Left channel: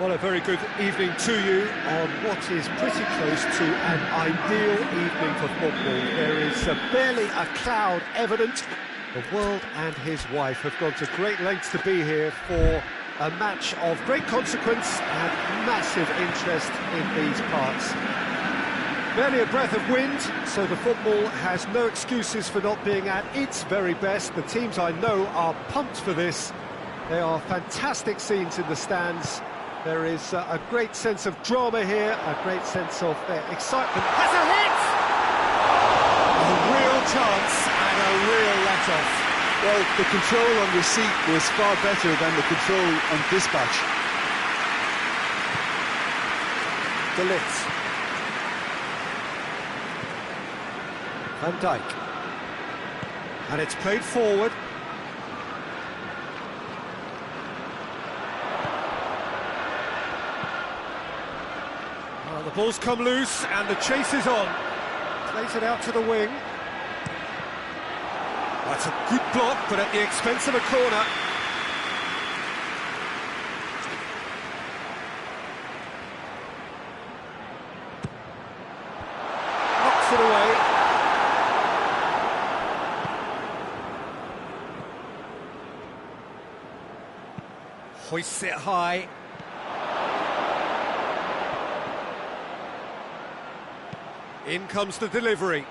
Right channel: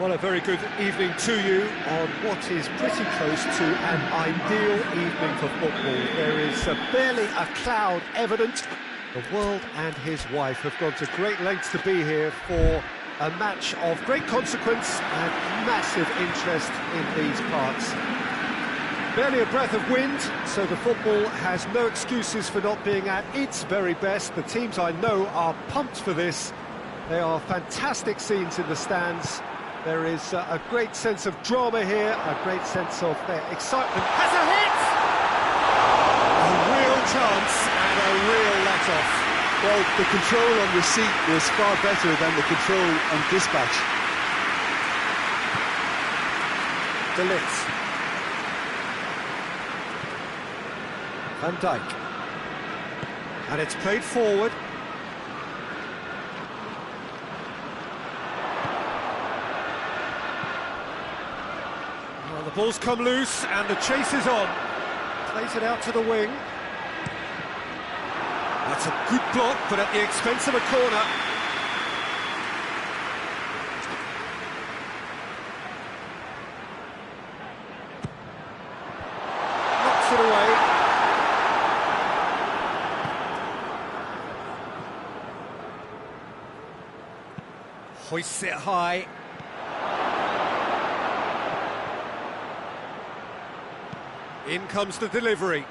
Well, a very good evening to you on what is pretty close to an ideal evening for football. There is barely a cloud evident. The world and his wife have gone to great lengths to be here for a match of great consequence and massive interest in these parts. Barely a breath of wind, so the football has no excuses for not being at its very best. The teams I know are pumped for this. They are fantastic scenes in the stands. There is a great sense of drama here, a great sense of excitement. Has a hit! A real chance and a real let-off. Well, the control on receipt was far better than the control on dispatch. De Ligt. Van Dijk. And it's played forward. Well, the ball's come loose and the chase is on. Plays it out to the wing. That's a good block, but at the expense of a corner. Knocks it away. Hoists it high. In comes the delivery.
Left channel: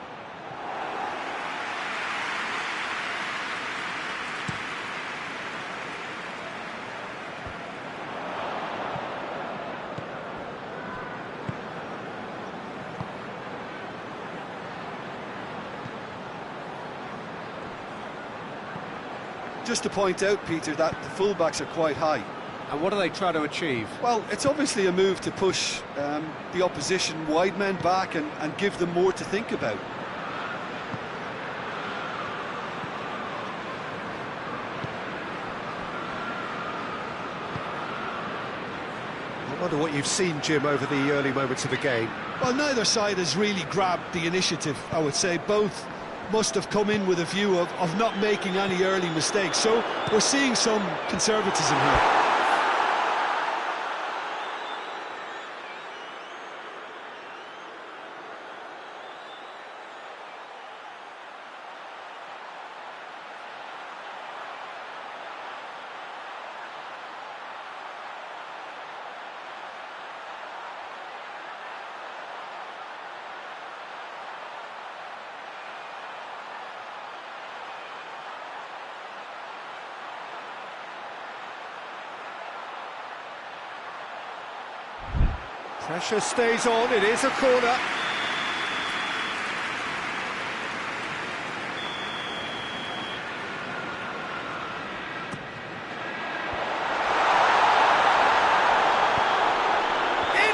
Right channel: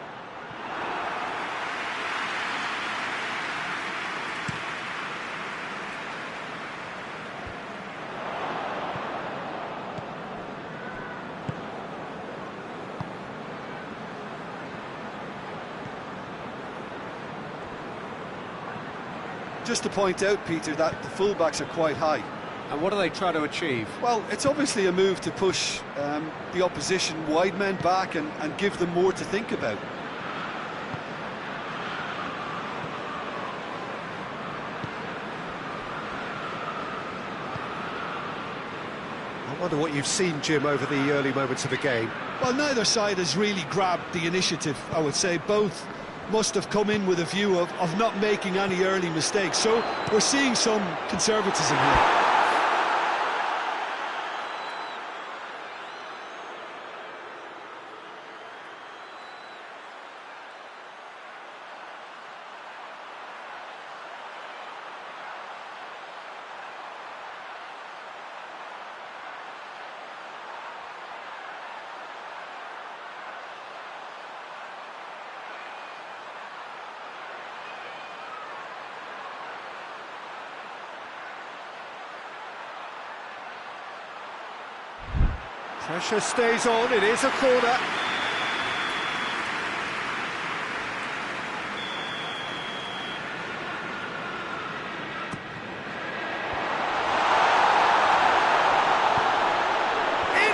Just to point out, Peter, that the fullbacks are quite high. And what do they try to achieve? Well, it's obviously a move to push the opposition wide men back and give them more to think about. I wonder what you've seen, Jim, over the early moments of the game. Well, neither side has really grabbed the initiative, I would say. Both must have come in with a view of not making any early mistakes. So we're seeing some conservatism here. Pressure stays on, it is a corner. In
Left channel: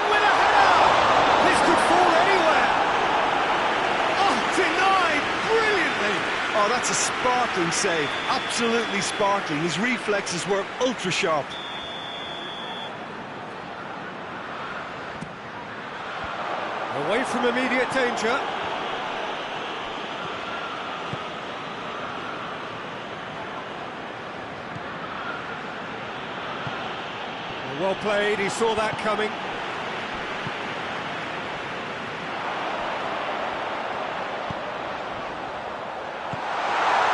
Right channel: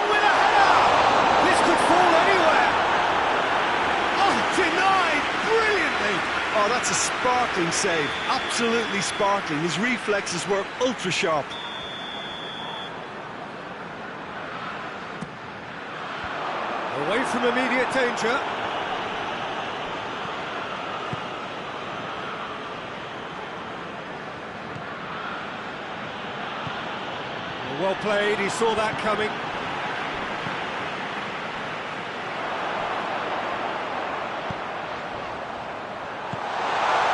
with a header! This could fall anywhere. Oh, denied brilliantly. Oh, that's a sparkling save, absolutely sparkling. His reflexes were ultra sharp. Away from immediate danger. Well played, he saw that coming.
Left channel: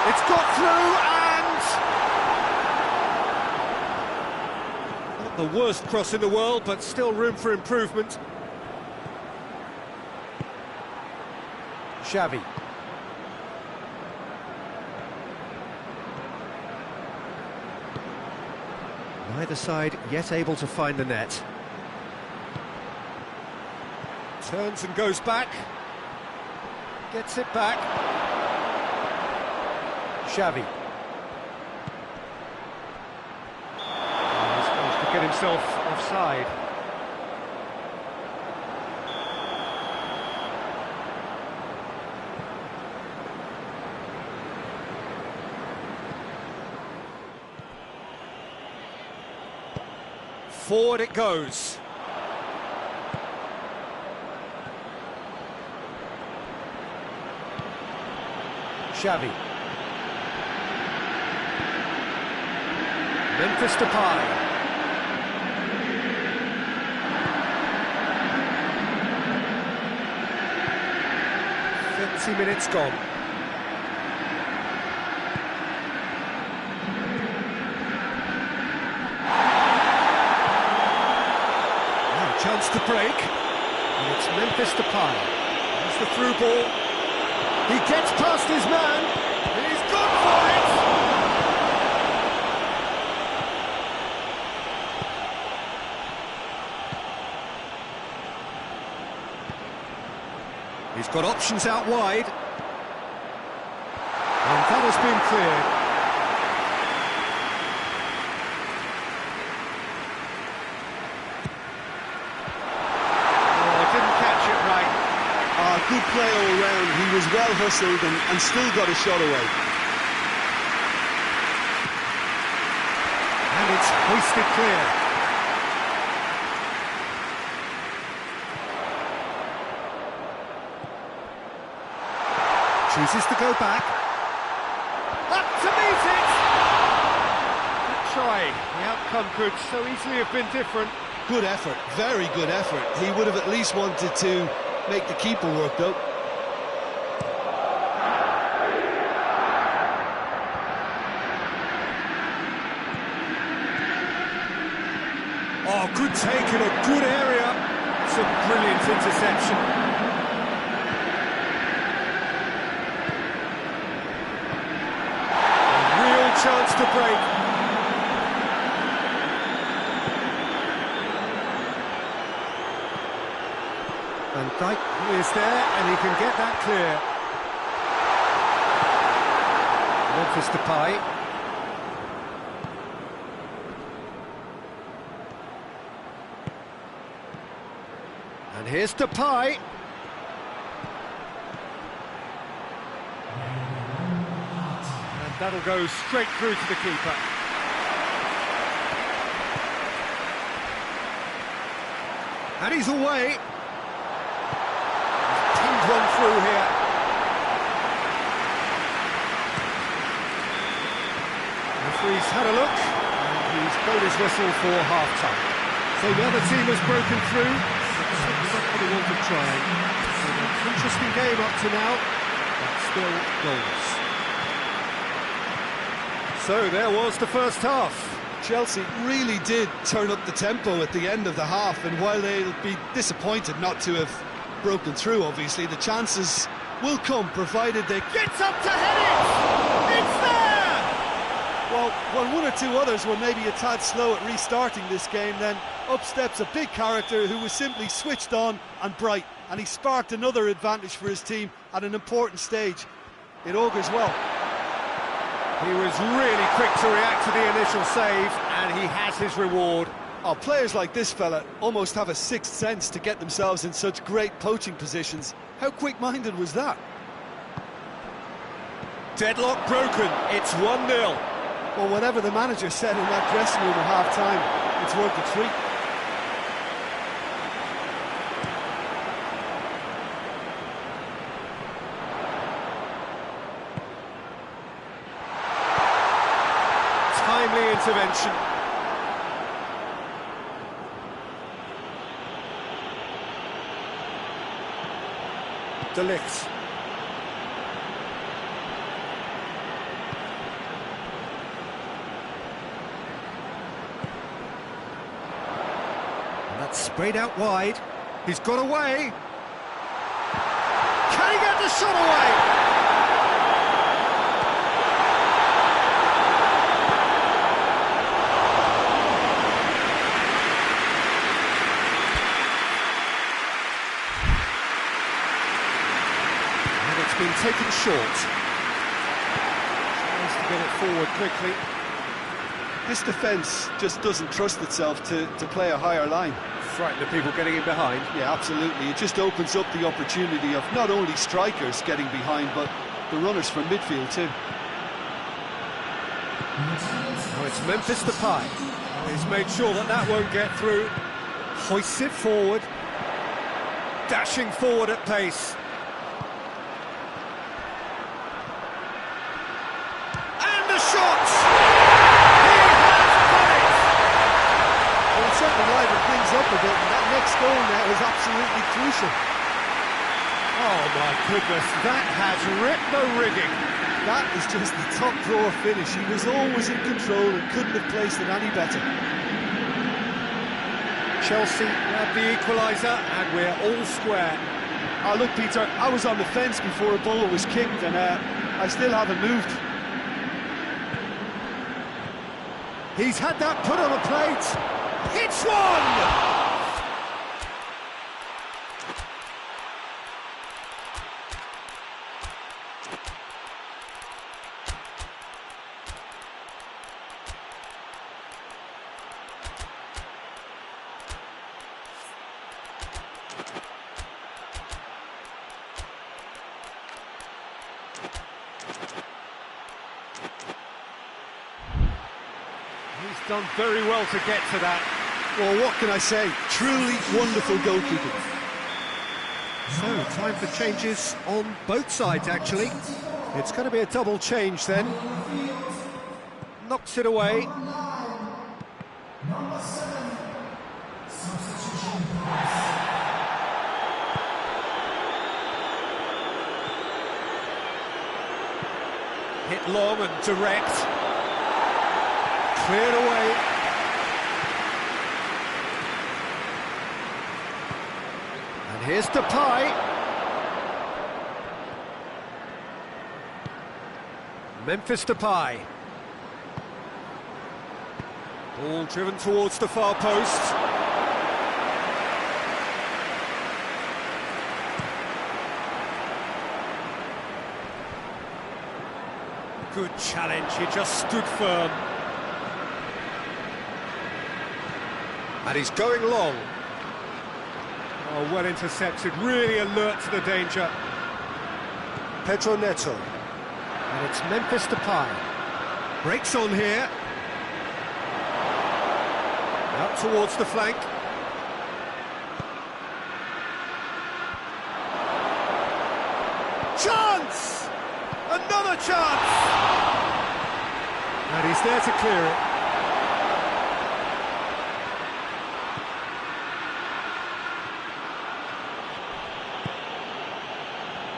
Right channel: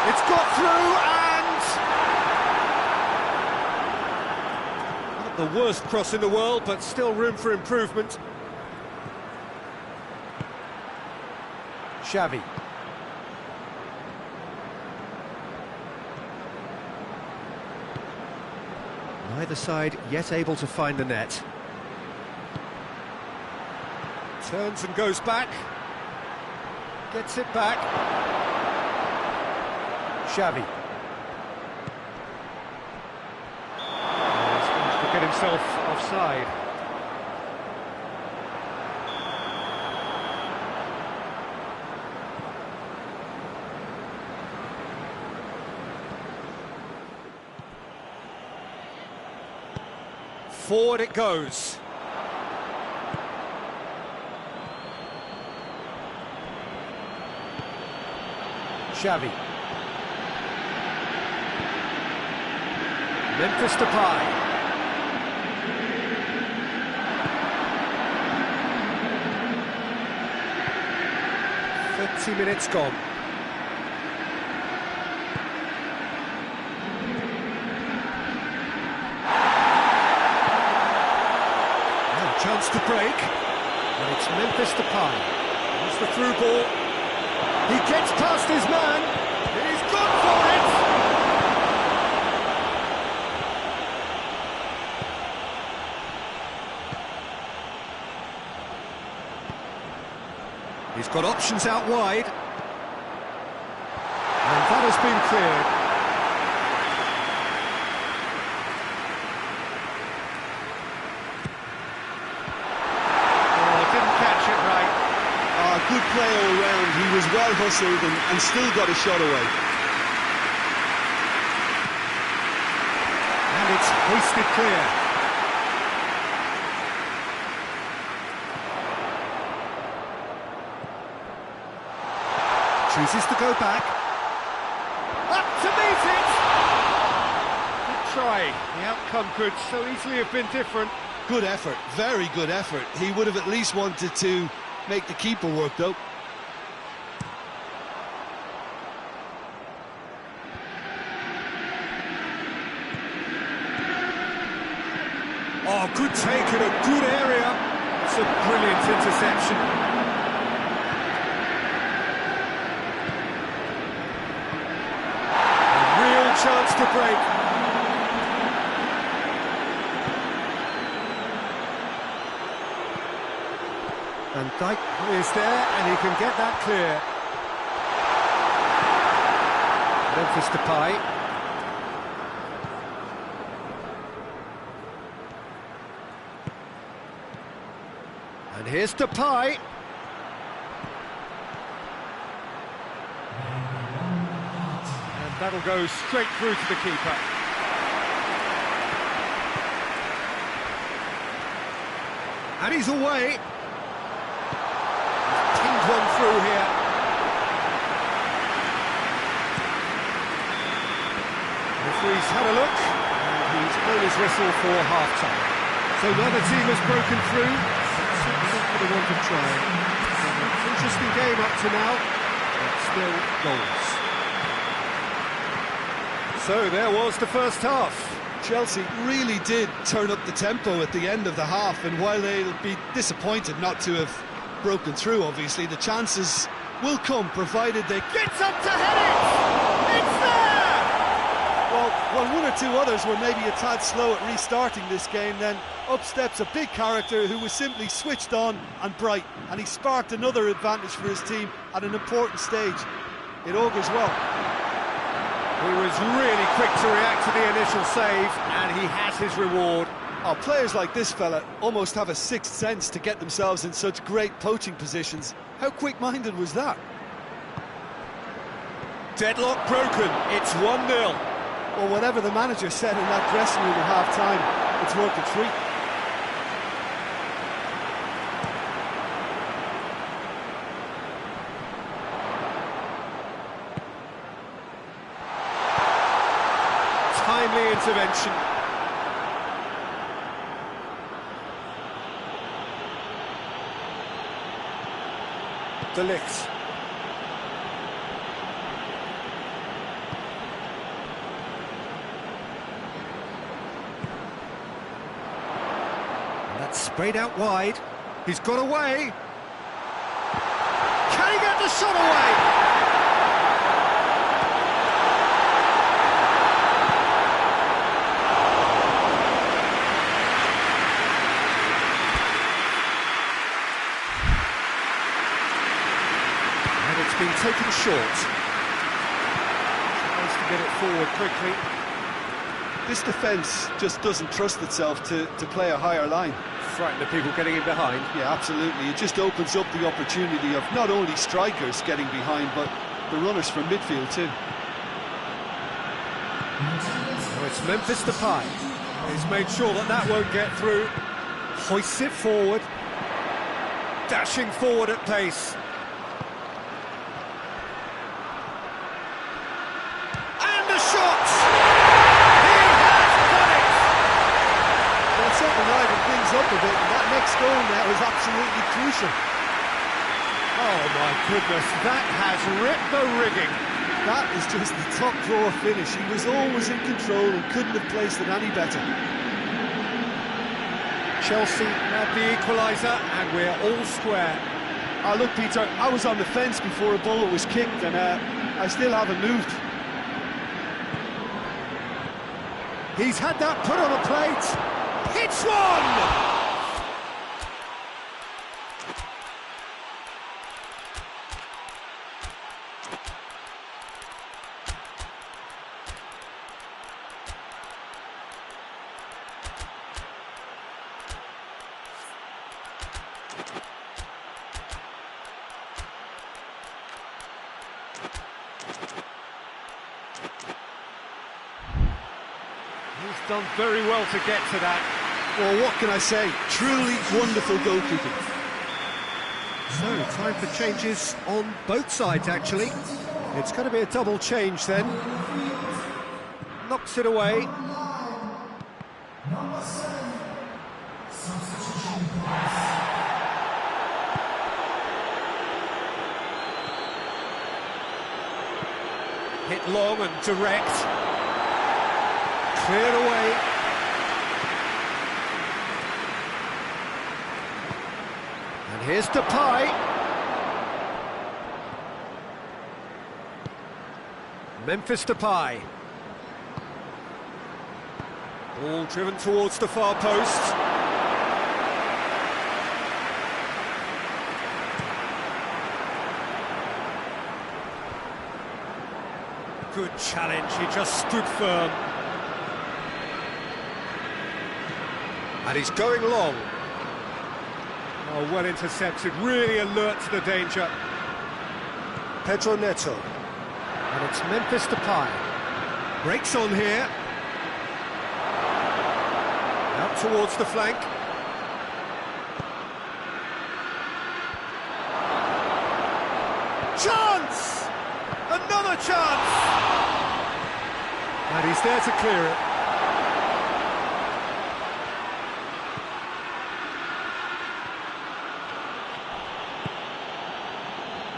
It's got through and... Not the worst cross in the world, but still room for improvement. Xavi. Neither side yet able to find the net. Turns and goes back. Gets it back. Xavi. He's managed to get himself offside. Forward it goes. Xavi. Memphis Depay. 20 minutes gone. Now, chance to break. And it's Memphis Depay. There's the through ball. He gets past his man. He's gone for it. He's got options out wide. And that has been cleared. Oh, didn't catch it right. Good play all round. He was well hustled and still got a shot away. And it's hoisted clear. Chooses to go back. Up to meet it! Good try. The outcome could so easily have been different. Good effort, very good effort. He would have at least wanted to make the keeper work, though. Oh, good take in a good area. It's a brilliant interception. Chance to break. Van Dijk is there and he can get that clear. Memphis Depay. And here's Depay. That'll go straight through to the keeper. And he's away. He's pinged one through here. The referee's had a look, and he's blown his whistle for half-time. So neither team has broken through, but certainly not for the want of trying. So an interesting game up to now, but still goals. So there was the first half. Chelsea really did turn up the tempo at the end of the half, and while they'll be disappointed not to have broken through, obviously, the chances will come, provided they... Gets up to head it! It's there! Well, one or two others were maybe a tad slow at restarting this game, then up steps a big character who was simply switched on and bright, and he sparked another advantage for his team at an important stage. It augurs well. He was really quick to react to the initial save, and he has his reward. Oh, players like this fella almost have a sixth sense to get themselves in such great poaching positions. How quick-minded was that? Deadlock broken, it's 1-0. Well, whatever the manager said in that dressing room at half-time, it's worth a treat. Timely intervention. De Ligt. And that's sprayed out wide. He's got away. Can he get the shot away? It's been taken short. Tries to get it forward quickly. This defence just doesn't trust itself to play a higher line. Frightened of people getting in behind. Yeah, absolutely. It just opens up the opportunity of not only strikers getting behind, but the runners from midfield too. Now it's Memphis Depay. He's made sure that won't get through. Hoists it forward. Dashing forward at pace. Shot! He has done it! Well, it certainly livened things up a bit, and that next goal now is absolutely crucial. Oh my goodness, that has ripped the rigging. That is just the top drawer finish. He was always in control and couldn't have placed it any better. Chelsea grab the equaliser and we're all square. Oh, look, Peter, I was on the fence before a ball was kicked and I still haven't moved. He's had that put on a plate. Hits one! He's done very well to get to that. Well, what can I say? Truly wonderful goalkeeping. So, time for changes on both sides, actually. It's going to be a double change then. Knocks it away. Hit long and direct. Cleared away. And here's Depay. Memphis Depay. Ball driven towards the far post. Good challenge, he just stood firm. And he's going long. Oh, well intercepted, really alert to the danger. Pedro Neto. And it's Memphis Depay. Breaks on here. Out towards the flank. Chance! Another chance! And he's there to clear it.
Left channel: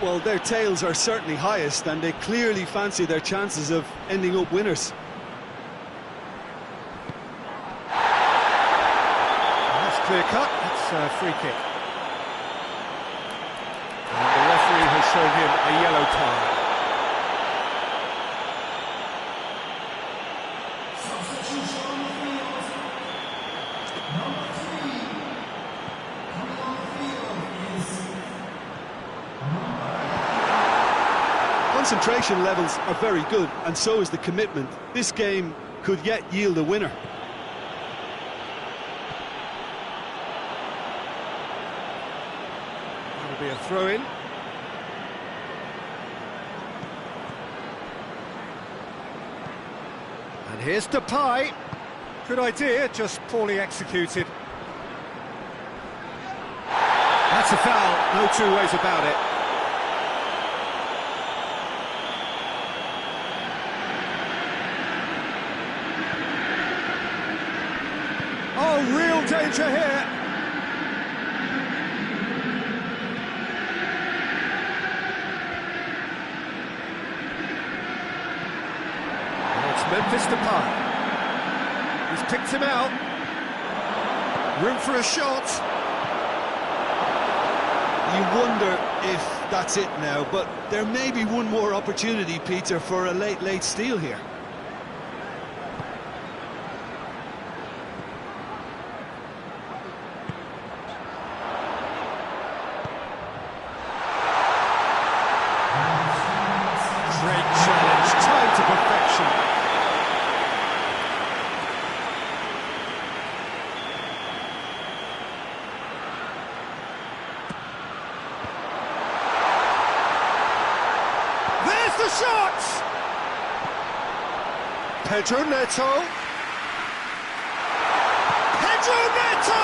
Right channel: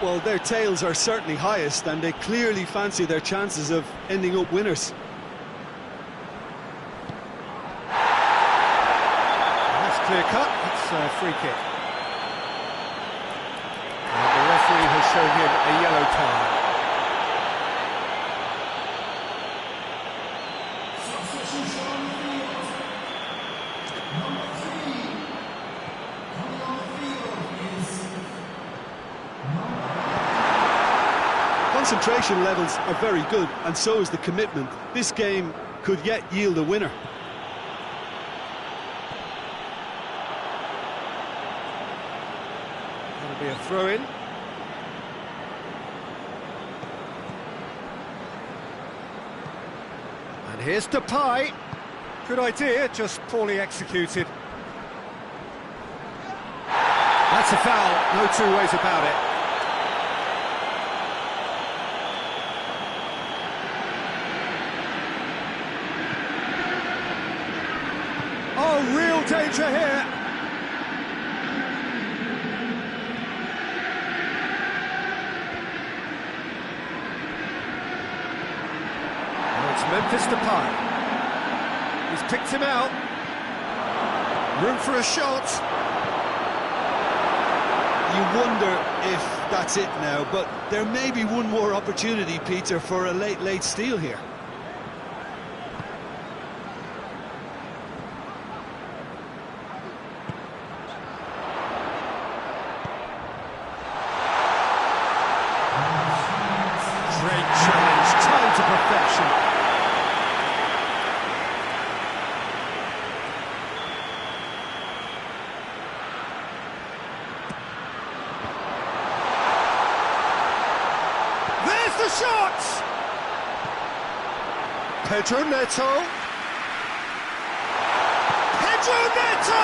Well, their tails are certainly highest and they clearly fancy their chances of ending up winners. That's clear cut, it's a free kick. And the referee has shown him a yellow card. Concentration levels are very good, and so is the commitment. This game could yet yield a winner. That'll be a throw-in. And here's Depay. Good idea, just poorly executed. That's a foul, no two ways about it. Oh, real danger here. Now it's Memphis Depay. He's picked him out. Room for a shot. You wonder if that's it now, but there may be one more opportunity, Peter, for a late steal here. Great challenge, time to perfection. There's the shot! Pedro Neto. Pedro Neto!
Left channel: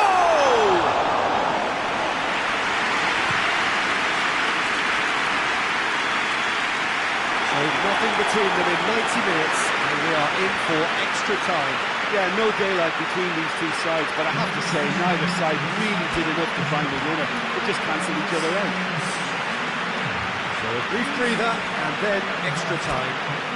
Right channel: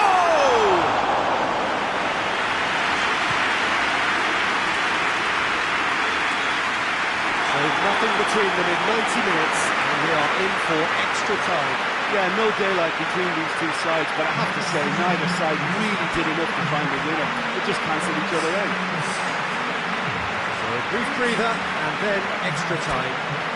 So nothing between them in 90 minutes, and we are in for extra time. Yeah, no daylight between these two sides, but I have to say, neither side really did enough to find a winner. They just cancelled each other out. So a brief breather and then extra time.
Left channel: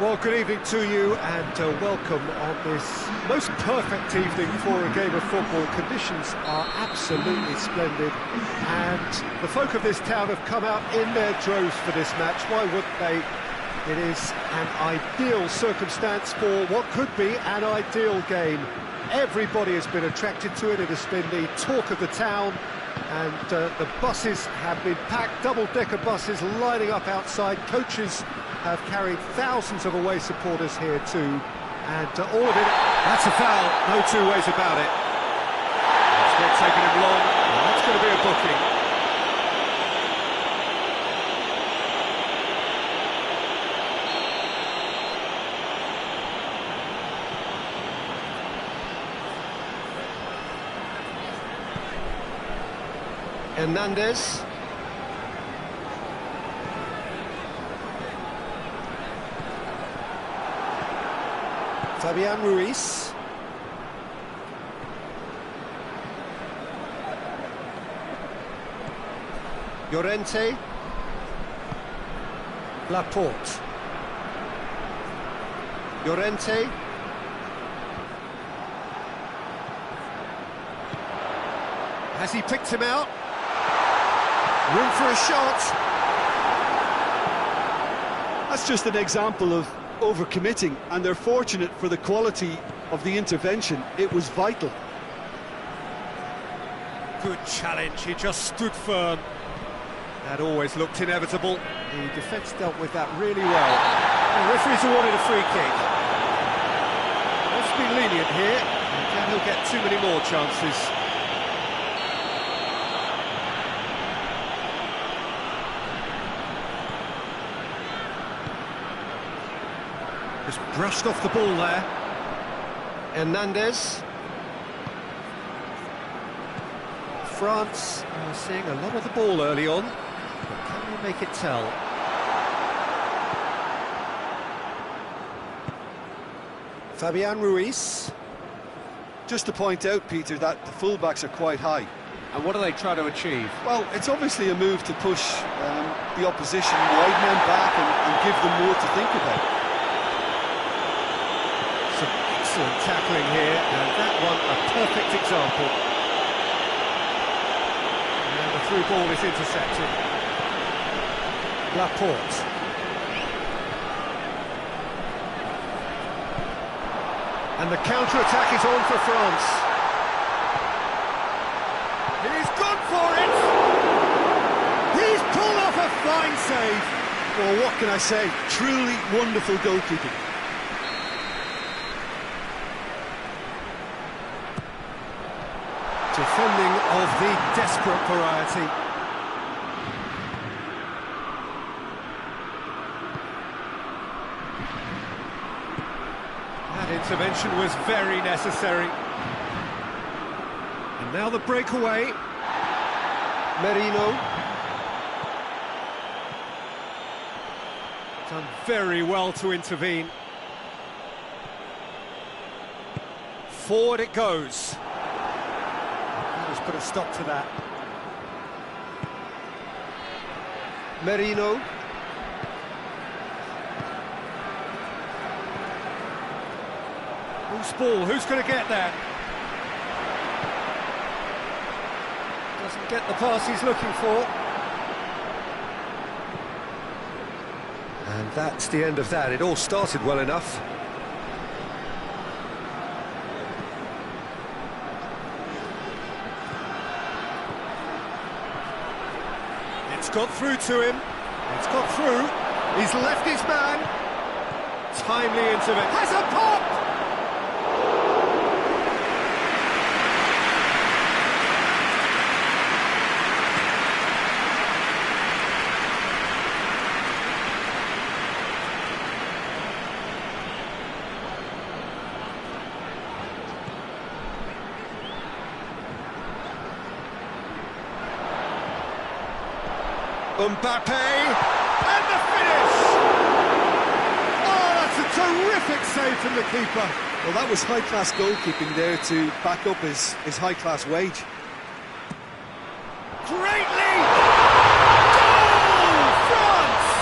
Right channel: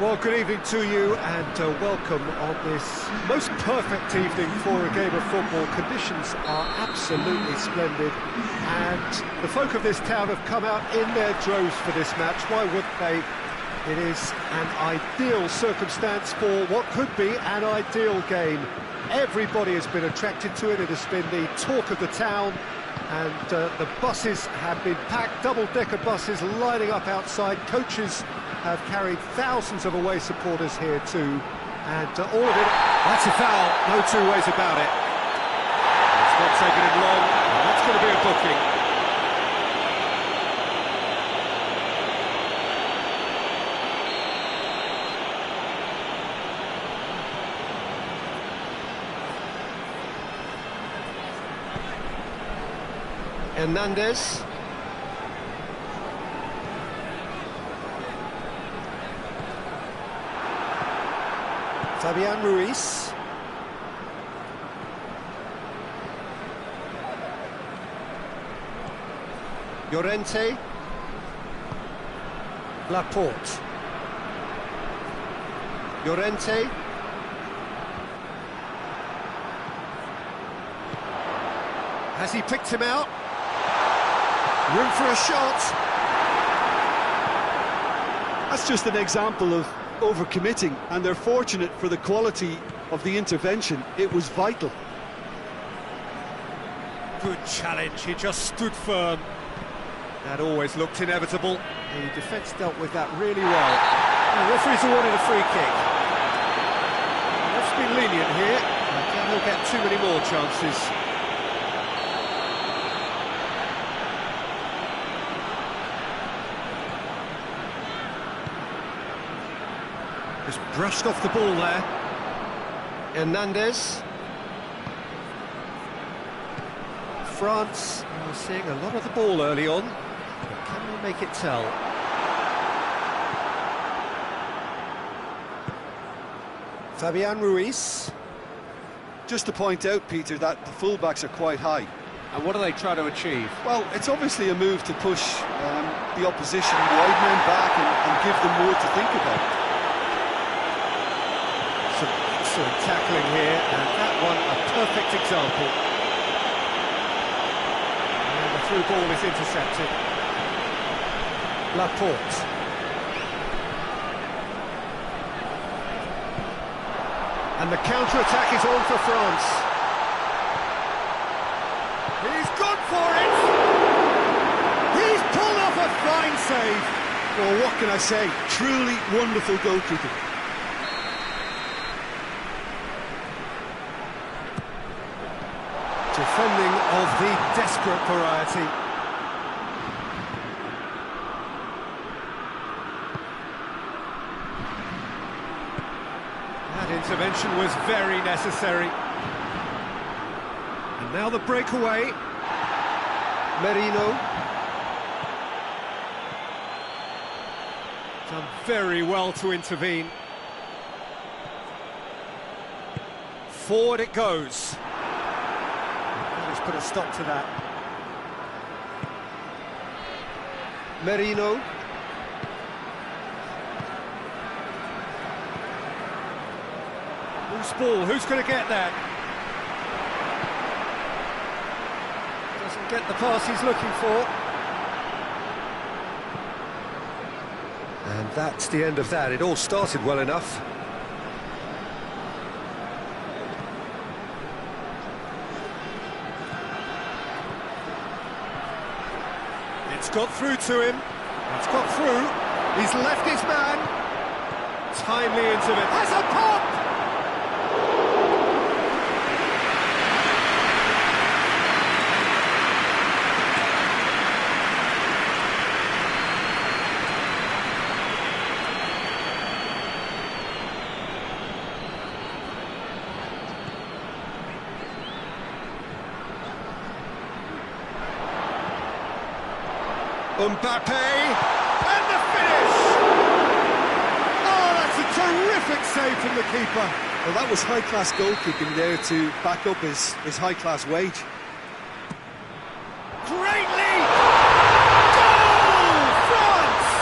Well, good evening to you and welcome on this most perfect evening for a game of football. Conditions are absolutely splendid and the folk of this town have come out in their droves for this match. Why wouldn't they? It is an ideal circumstance for what could be an ideal game. Everybody has been attracted to it. It has been the talk of the town and the buses have been packed, double-decker buses lining up outside. Coaches have carried thousands of away supporters here too, and all of it, that's a foul, no two ways about it. It's not taking him long, and that's going to be a booking. Hernandez. Fabian Ruiz. Llorente. Laporte. Llorente. Has he picked him out? Room for a shot. That's just an example of overcommitting, and they're fortunate for the quality of the intervention. It was vital. Good challenge, he just stood firm. That always looked inevitable. The defence dealt with that really well. The referee's awarded a free kick. Let's be lenient here. I doubt he'll get too many more chances. Just brushed off the ball there. Hernandez. France are seeing a lot of the ball early on, but can they make it tell? Fabian Ruiz. Just to point out, Peter, that the fullbacks are quite high. And what do they try to achieve? Well, it's obviously a move to push the opposition wide men back and give them more to think about. Some excellent tackling here, and that one a perfect example. And the through ball is intercepted. Laporte. And the counter-attack is on for France. He's gone for it! He's pulled off a fine save! Well, what can I say? Truly wonderful goalkeeping. Defending of the desperate variety. That intervention was very necessary. And now the breakaway. Merino. Done very well to intervene. Forward it goes. That has put a stop to that. Merino. Loose ball, who's going to get that? Doesn't get the pass he's looking for. And that's the end of that. It all started well enough. It's got through to him. It's got through. He's left his man. Timely intervention. Has a pop! Mbappe, and the finish! Oh, that's a terrific save from the keeper. Well, that was high-class goalkeeping there to back up his high-class wage. Great lead! Goal! France!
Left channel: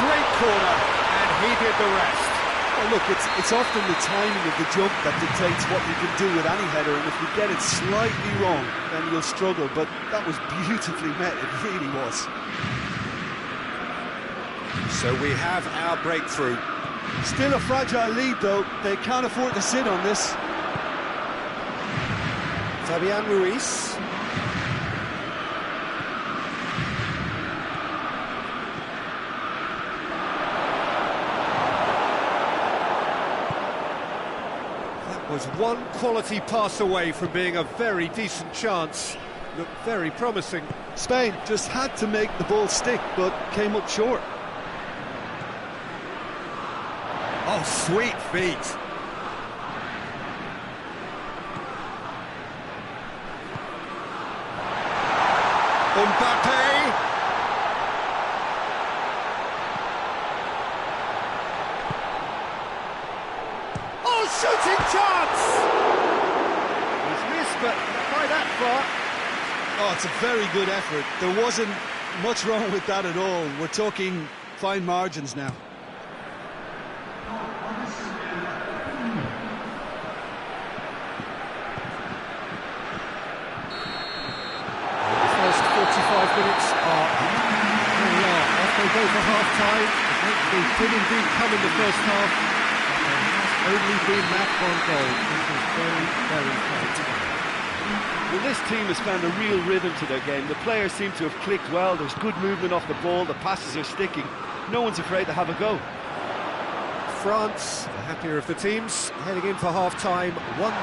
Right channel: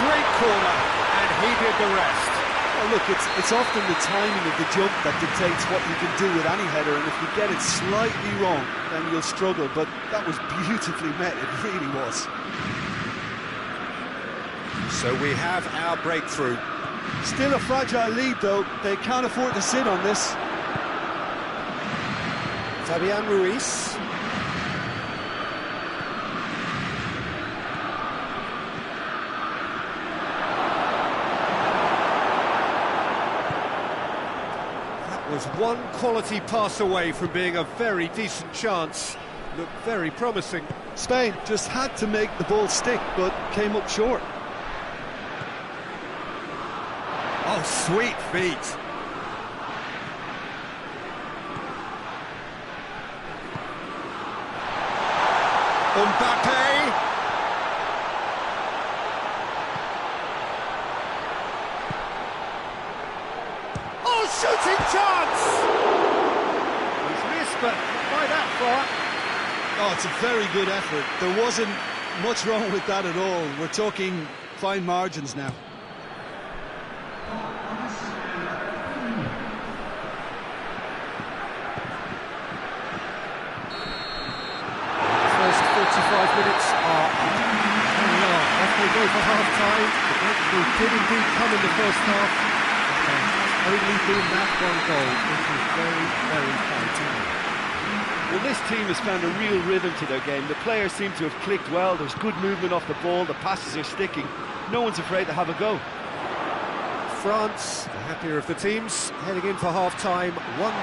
Great corner, and he did the rest. Well, look, it's often the timing of the jump that dictates what you can do with any header, and if you get it slightly wrong, then you'll struggle, but that was beautifully met, it really was. So we have our breakthrough. Still a fragile lead, though. They can't afford to sit on this. Fabian Ruiz. Was one quality pass away from being a very decent chance. Looked very promising. Spain just had to make the ball stick, but came up short. Oh, sweet feet. Mbappe. Shooting chance! He's missed, but not by that far. Oh, it's a very good effort. There wasn't much wrong with that at all. We're talking fine margins now. The first 45 minutes are up. There we are, off they go for half-time. The breakthrough did indeed come in the first half. Only been that one goal. It was very, very tight. Well, this team has found a real rhythm to their game. The players seem to have clicked well. There's good movement off the ball. The passes are sticking. No one's afraid to have a go. France, the happier of the teams, heading in for half-time, 1-0 up.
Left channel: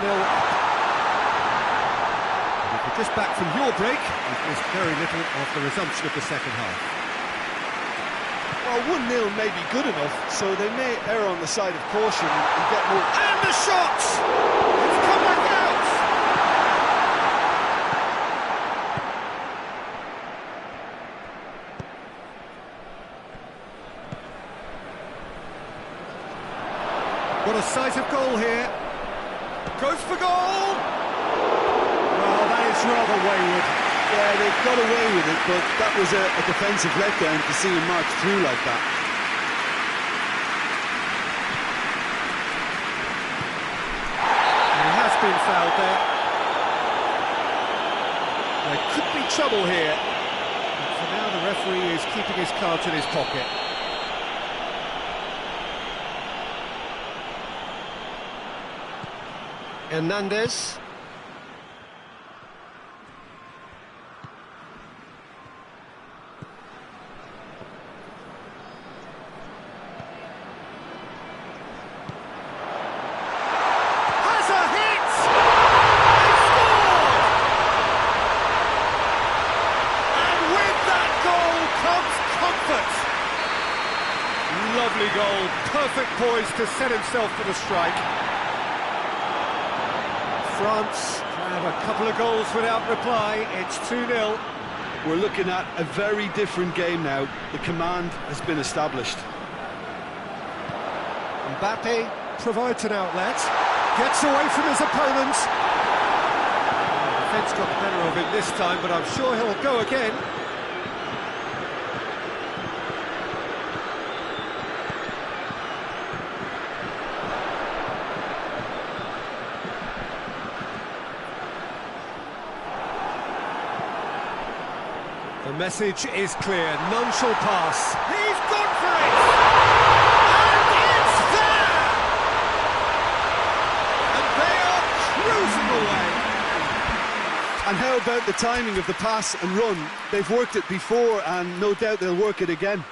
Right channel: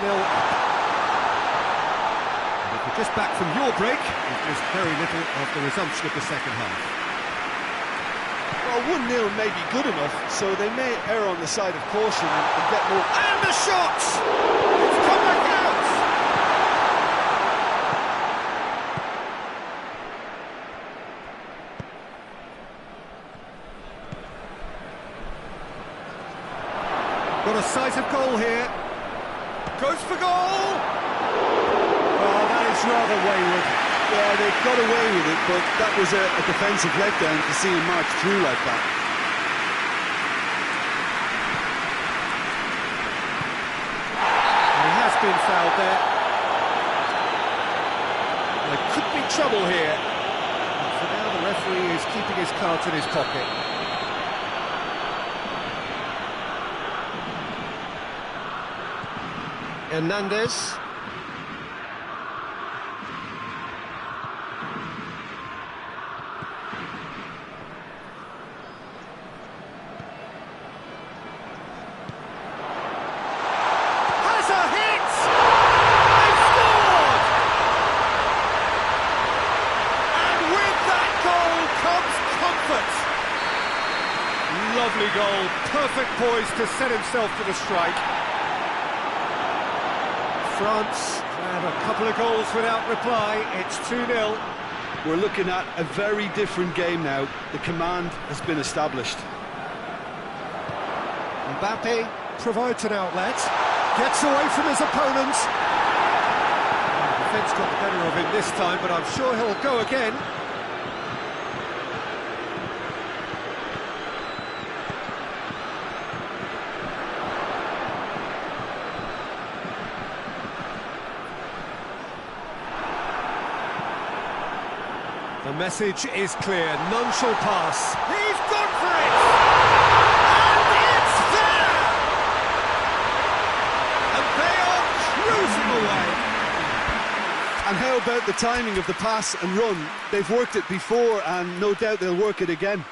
And if you're just back from your break, you've missed very little of the resumption of the second half. Well, 1-0 may be good enough, so they may err on the side of caution and get more... And the shot! It's come back out! Got a sight of goal here. Goes for goal! Well, that is rather wayward. Yeah, they got away with it, but that was a defensive letdown to see him march through like that. He has been fouled there. There could be trouble here. But for now, the referee is keeping his cards in his pocket. Hernandez. Has a hit! They've scored! And with that goal comes comfort. Lovely goal, perfect poise to set himself for the strike. France have a couple of goals without reply. It's 2-0. We're looking at a very different game now. The command has been established. Mbappe provides an outlet, gets away from his opponent. The defence got the better of him this time, but I'm sure he'll go again. The message is clear, none shall pass. He's gone for it! And it's there! And they are cruising away. And how about the timing of the pass and run? They've worked it before, and no doubt they'll work it again.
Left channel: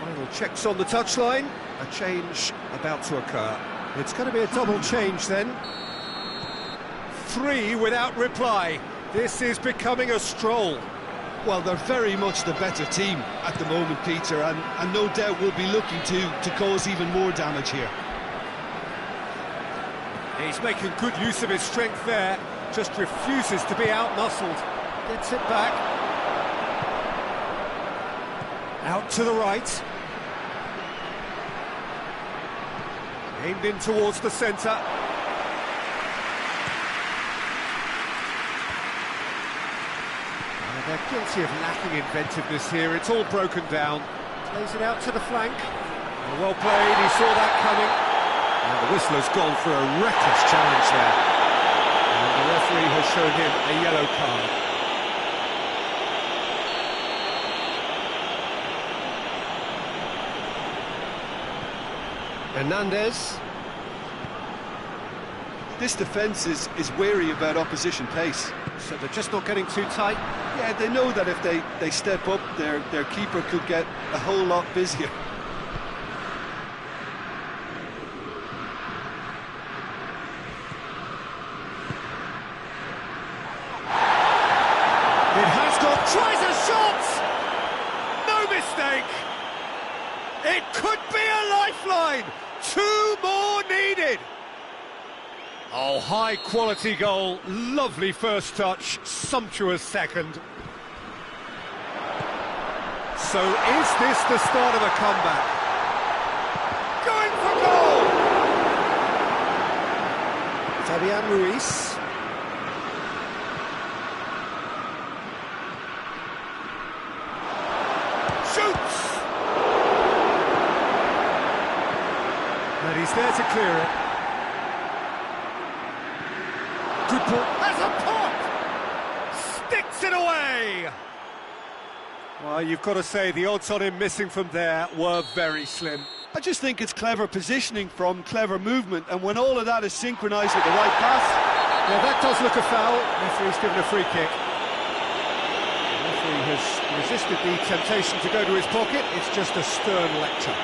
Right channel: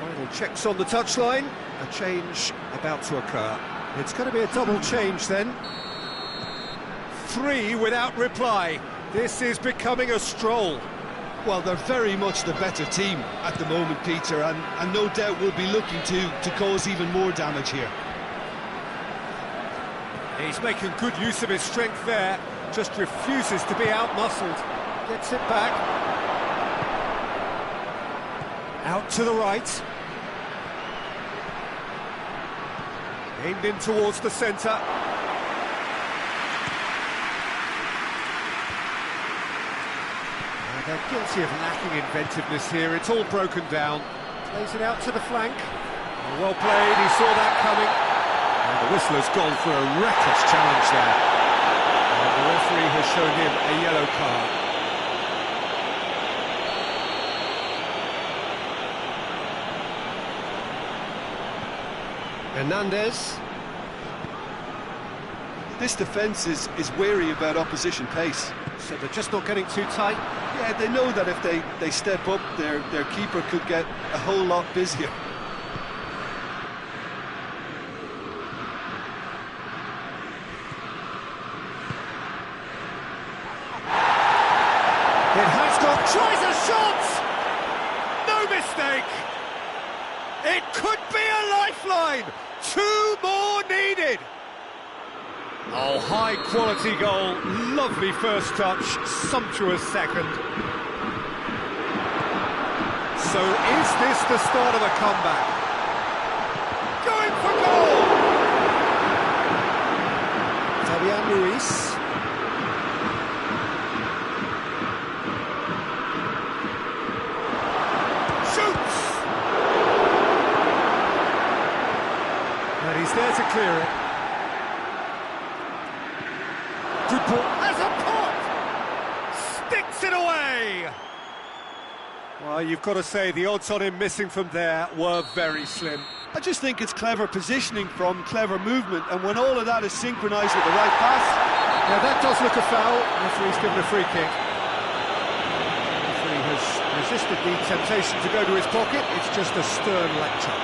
Final checks on the touchline. A change about to occur. It's going to be a double change then. 3 without reply. This is becoming a stroll. Well, they're very much the better team at the moment, Peter, and no doubt will be looking to cause even more damage here. He's making good use of his strength there. Just refuses to be out-muscled. Gets it back. Out to the right. Aimed in towards the centre. They're guilty of lacking inventiveness here. It's all broken down. Plays it out to the flank. Well played, he saw that coming. And the whistler's gone for a reckless challenge there. And the referee has shown him a yellow card. Hernandez. This defence is wary about opposition pace. So they're just not getting too tight. Yeah, they know that if they step up, their keeper could get a whole lot busier. It has got, tries a shot! No mistake! It could be a lifeline! 2 more needed! Oh, high quality goal, lovely first touch, sumptuous second. So is this the start of a comeback? Going for goal! Fabian Ruiz. Shoots! And he's there to clear it. Good ball. Has a pop! Sticks it away! Well, you've got to say the odds on him missing from there were very slim. I just think it's clever positioning from clever movement, and when all of that is synchronised with the right pass... Yeah, that does look a foul. Referee's given a free kick. Referee has resisted the temptation to go to his pocket. It's just a stern lecture.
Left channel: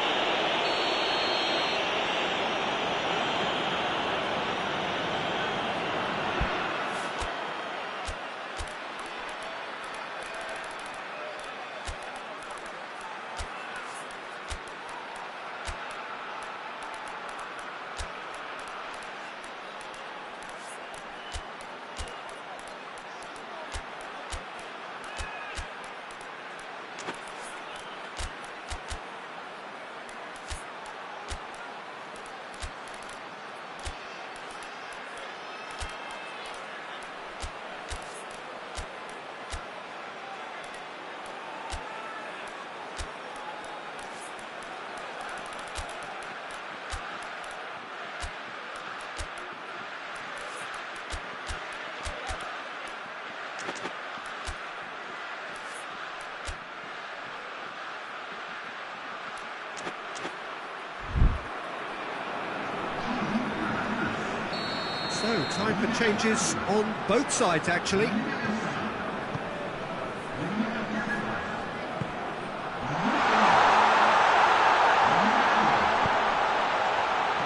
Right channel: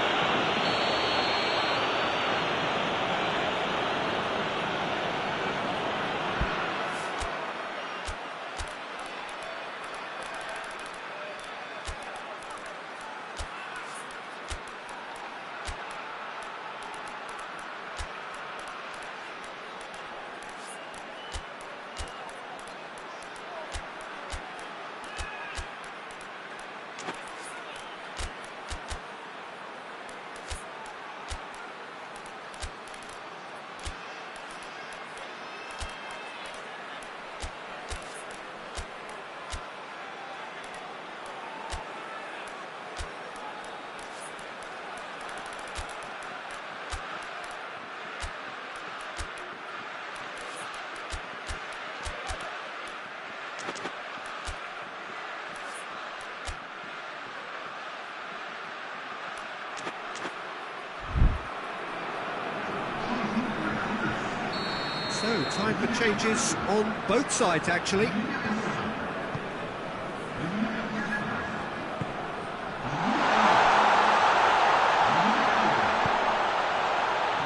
So, time for changes on both sides, actually.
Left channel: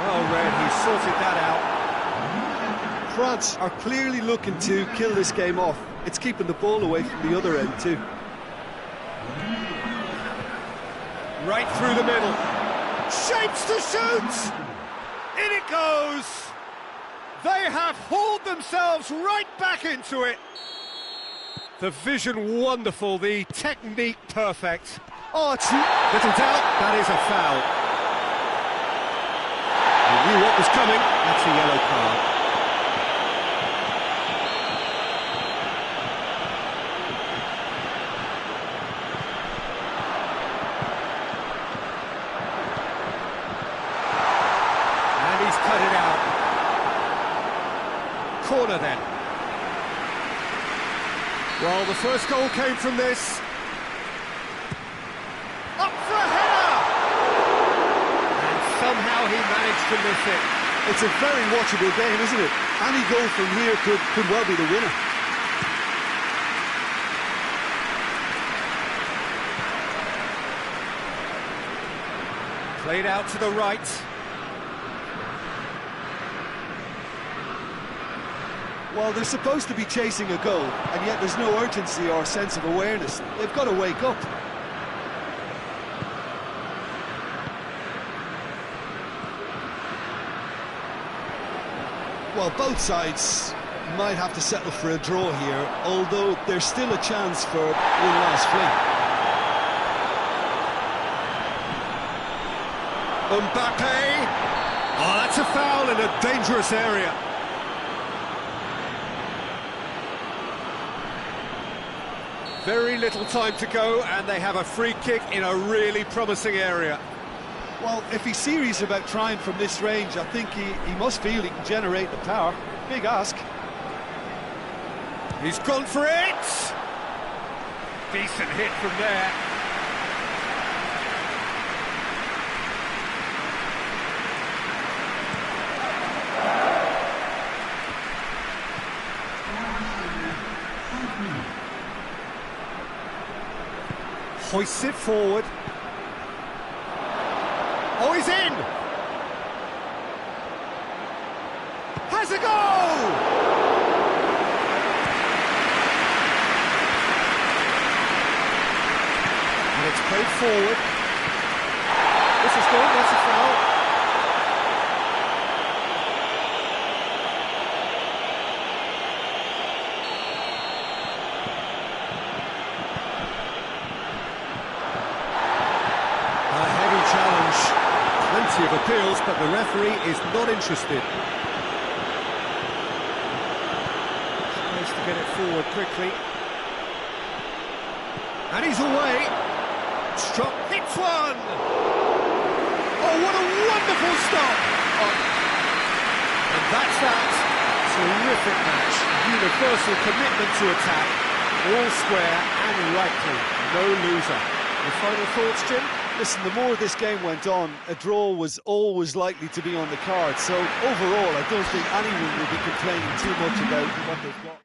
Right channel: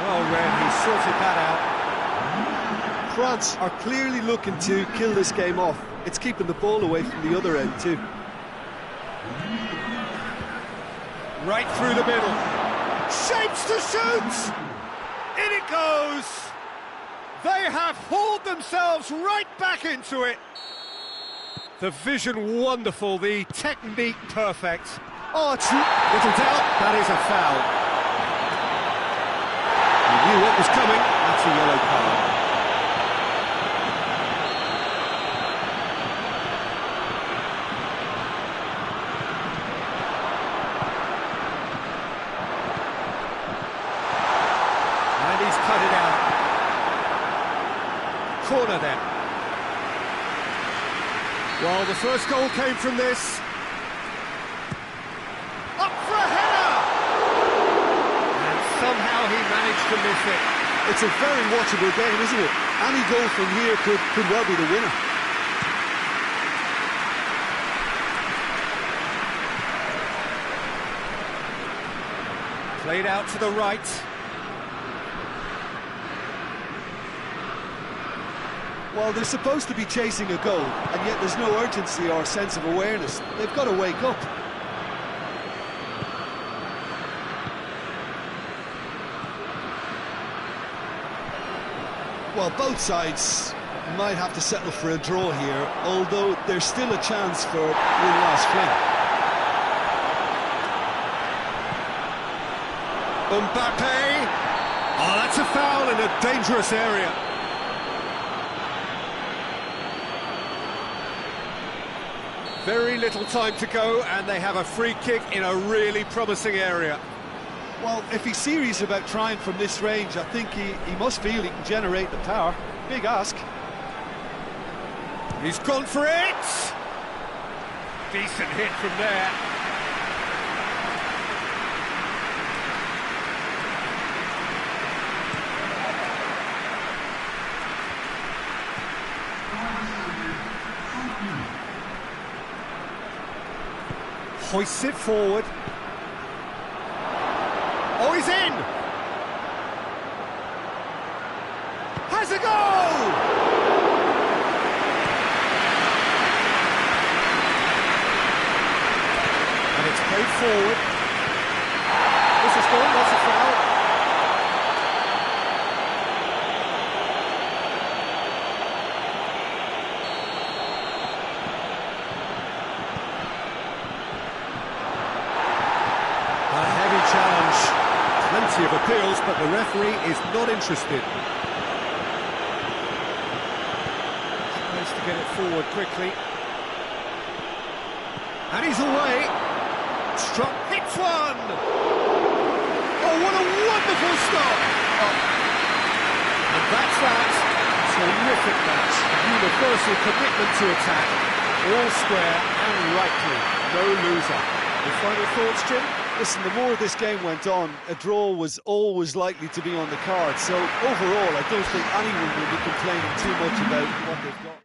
Well read, he sorted that out. France are clearly looking to kill this game off. It's keeping the ball away from the other end too. Right through the middle. Shapes to shoot! In it goes! They have hauled themselves right back into it. The vision wonderful, the technique perfect. Oh, it's little doubt, that is a foul. He knew what was coming, that's a yellow card. And he's cut it out. Corner then. Well, the first goal came from this. Up for a header! And somehow he managed to miss it. It's a very watchable game, isn't it? Any goal from here could well be the winner. Played out to the right. Well, they're supposed to be chasing a goal, and yet there's no urgency or sense of awareness. They've got to wake up. Well, both sides might have to settle for a draw here, although there's still a chance for win-last fling. Mbappe! Oh, that's a foul in a dangerous area. Very little time to go, and they have a free kick in a really promising area. Well, if he's serious about trying from this range, I think he must feel he can generate the power. Big ask. He's gone for it! Decent hit from there. Hoists it forward. Oh, he's in! Has a goal! And it's played forward. This is good, that's a foul. A heavy challenge. Plenty of appeals, but the referee is not interested. Tries to get it forward quickly. And he's away. Struck, hits one! Oh, what a wonderful stop! Oh. And that's that. Terrific match. Universal commitment to attack. All square and rightly. No loser. Your final thoughts, Jim? Listen, the more this game went on, a draw was always likely to be on the card. So overall, I don't think anyone will be complaining too much about what they've got.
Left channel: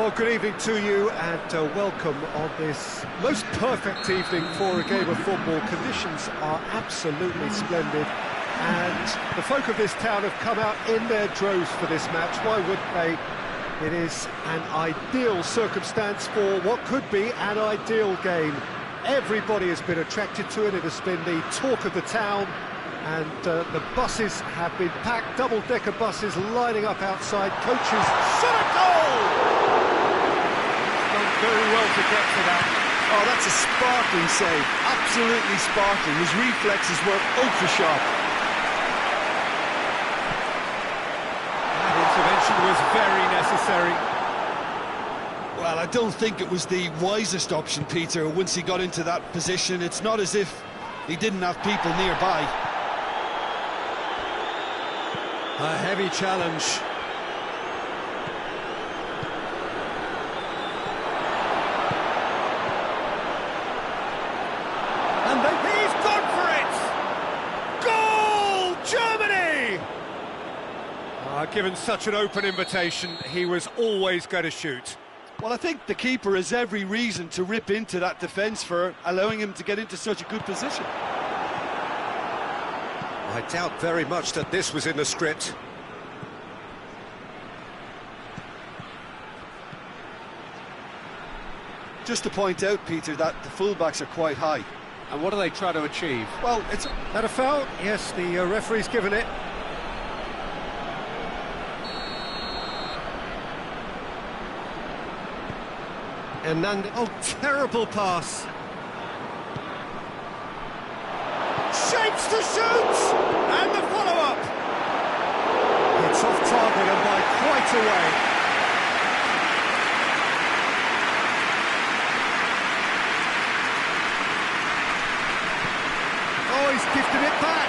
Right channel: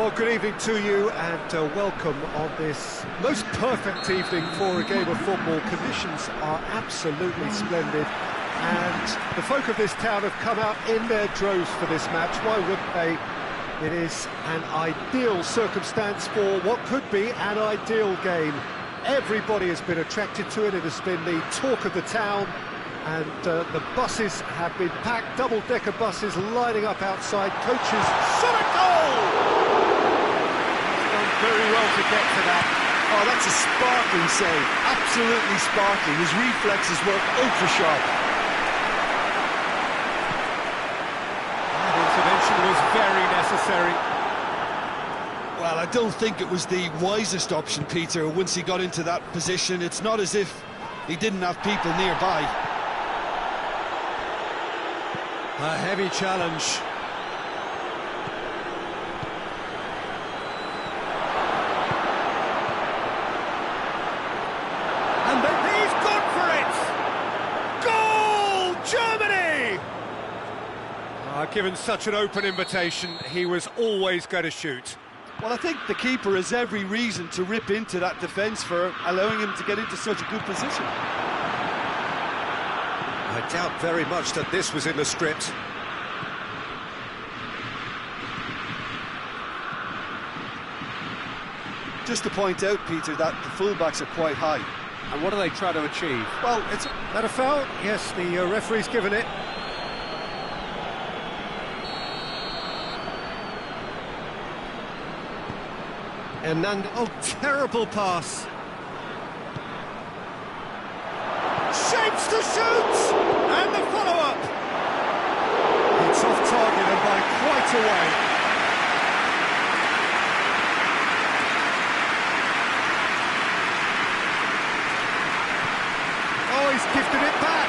Well, good evening to you and welcome on this most perfect evening for a game of football. Conditions are absolutely splendid and the folk of this town have come out in their droves for this match. Why wouldn't they? It is an ideal circumstance for what could be an ideal game. Everybody has been attracted to it. It has been the talk of the town. And the buses have been packed, double-decker buses lining up outside. Coaches, shot a goal! He's done very well to get to that. Oh, that's a sparkling save, absolutely sparkling. His reflexes were ultra-sharp. That intervention was very necessary. Well, I don't think it was the wisest option, Peter, once he got into that position. It's not as if he didn't have people nearby. A heavy challenge. And he's gone for it! Goal! Germany! Given such an open invitation, he was always going to shoot. Well, I think the keeper has every reason to rip into that defence for allowing him to get into such a good position. I doubt very much that this was in the script. Just to point out, Peter, that the fullbacks are quite high. And what do they try to achieve? Well, it's... That a foul? Yes, the referee's given it. Oh, terrible pass. Shapes to shoot! And the follow-up! It's off target and by quite a way. Oh, he's gifted it back!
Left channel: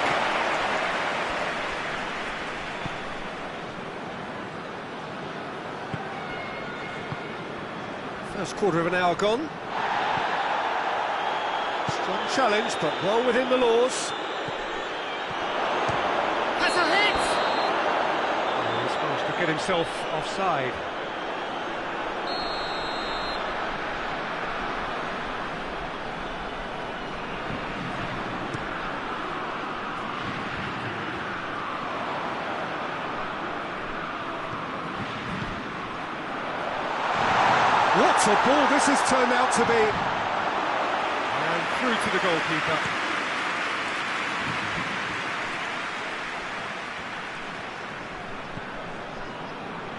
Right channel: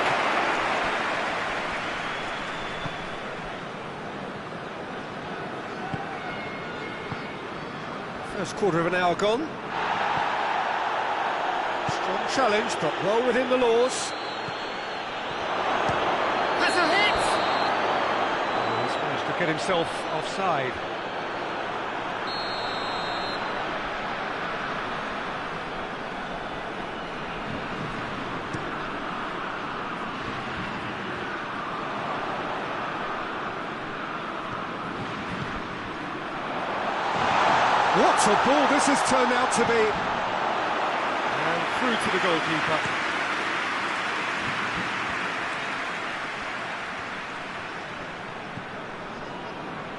First quarter of an hour gone. Strong challenge, but well within the laws. Has a hit! Oh, he's managed to get himself offside. What a ball this has turned out to be. And through to the goalkeeper.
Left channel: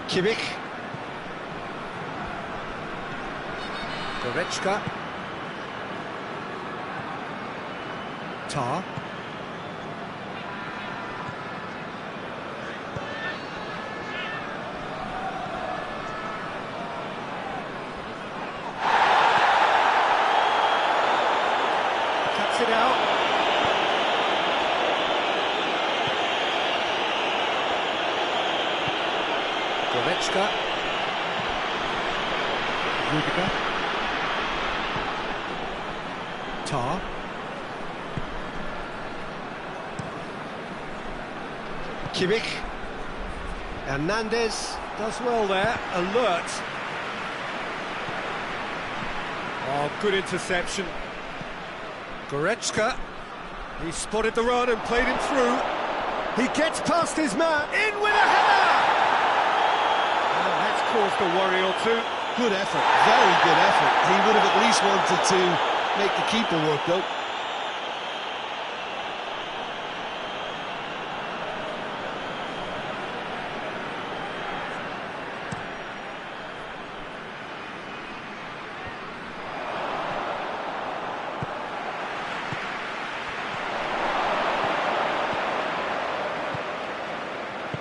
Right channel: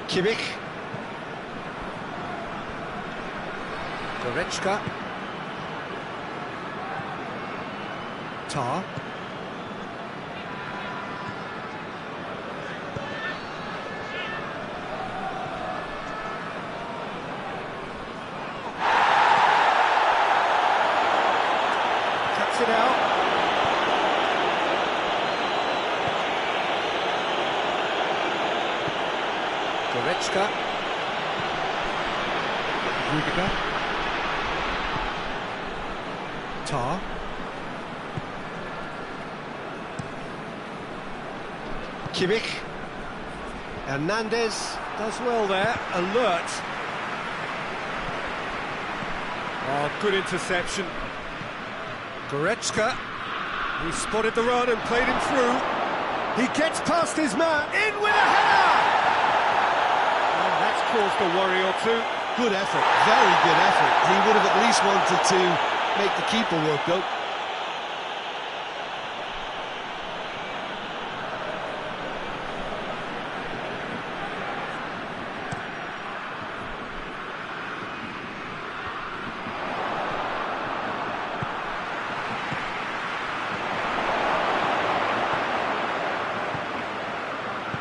Kimmich. Goretzka. Tar. Cuts it out. Goretzka. Rudiger. Tar. Kimmich. Hernandez does well there, alert. Oh, good interception. Goretzka, he spotted the run and played him through. He gets past his man, in with a header! And that's caused a worry or two. Good effort, very good effort. He would have at least wanted to make the keeper work, though.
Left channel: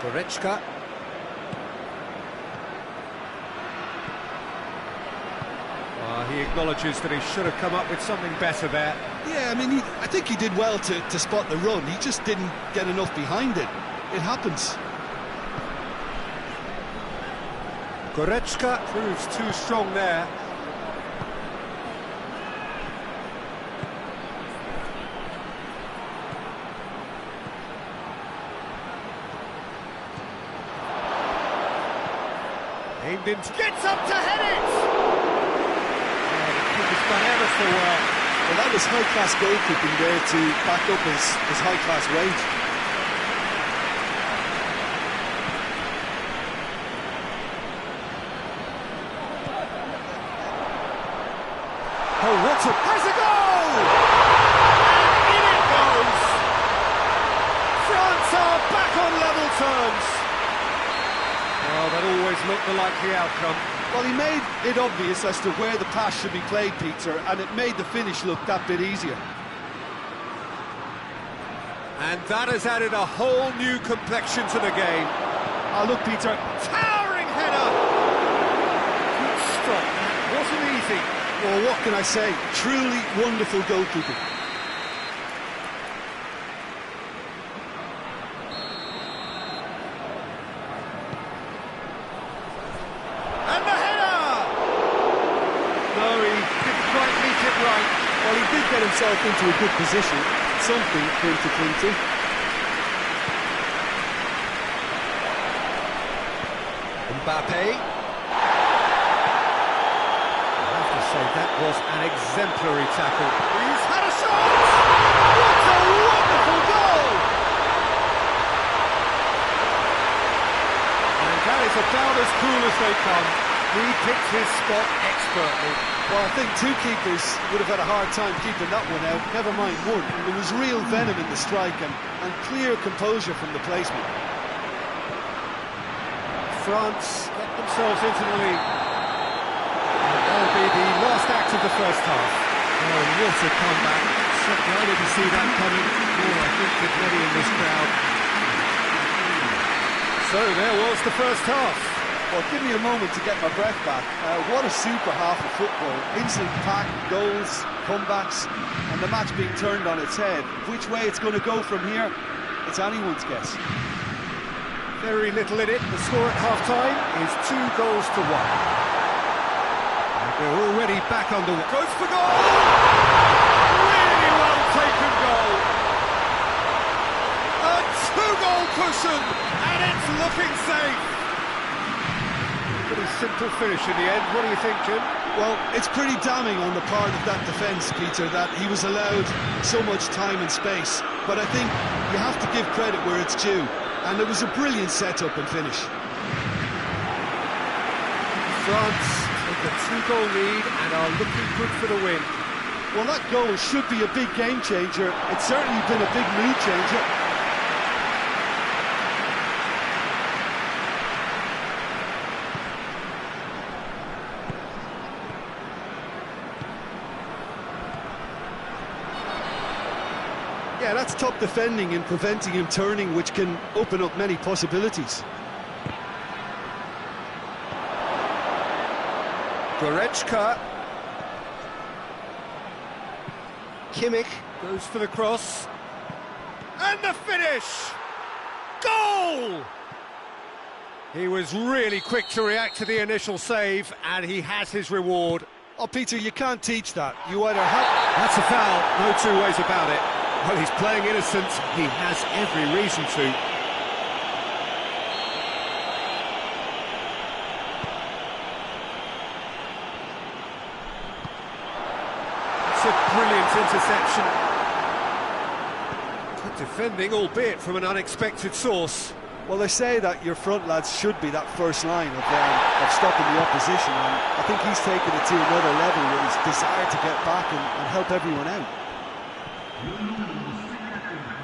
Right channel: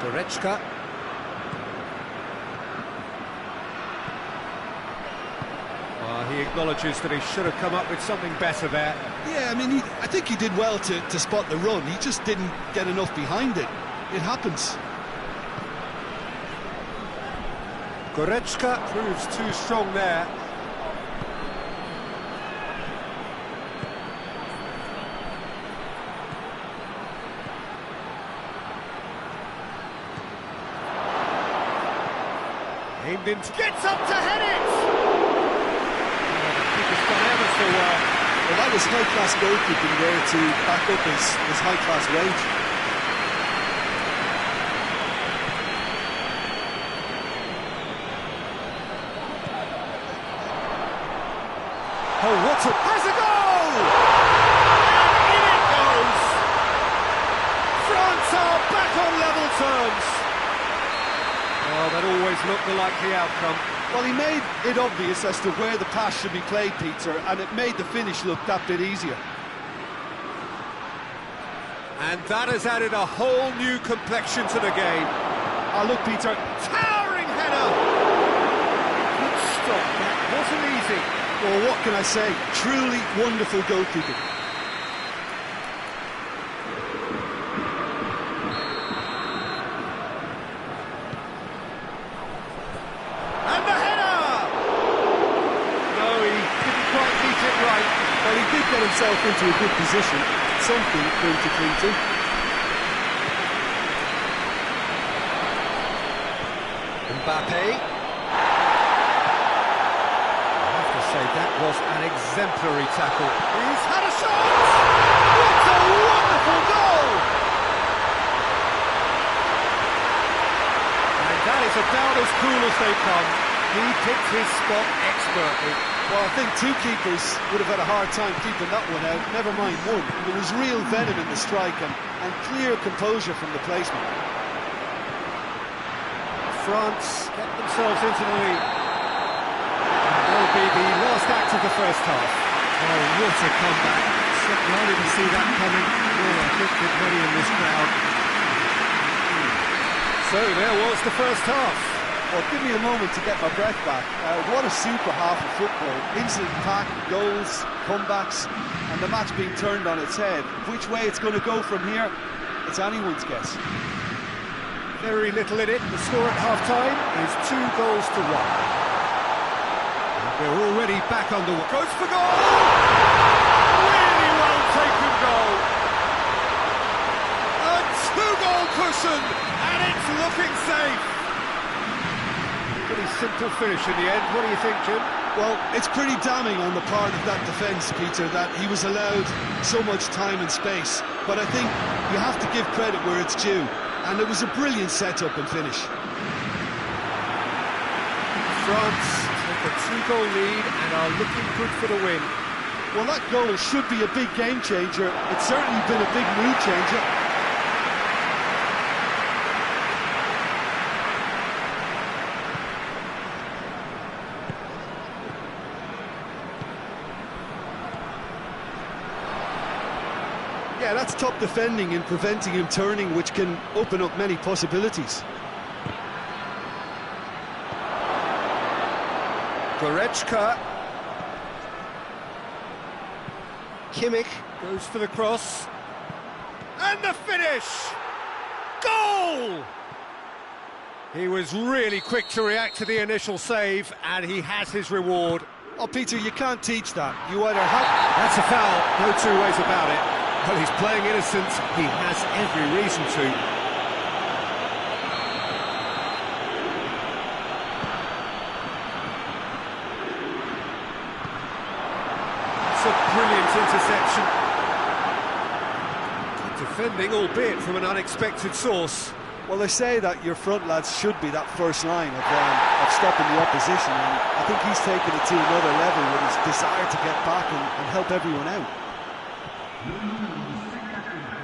Goretzka. He acknowledges that he should have come up with something better there. Yeah, I mean, I think he did well to spot the run. He just didn't get enough behind it. It happens. Goretzka proves too strong there. Aimed in, Gets up to head it! oh, the keeper's done ever so well. Well, that was high-class goalkeeping there to back up his high-class rage. Oh, what a... Has a goal! And in it goes! France are back on level terms. Well, that always looked the likely outcome. Well, he made it obvious as to where the pass should be played, Peter, and it made the finish look that bit easier. And that has added a whole new complexion to the game. Oh, look, Peter. Towering header! Good stop, that wasn't easy. Well, what can I say? Truly wonderful goalkeeping. And the header! No, he didn't quite meet it right. Well, he did get himself into a good position. Something for him to cling to. Mbappe. Say that was an exemplary tackle. He's had a shot! What a wonderful goal! And that is about as cool as they come. He picked his spot expertly. Well, I think two keepers would have had a hard time keeping that one out, never mind one. There was real venom in the strike and clear composure from the placement. France get themselves into the lead. That'll be the last act of the first half. Oh, what a comeback. Certainly I didn't see that coming, nor I think did many in this crowd. So there was the first half. Well, give me a moment to get my breath back. What a super half of football. Instantly packed, goals, comebacks, and the match being turned on its head. Which way it's going to go from here, it's anyone's guess. Very little in it. The score at half-time is 2-1. We're already back underway. Goes for goal! Really well taken goal. A 2-goal cushion, and it's looking safe. Pretty simple finish in the end. What do you think, Jim? Well, it's pretty damning on the part of that defence, Peter, that he was allowed so much time and space. But I think you have to give credit where it's due, and it was a brilliant set-up and finish. France take a 2-goal lead and are looking good for the win. Well, that goal should be a big game changer. It's certainly been a big mood changer. Yeah, that's top defending and preventing him turning, which can open up many possibilities. Goretzka. Kimmich goes for the cross. And the finish! Goal! He was really quick to react to the initial save, and he has his reward. Oh, Peter, you can't teach that. You either have... That's a foul, no two ways about it. Well, he's playing innocent. He has every reason to. It's a brilliant interception. Good defending, albeit from an unexpected source. Well, they say that your front lads should be that first line of stopping the opposition, and I think he's taken it to another level with his desire to get back and help everyone out.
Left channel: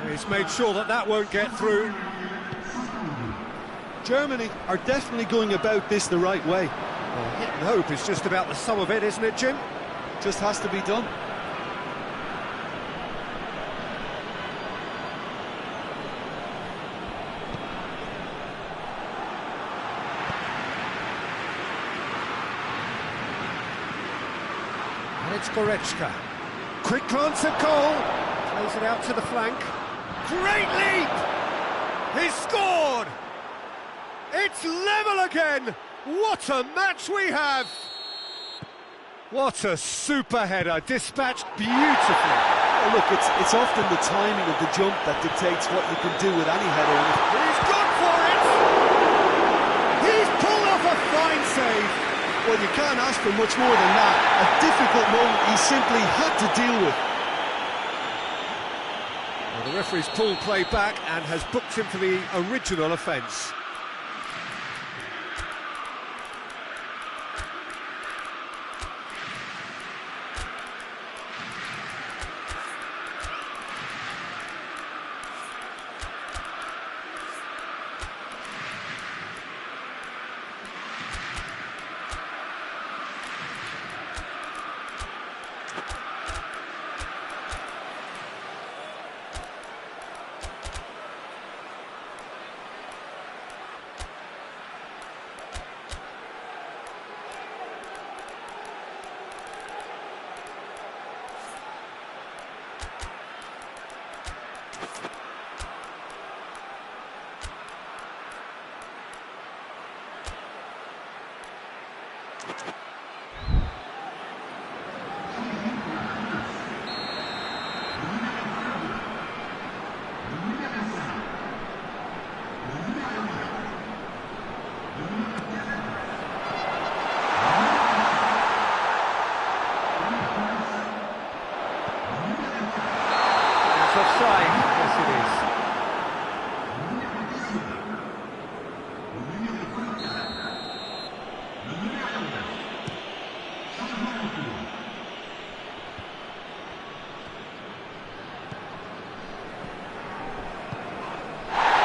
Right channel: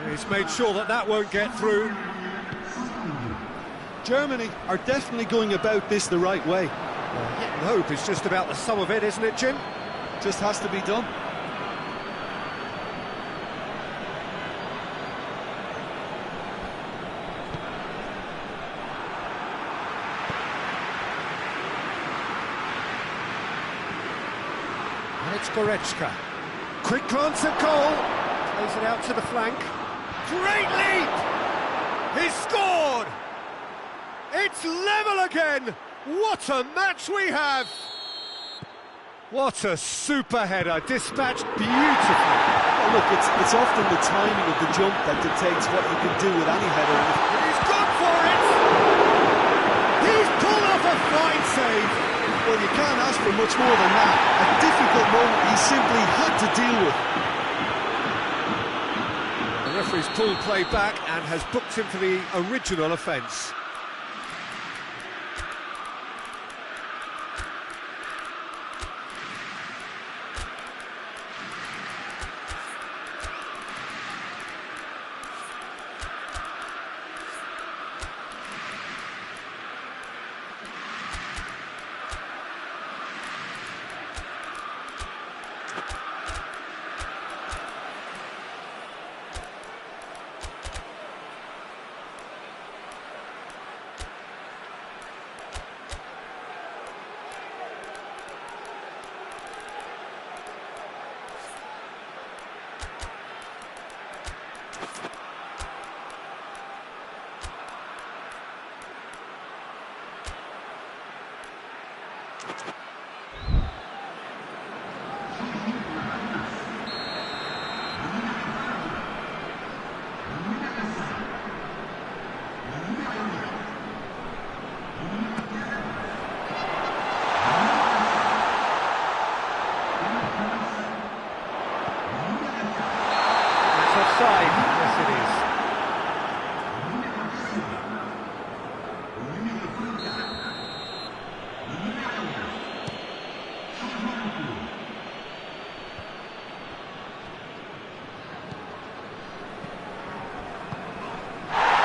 He's made sure that that won't get through. Germany are definitely going about this the right way. Well, hit and hope is just about the sum of it, isn't it, Jim? Just has to be done. And it's Goretzka. Quick glance at goal. Plays it out to the flank. Great leap! He's scored! It's level again! What a match we have! What a super header, dispatched beautifully. Oh, look, it's often the timing of the jump that dictates what you can do with any header. He's gone for it! He's pulled off a Fine save. Well, you can't ask for much more than that. A difficult moment he simply had to deal with. Well, the referee's pulled play back and has booked him for the original offence. Offside, yes it is.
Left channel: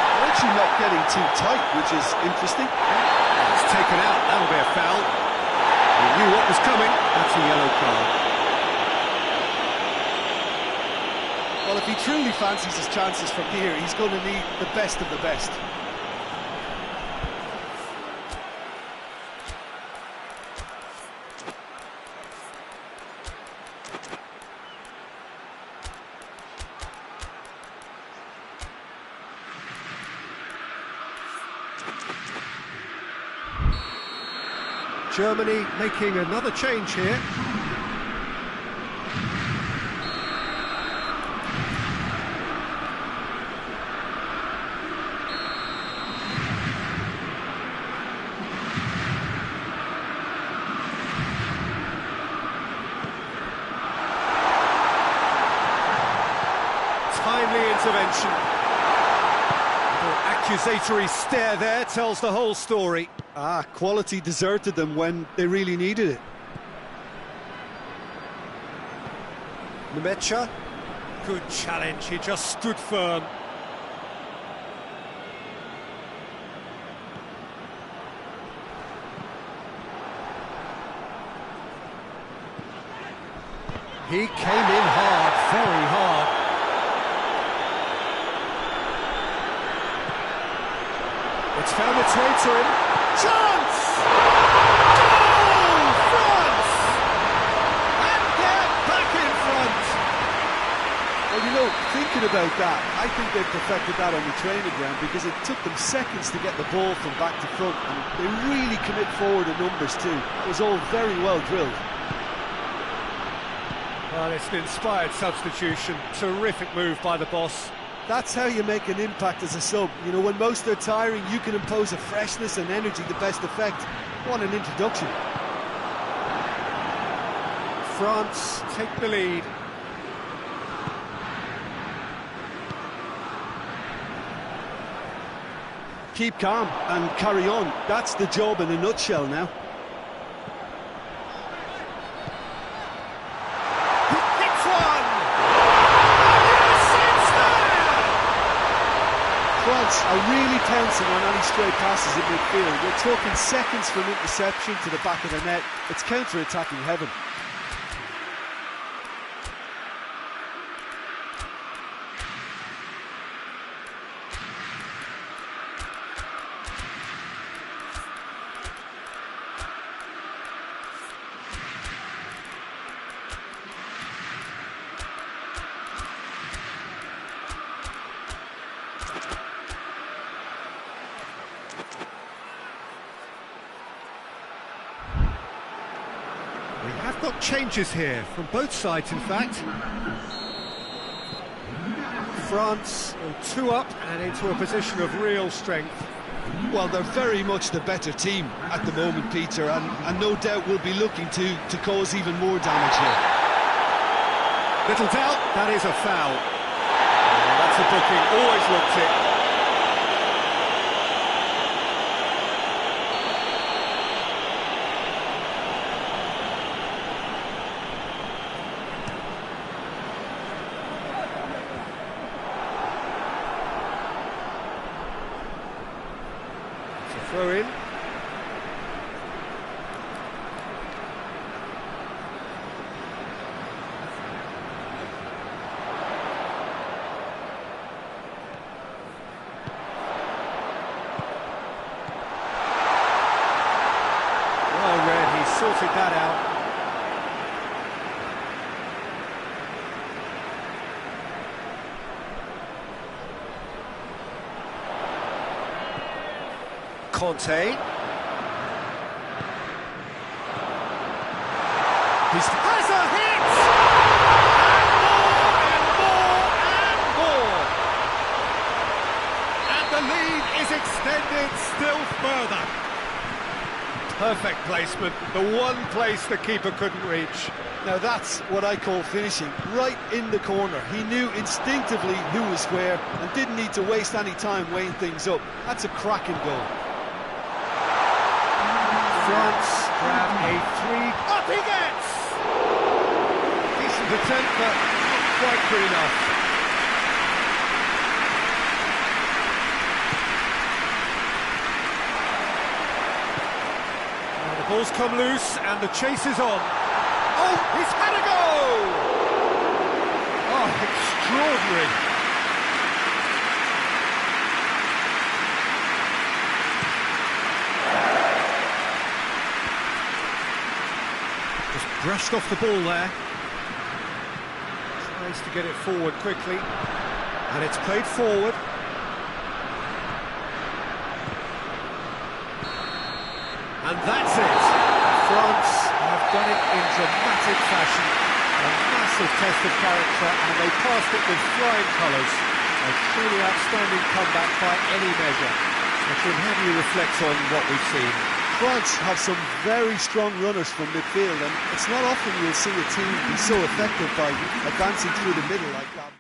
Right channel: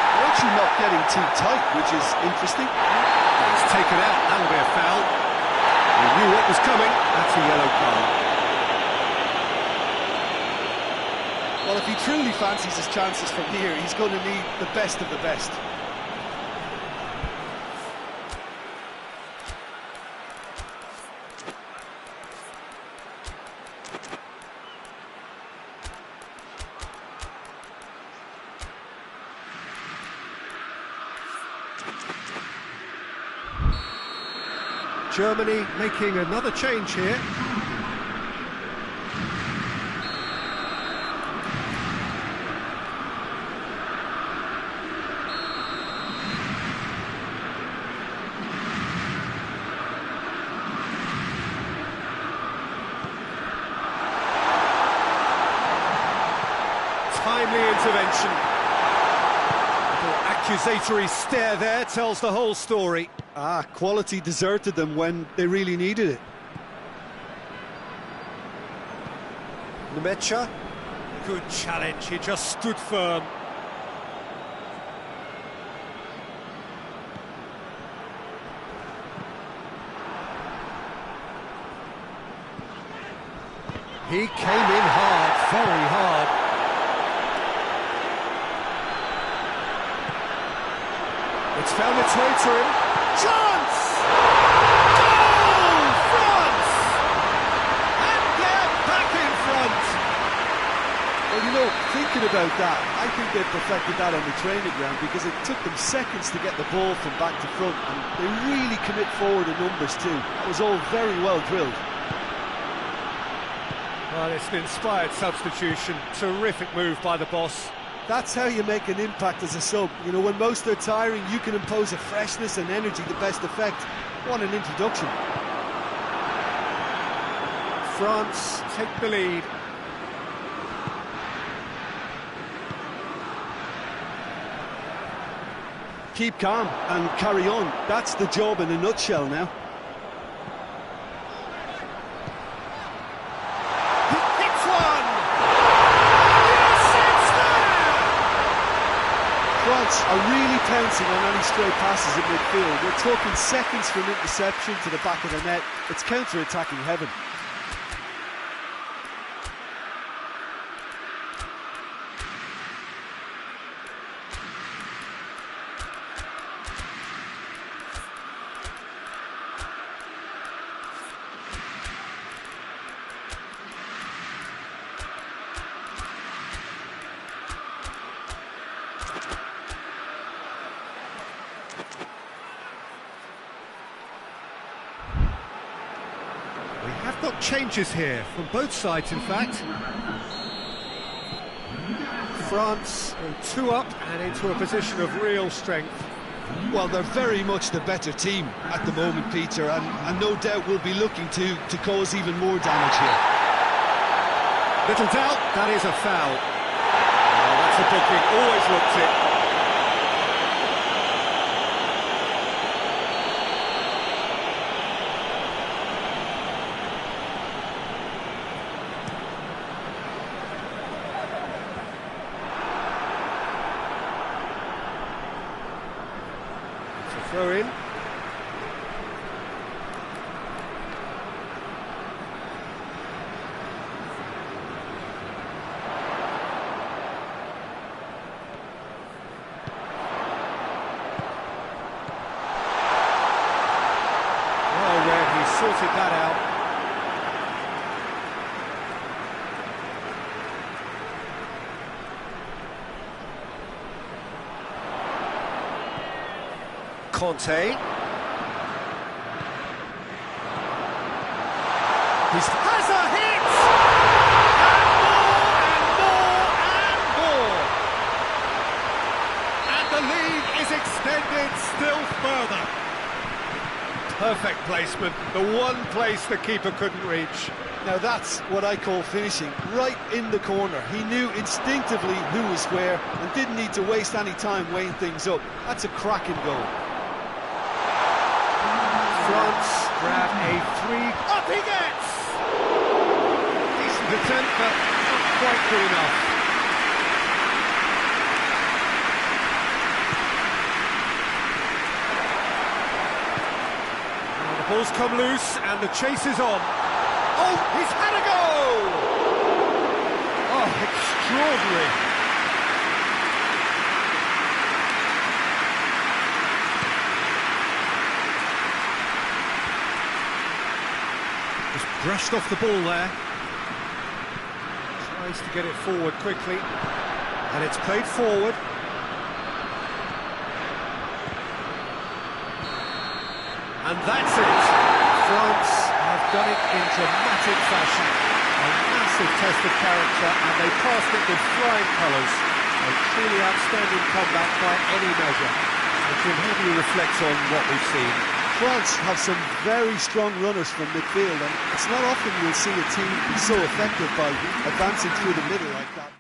They're actually not getting too tight, which is interesting. It's taken out, that'll be a foul. He knew what was coming, that's a yellow card. Well, if he truly fancies his chances from here, he's going to need the best of the best. Germany making another change here. Timely intervention. Little accusatory stare there tells the whole story. Quality deserted them when they really needed it. Nemecha, good challenge, he just stood firm. He came in hard, very hard. It's found its way to him. Chance! Goal! France! And get back in front! Well, you know, thinking about that, I think they perfected that on the training ground because it took them seconds to get the ball from back to front, and they really commit forward in numbers too. That was all very well drilled. Well, it's an inspired substitution. Terrific move by the boss. That's how you make an impact as a sub. You know, when most are tiring, you can impose a freshness and energy to best effect. What an introduction. France take the lead. Keep calm and carry on. That's the job in a nutshell now. France are really pouncing on any stray passes in midfield. We're talking seconds from interception to the back of the net. It's counter-attacking heaven. We have got changes here, from both sides in fact. France go 2 up and into a position of real strength. Well, they're very much the better team at the moment, Peter, and no doubt will be looking to cause even more damage here. Little doubt, that is a foul. Oh, that's a booking, always looked it. It's a throw in. Well read, he sorted that out. Conte. He has a hit! And more, and more, and more! And the lead is extended still further. Perfect placement, the one place the keeper couldn't reach. Now that's what I call finishing, right in the corner. He knew instinctively who was where and didn't need to waste any time weighing things up. That's a cracking goal. France grab a three. Up he gets! Decent attempt, but not quite good enough. Now the ball's come loose and the chase is on. Oh, he's had a go! Oh, extraordinary. Just brushed off the ball there. Tries to get it forward quickly. And it's played forward. And that's it. France have done it in dramatic fashion. A massive test of character, and they passed it with flying colours. A truly outstanding comeback by any measure. So, Jim, how do you reflect on what we've seen? France have some very strong runners from midfield, and it's not often you'll see a team be so effective by advancing through the middle like that.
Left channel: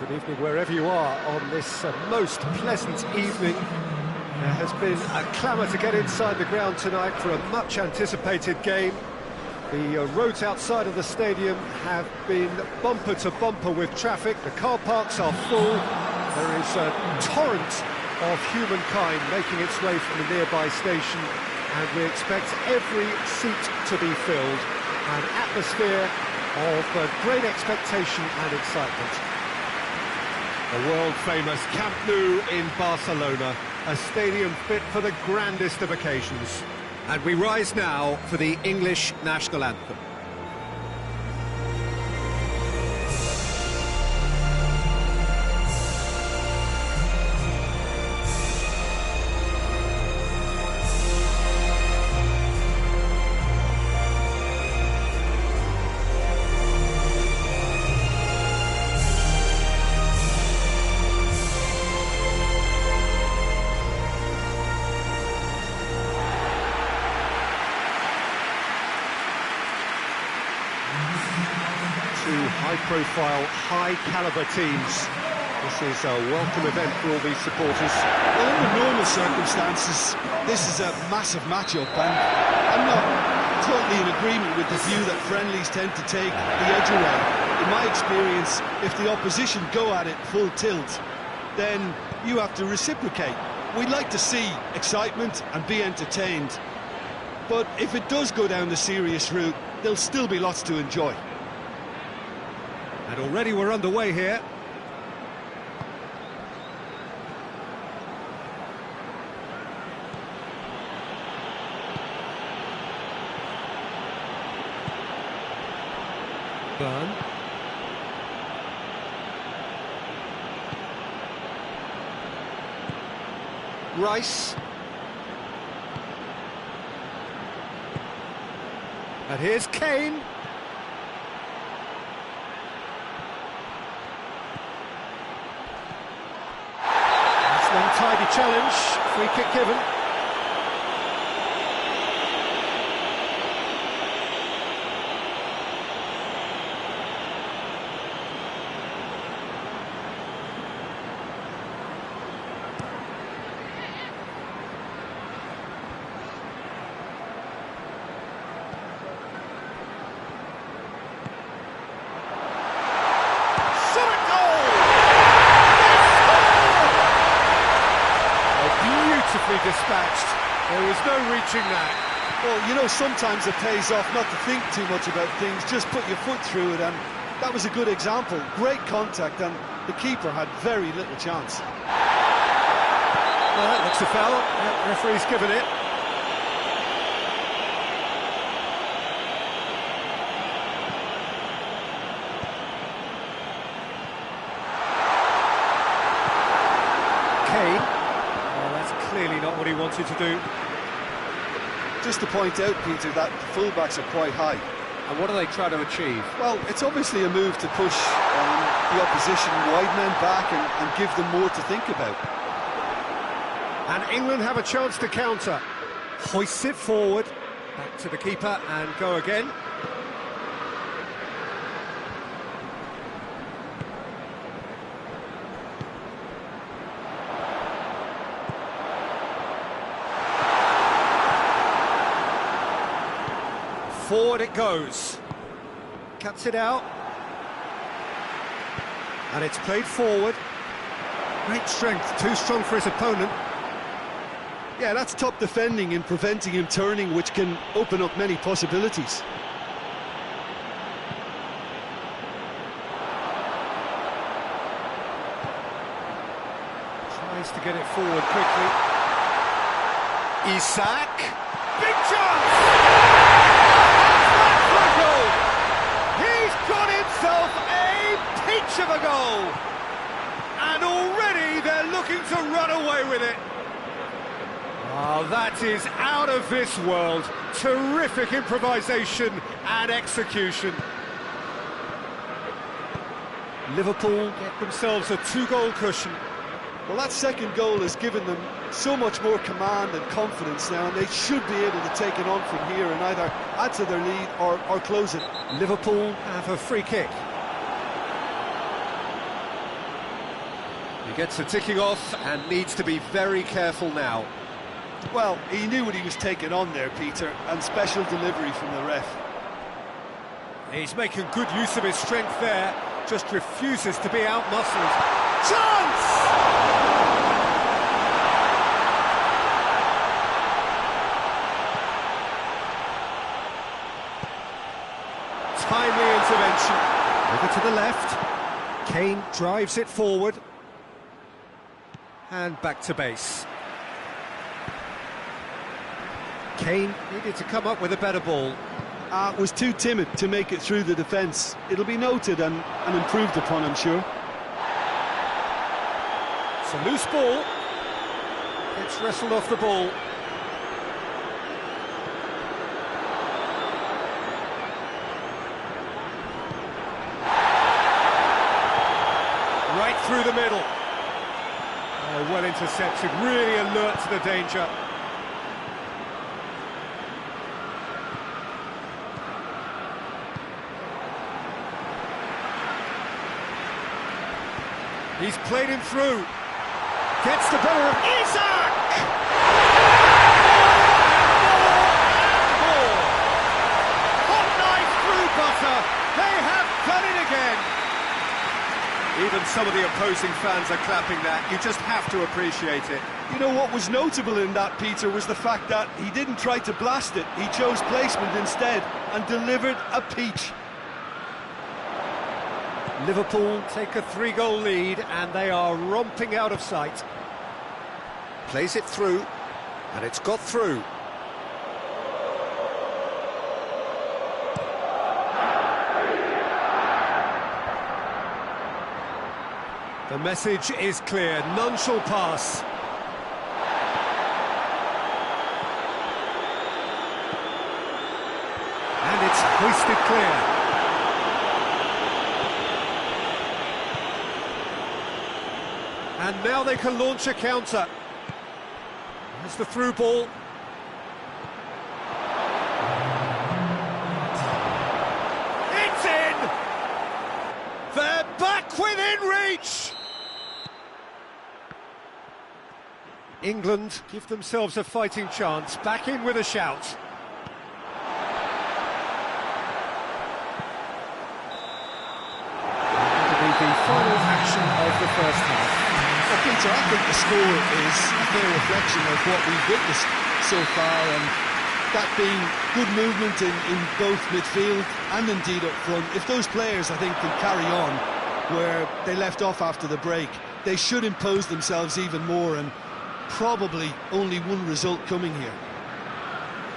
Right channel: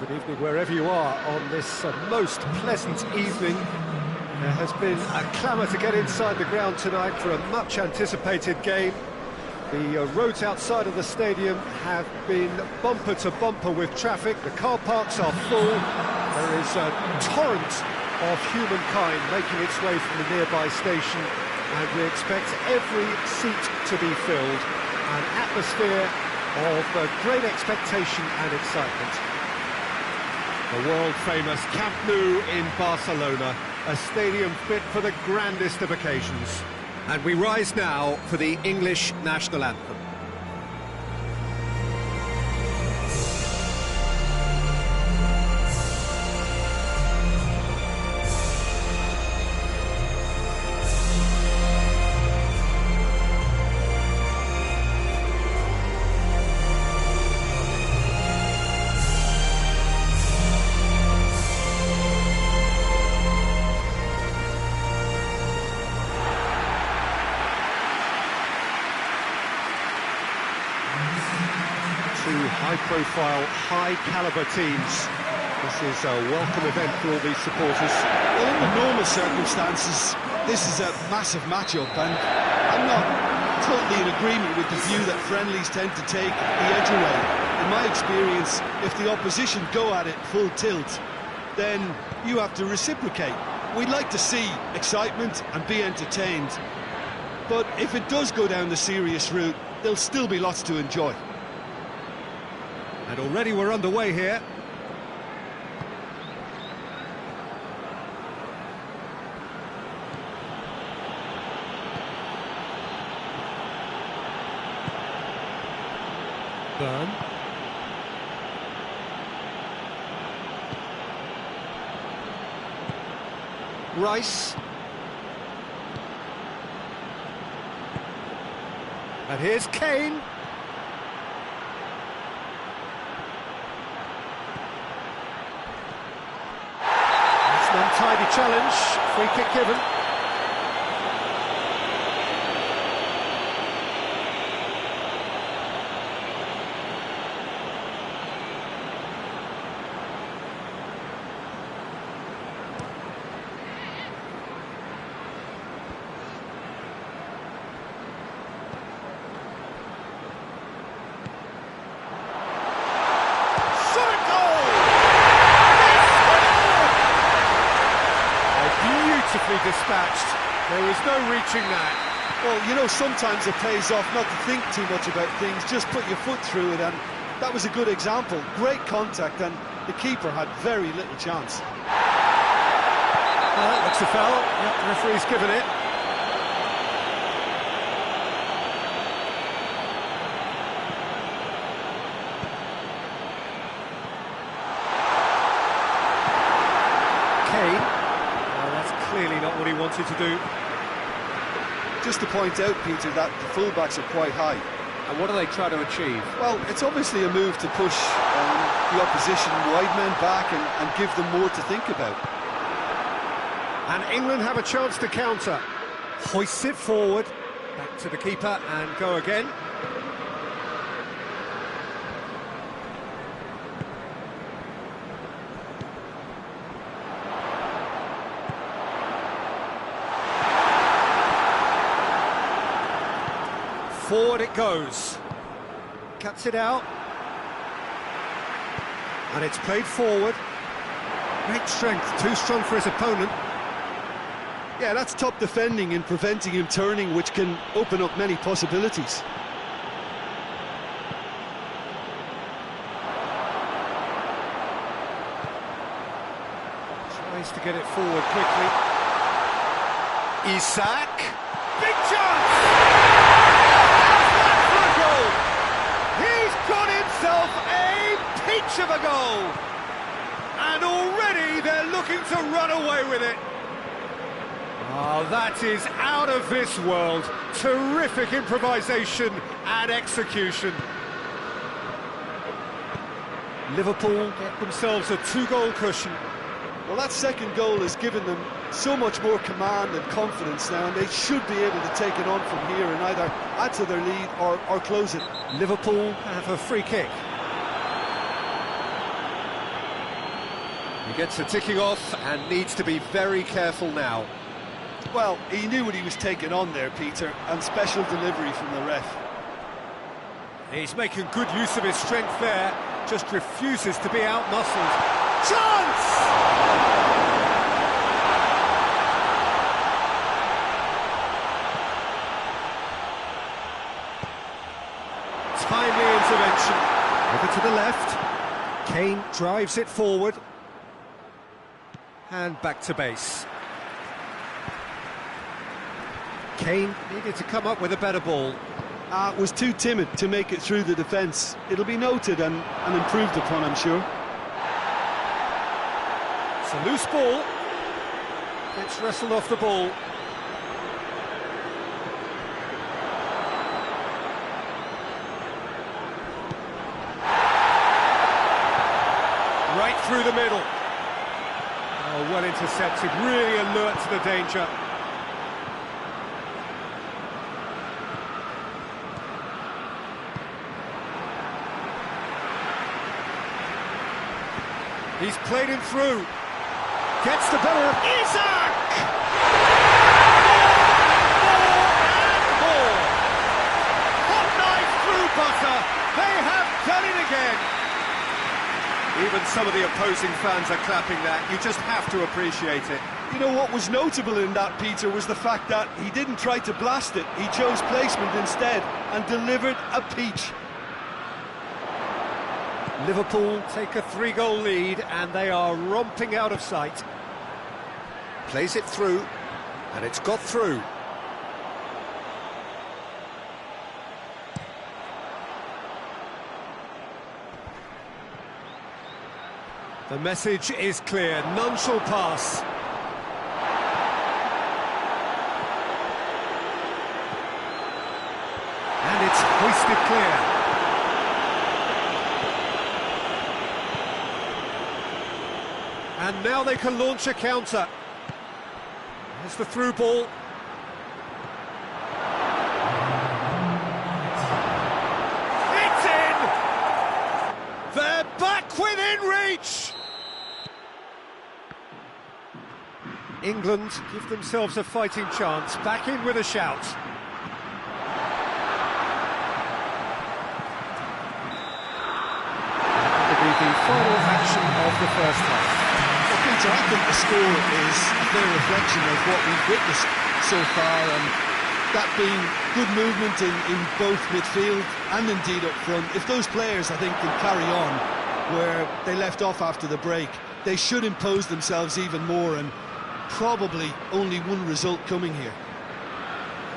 Good evening wherever you are on this most pleasant evening. There has been a clamour to get inside the ground tonight for a much anticipated game. The roads outside of the stadium have been bumper to bumper with traffic. The car parks are full. There is a torrent of humankind making its way from the nearby station, and we expect every seat to be filled. An atmosphere of great expectation and excitement. The world-famous Camp Nou in Barcelona, a stadium fit for the grandest of occasions. And we rise now for the English national anthem. Two high-profile, high-caliber teams. This is a welcome event for all these supporters. Well, in the normal circumstances, this is a massive match-up, and I'm not totally in agreement with the view that friendlies tend to take the edge away. In my experience, if the opposition go at it full tilt, then you have to reciprocate. We'd like to see excitement and be entertained, but if it does go down the serious route, there'll still be lots to enjoy. And already we're underway here. Burn. Rice. And here's Kane. It's an untidy challenge, free kick given. Beautifully dispatched. There was no reaching that. Well, you know, sometimes it pays off not to think too much about things, just put your foot through it, and that was a good example. Great contact, and the keeper had very little chance. Well, that looks a foul. Yep, the referee's given it. Kane. That's clearly not what he wanted to do. Just to point out, Peter, that the fullbacks are quite high. And what do they try to achieve? Well, it's obviously a move to push the opposition wide men back and give them more to think about. And England have a chance to counter. Hoists it forward, back to the keeper and go again. Forward it goes. Cuts it out. And it's played forward. Great strength, too strong for his opponent. Yeah, that's top defending and preventing him turning, which can open up many possibilities. Tries to get it forward quickly. Isak. Big chance! He's got himself a peach of a goal, and already they're looking to run away with it. Oh, that is out of this world. Terrific improvisation and execution. Liverpool get themselves a two-goal cushion. Well, that second goal has given them so much more command and confidence now, and they should be able to take it on from here and either add to their lead or close it. Liverpool have a free kick. He gets the ticking off and needs to be very careful now. Well, he knew what he was taking on there, Peter, and special delivery from the ref. He's making good use of his strength there, just refuses to be out-muscled. Chance! Timely intervention. Over to the left. Kane drives it forward. And back to base. Kane needed to come up with a better ball. Was too timid to make it through the defence. It'll be noted and improved upon, I'm sure. It's a loose ball. Gets wrestled off the ball. Right through the middle. Oh, well intercepted, really alert to the danger. He's played him through. Gets the better of Isaac! More. Hot knife through butter. They have done it again. Even some of the opposing fans are clapping that. You just have to appreciate it. You know what was notable in that, Peter, was the fact that he didn't try to blast it. He chose placement instead and delivered a peach. Liverpool take a 3-goal lead and they are romping out of sight. Plays it through, and it's got through. The message is clear, none shall pass. And it's hoisted clear. And now they can launch a counter. There's the through ball. It's in! They're back within reach! England give themselves a fighting chance, back in with a shout. That'll be the final action of the first half. Well, Peter, I think the score is a fair reflection of what we've witnessed so far, and that being good movement in both midfield and indeed up front. If those players, I think, can carry on where they left off after the break, they should impose themselves even more, and probably only one result coming here.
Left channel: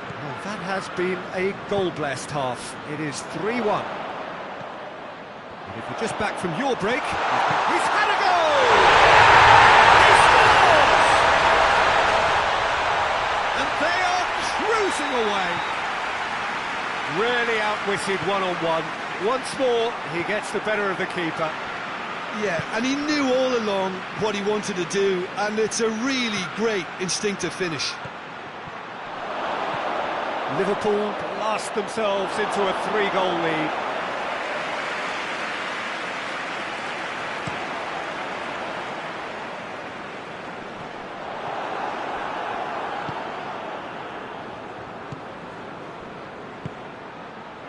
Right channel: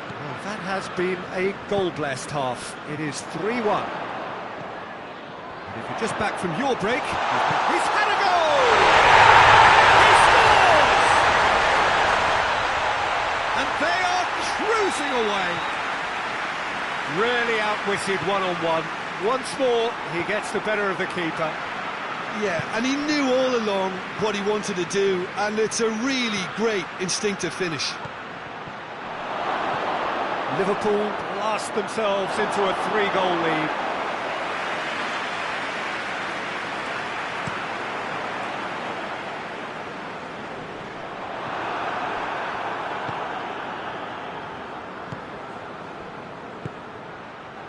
Well, that has been a goal-blessed half. It is 3-1. And if you're just back from your break, he's had a goal! And they are cruising away. Really outwitted one-on-one. Once more, he gets the better of the keeper. Yeah, and he knew all along what he wanted to do, and it's a really great instinctive finish. Liverpool blast themselves into a 3-goal lead.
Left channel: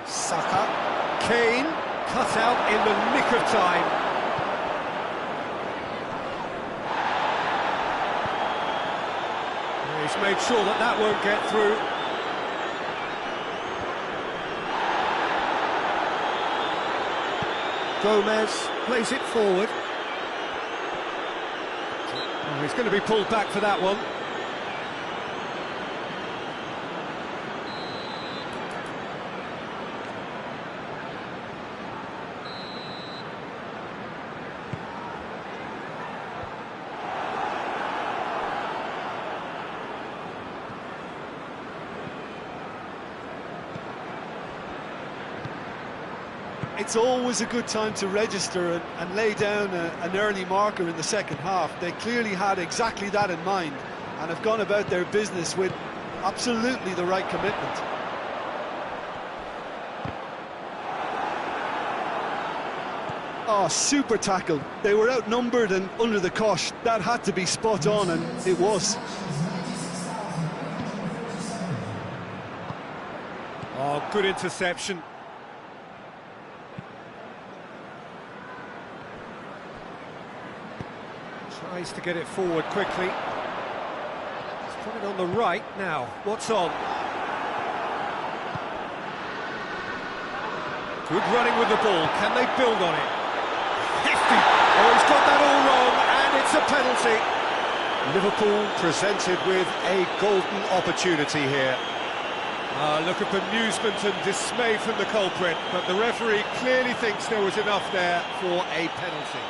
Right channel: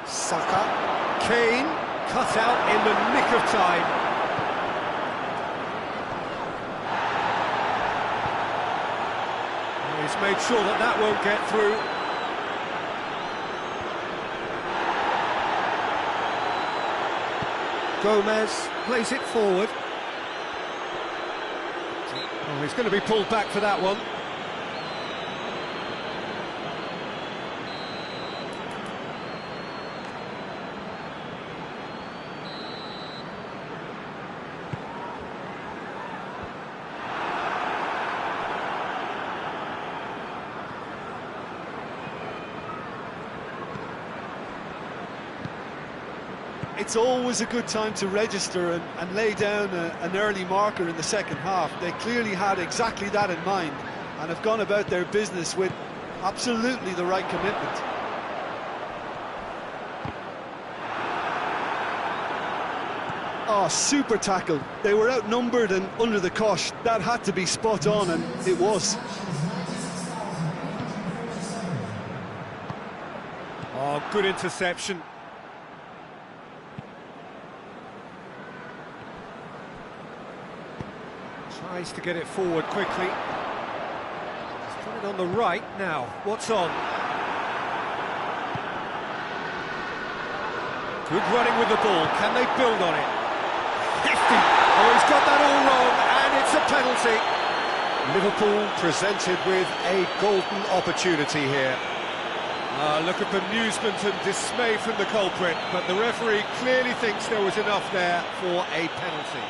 Saka, Kane, cut out in the nick of time. He's made sure that that won't get through. Gomez plays it forward. Oh, he's going to be pulled back for that one. It's always a good time to register and lay down an early marker in the second half. They clearly had exactly that in mind and have gone about their business with absolutely the right commitment. Oh, super tackle. They were outnumbered and under the cosh. That had to be spot on, and it was. Oh, good interception. Tries to get it forward quickly. He's put it on the right now. What's on? Good running with the ball. Can they build on it? Hefty. Oh, he's got that all wrong, and it's a penalty. Liverpool presented with a golden opportunity here. Look at bemusement and dismay from the culprit, but the referee clearly thinks there was enough there for a penalty.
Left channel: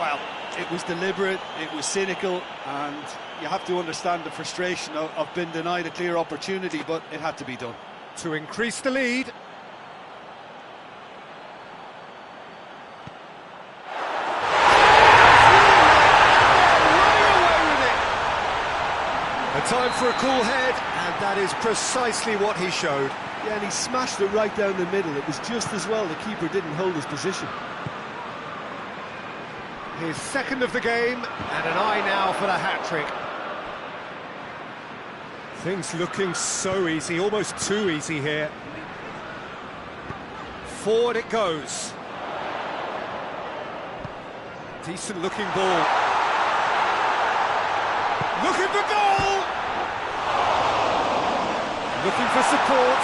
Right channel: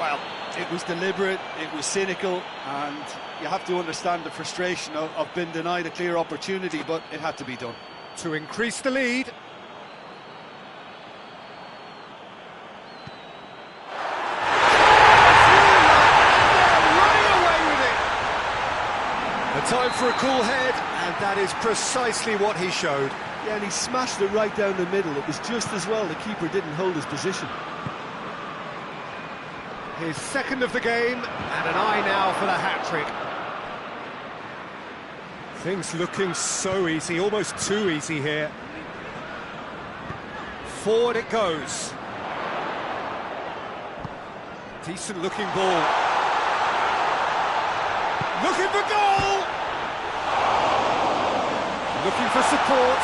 Well, it was deliberate, it was cynical, and you have to understand the frustration of being denied a clear opportunity, but it had to be done. To increase the lead. A time for a cool head, and that is precisely what he showed. Yeah, and he smashed it right down the middle. It was just as well the keeper didn't hold his position. His second of the game, and an eye now for the hat-trick. Things looking so easy, almost too easy here. Forward it goes. Decent looking ball. Looking for goal! Looking for support.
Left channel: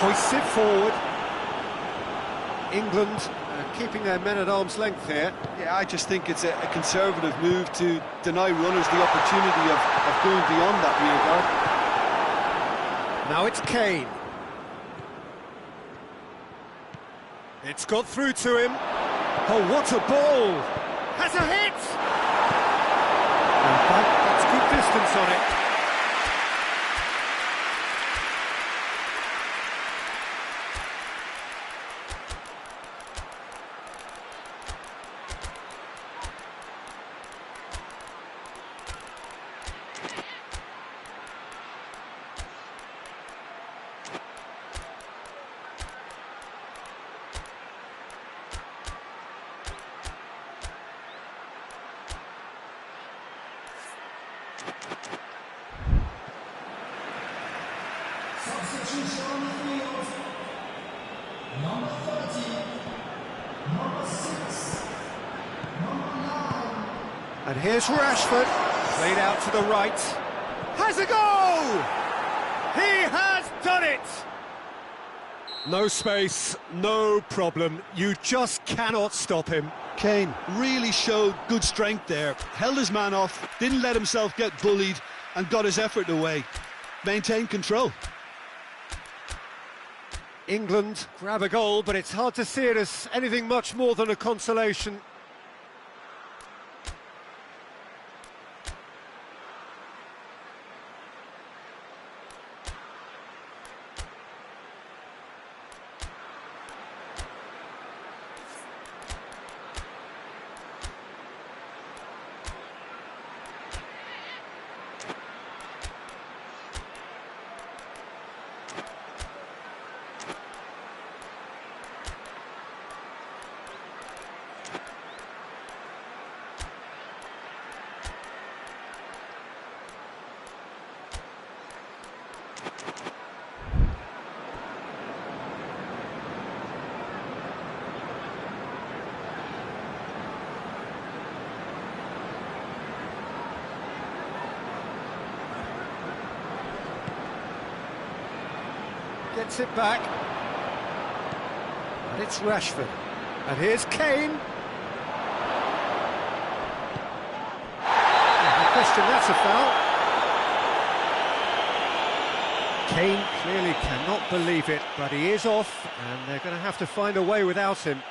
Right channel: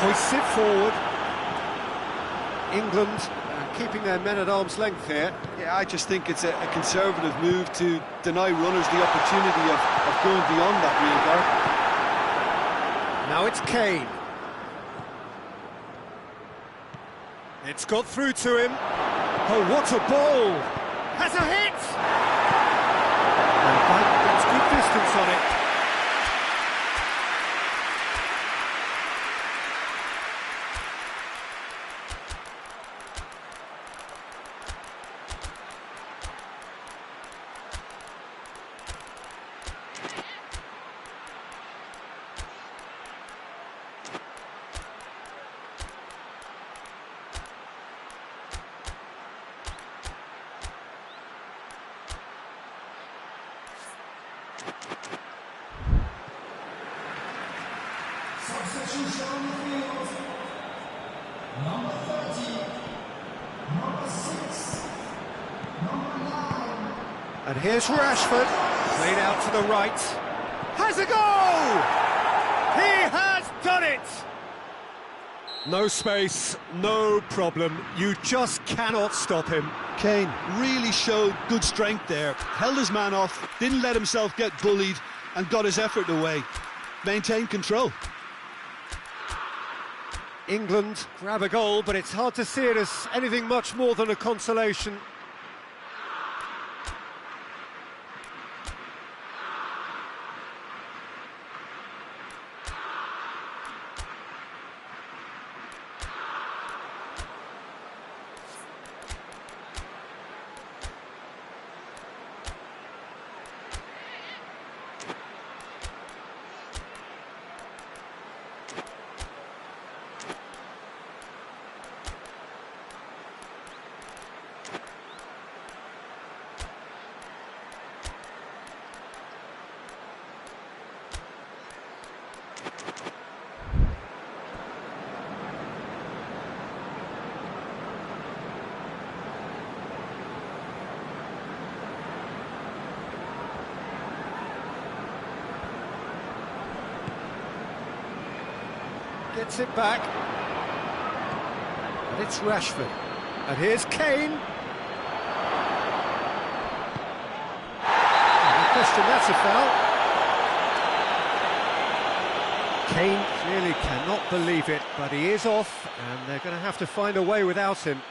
Hoists it forward. England keeping their men at arm's length here. Yeah, I just think it's a conservative move to deny runners the opportunity of going beyond that rear guard. Now it's Kane. It's got through to him. Oh, what a ball! Has a hit! And gets good distance on it. And here's Rashford, played out to the right. Has a go! He has done it! No space, no problem. You just cannot stop him. Kane really showed good strength there. Held his man off, didn't let himself get bullied, and got his effort away. Maintained control. England grab a goal, but it's hard to see it as anything much more than a consolation. Gets it back. And it's Rashford. And here's Kane. No question, that's a foul. Kane clearly cannot believe it, but he is off, and they're going to have to find a way without him.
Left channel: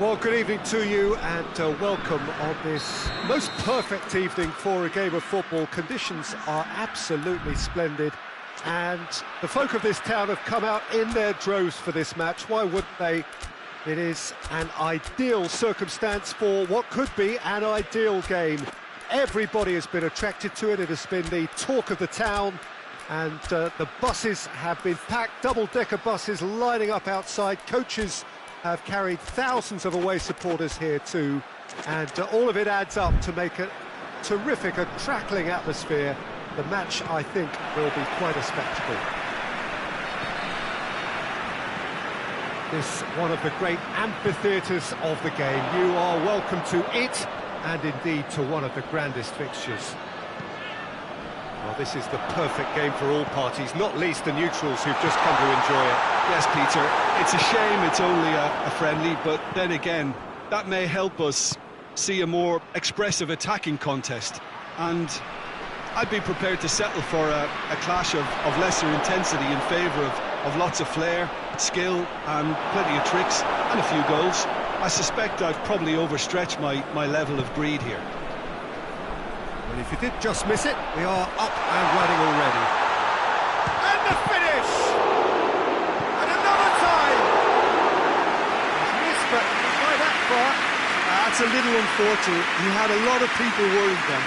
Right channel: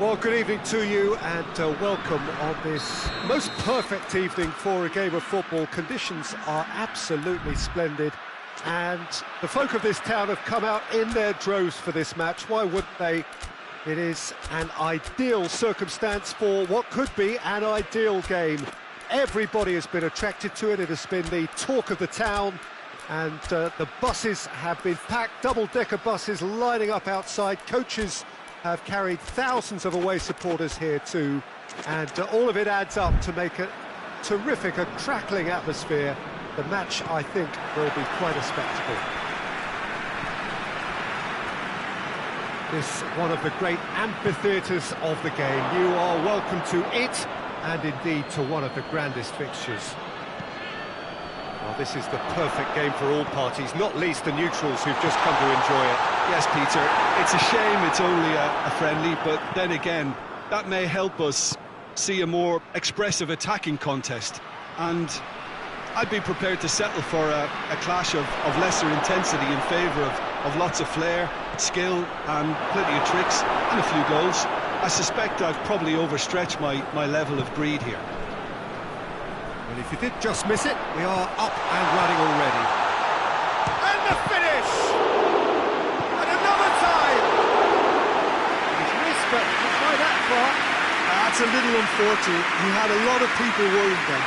Well, good evening to you and welcome on this most perfect evening for a game of football. Conditions are absolutely splendid and the folk of this town have come out in their droves for this match. Why wouldn't they? It is an ideal circumstance for what could be an ideal game. Everybody has been attracted to it. It has been the talk of the town, and the buses have been packed, double-decker buses lining up outside. Coaches have carried thousands of away supporters here too, and all of it adds up to make a terrific, a crackling atmosphere. The match, I think, will be quite a spectacle. This one of the great amphitheatres of the game. You are welcome to it, and indeed to one of the grandest fixtures. Well, this is the perfect game for all parties, not least the neutrals who've just come to enjoy it. Yes, Peter, it's a shame it's only a friendly, but then again, that may help us see a more expressive attacking contest. And I'd be prepared to settle for a clash of lesser intensity in favour of lots of flair, skill and plenty of tricks and a few goals. I suspect I've probably overstretched my level of greed here. Well, if you did just miss it, we are up and running already. And the finish! And another time! He's missed, but not by that far. That's a little unfortunate. He had a lot of people worried then.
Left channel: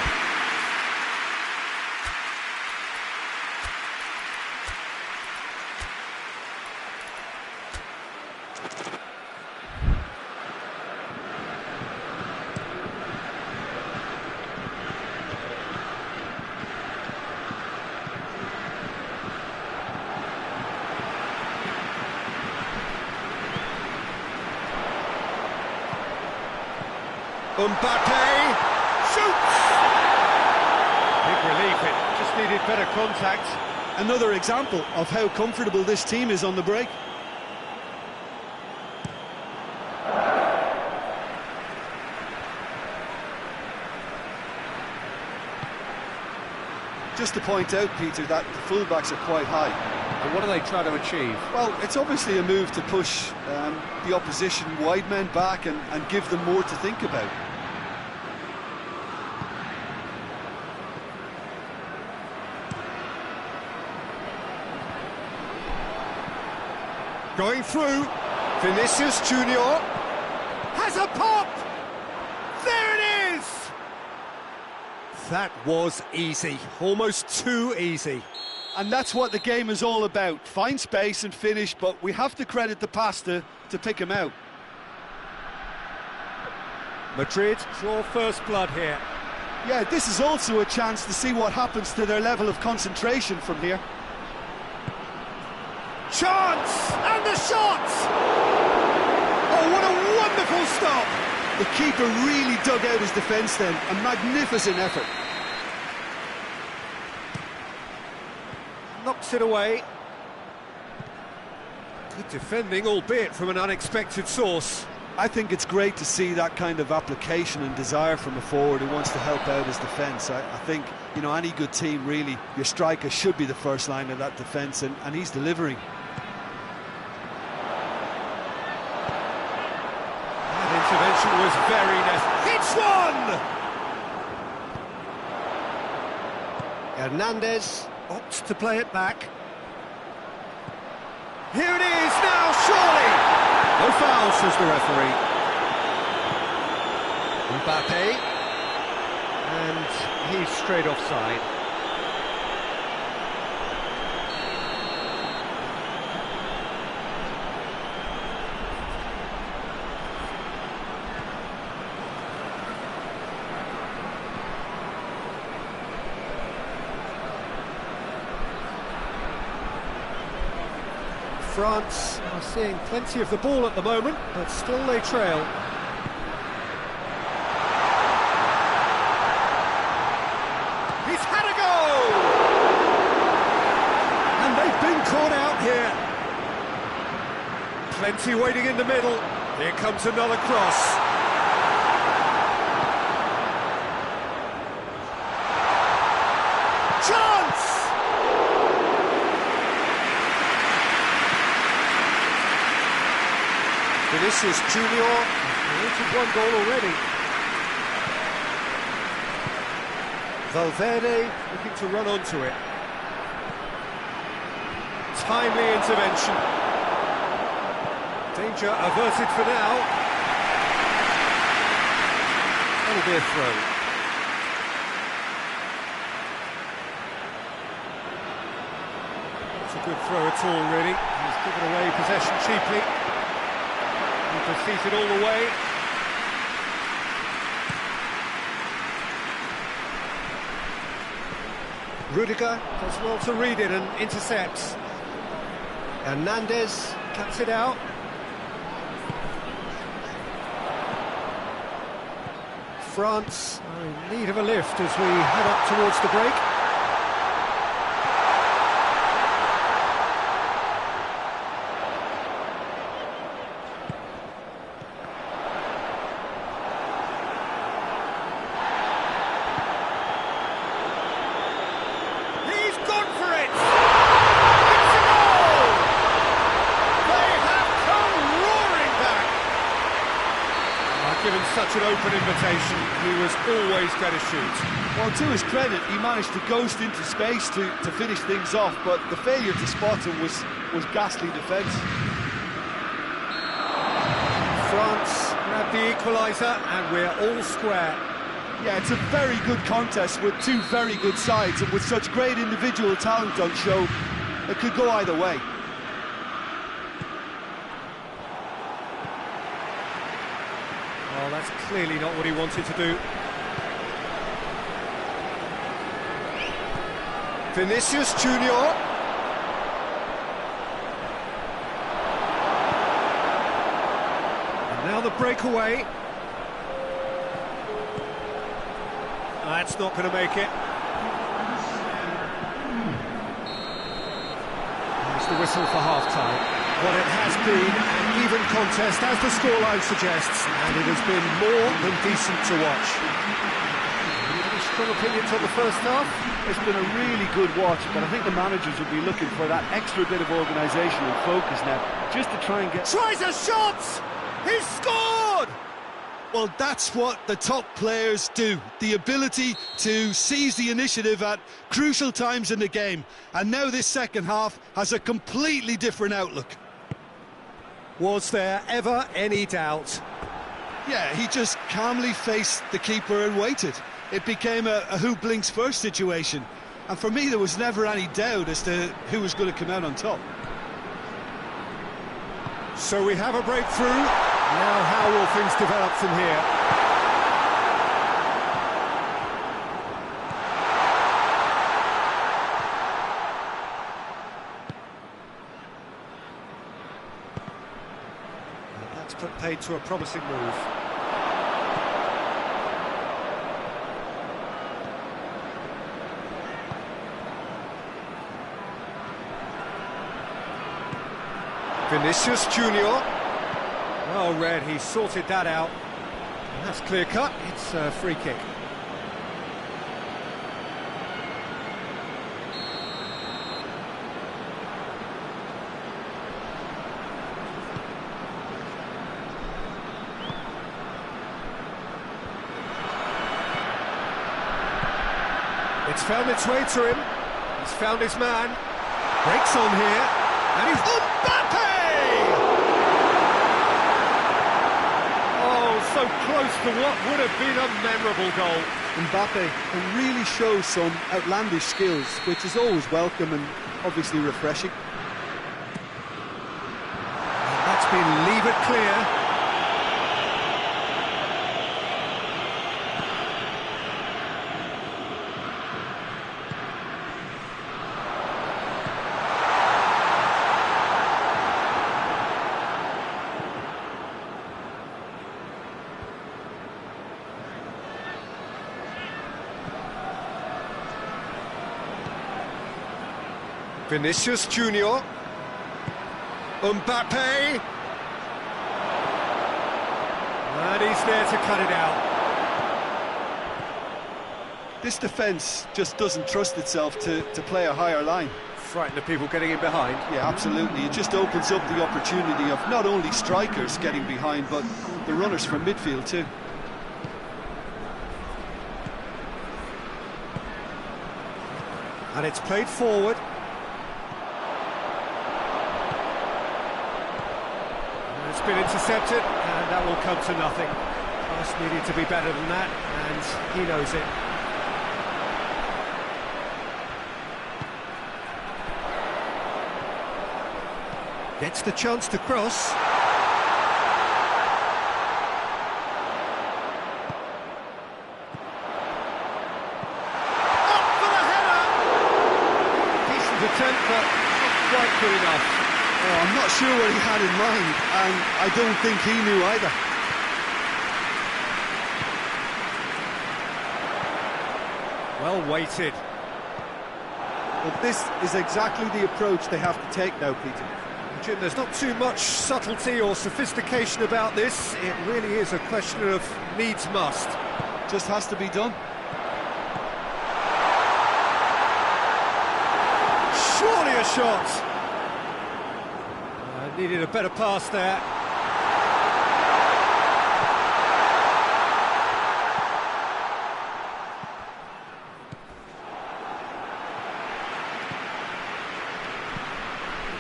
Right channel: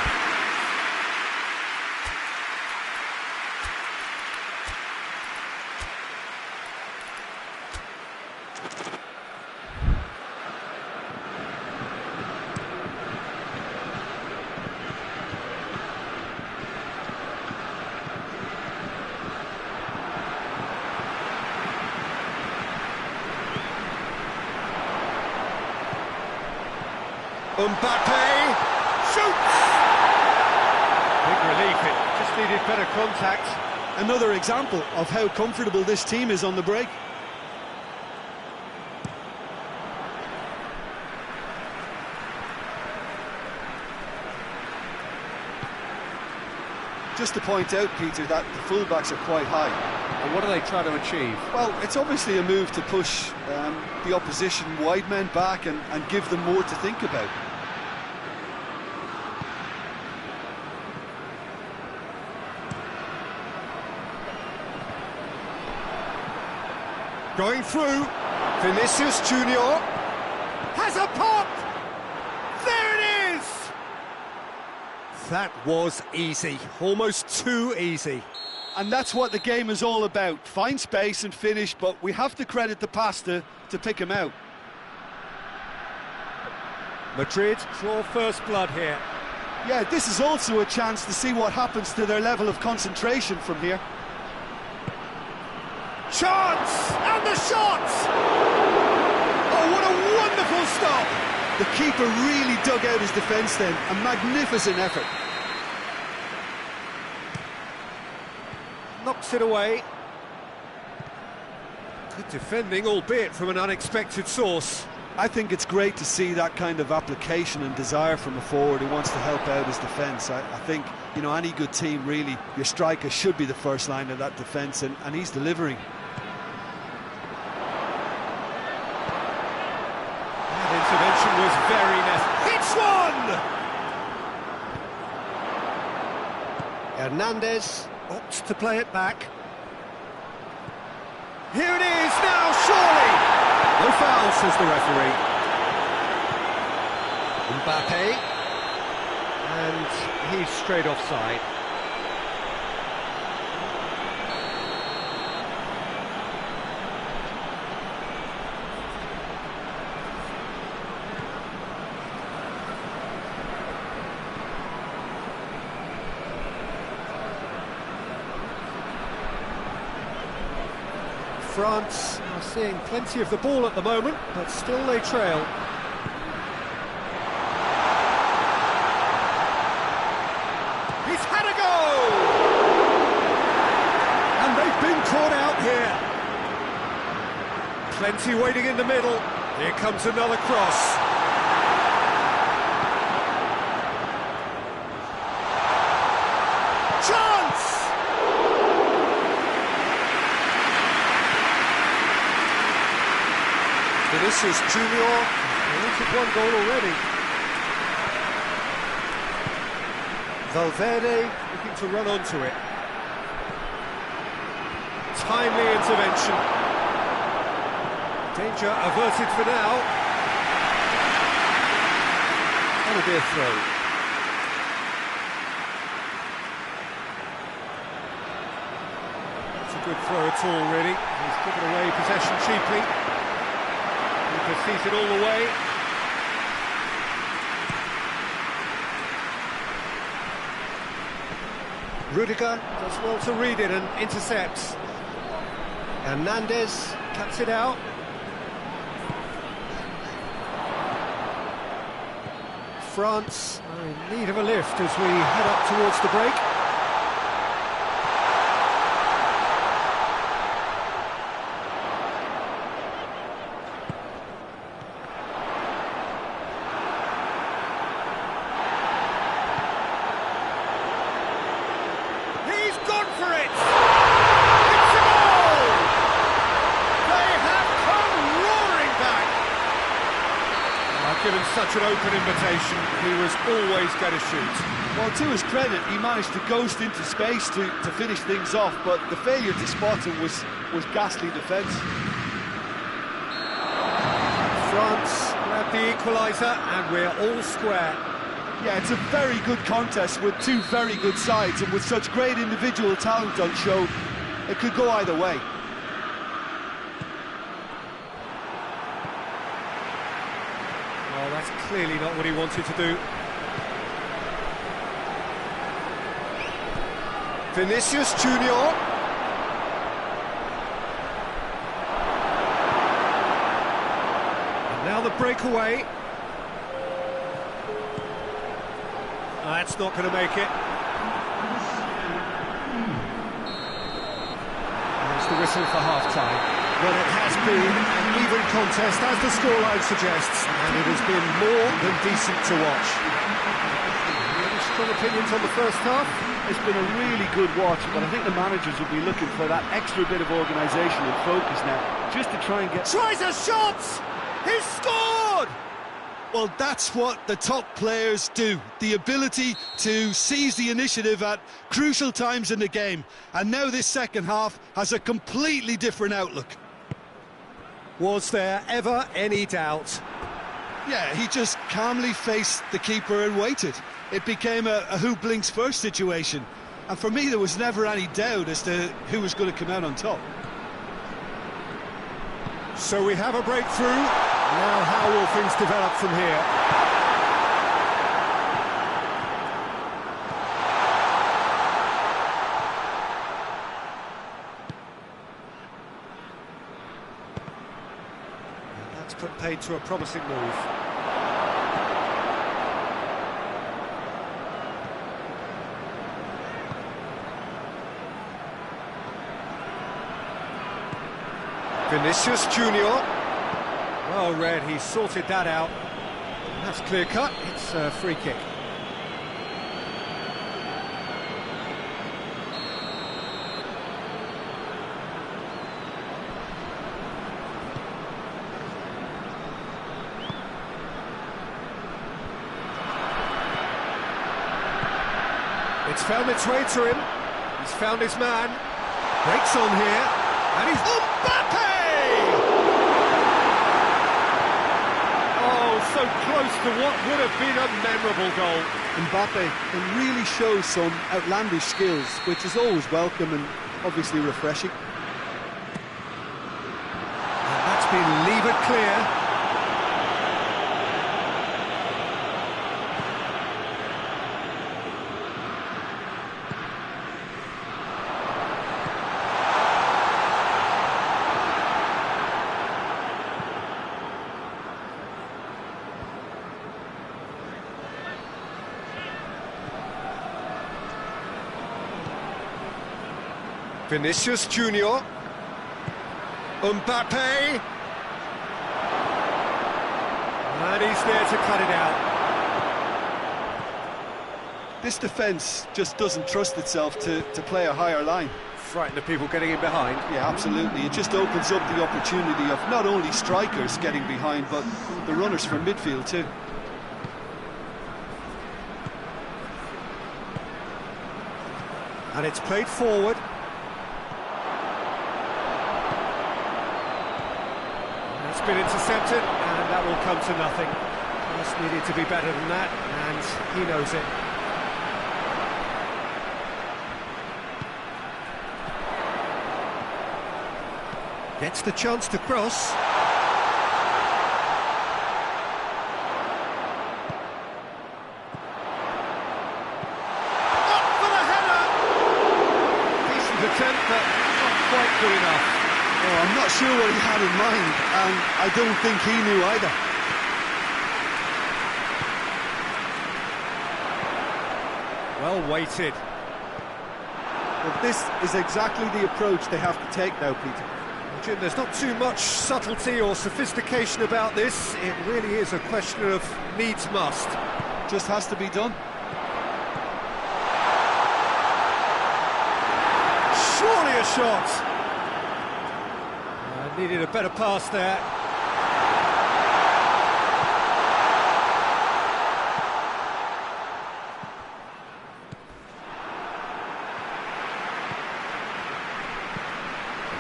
Mbappe shoots! Big relief, it just needed better contact. Another example of how comfortable this team is on the break. Just to point out, Peter, that the fullbacks are quite high. And what are they trying to achieve? Well, it's obviously a move to push the opposition wide men back and give them more to think about. Going through, Vinicius Junior has a pop! There it is! That was easy, almost too easy. And that's what the game is all about. Find space and finish, but we have to credit the pasta to pick him out. Madrid draw first blood here. Yeah, this is also a chance to see what happens to their level of concentration from here. Chance! And the shot! Oh, what a wonderful stop! The keeper really dug out his defence then. A magnificent effort. Knocks it away. Good defending, albeit from an unexpected source. I think it's great to see that kind of application and desire from a forward who wants to help out his defence. I think, you know, any good team, really, your striker should be the first line of that defence, and he's delivering. That intervention was very necessary. Hits one! Hernandez opts to play it back. Here it is now, surely! No foul, says the referee. Mbappe. And he's straight offside. France are seeing plenty of the ball at the moment, but still they trail. He's had a go! And they've been caught out here. Plenty waiting in the middle. Here comes another cross. Chance! Vinicius Junior has created one goal already. Valverde looking to run onto it. Timely intervention. Danger averted for now. That'll be a throw. Not a good throw at all, really. He's given away possession cheaply. He proceeds it all the way. Rudiger does well to read it and intercepts. Hernandez cuts it out. France are in need of a lift as we head up towards the break. He's gone for it! It's a goal! They have come roaring back! Given such an open invitation, he was always going to shoot. Well, to his credit, he managed to ghost into space to finish things off, but the failure to spot him was ghastly defence. France grabbed the equaliser and we're all square. Yeah, it's a very good contest with two very good sides, and with such great individual talent on show, it could go either way. Well, that's clearly not what he wanted to do. Vinicius Junior. And now the breakaway. That's not going to make it. There's the whistle for half-time. Well, it has been an even contest, as the scoreline suggests, and it has been more than decent to watch. Any strong opinions on the first half? It's been a really good watch, but I think the managers will be looking for that extra bit of organisation and focus now, just to try and get... Tries a shot! He's scored! Well, that's what the top players do, the ability to seize the initiative at crucial times in the game. And now this second half has a completely different outlook. Was there ever any doubt? Yeah, he just calmly faced the keeper and waited. It became a who blinks first situation. And for me, there was never any doubt as to who was going to come out on top. So we have a breakthrough. Now how will things develop from here? And that's put paid to a promising move. Vinicius Junior. Well read, he sorted that out. And that's clear cut, it's a free kick. It's found its way to him. He's found his man. Breaks on here. And he's... Mbappe! Oh, so close to what would have been a memorable goal. Mbappe can really show some outlandish skills, which is always welcome and obviously refreshing. And that's been levered clear. Vinicius Junior. Mbappe. And he's there to cut it out. This defence just doesn't trust itself to play a higher line. frighten the people getting in behind. Yeah, absolutely. It just opens up the opportunity of not only strikers getting behind, but the runners from midfield too. And it's played forward. And it's been intercepted, and that will come to nothing. Pass needed to be better than that, and he knows it. Gets the chance to cross. Up for the header! Decent attempt, but not quite good enough. Oh, I'm not sure what he had in mind, and I don't think he knew either. Well weighted. Well, this is exactly the approach they have to take now, Peter. Jim, there's not too much subtlety or sophistication about this. It really is a question of needs must. Just has to be done. Surely a shot. Needed a better pass there.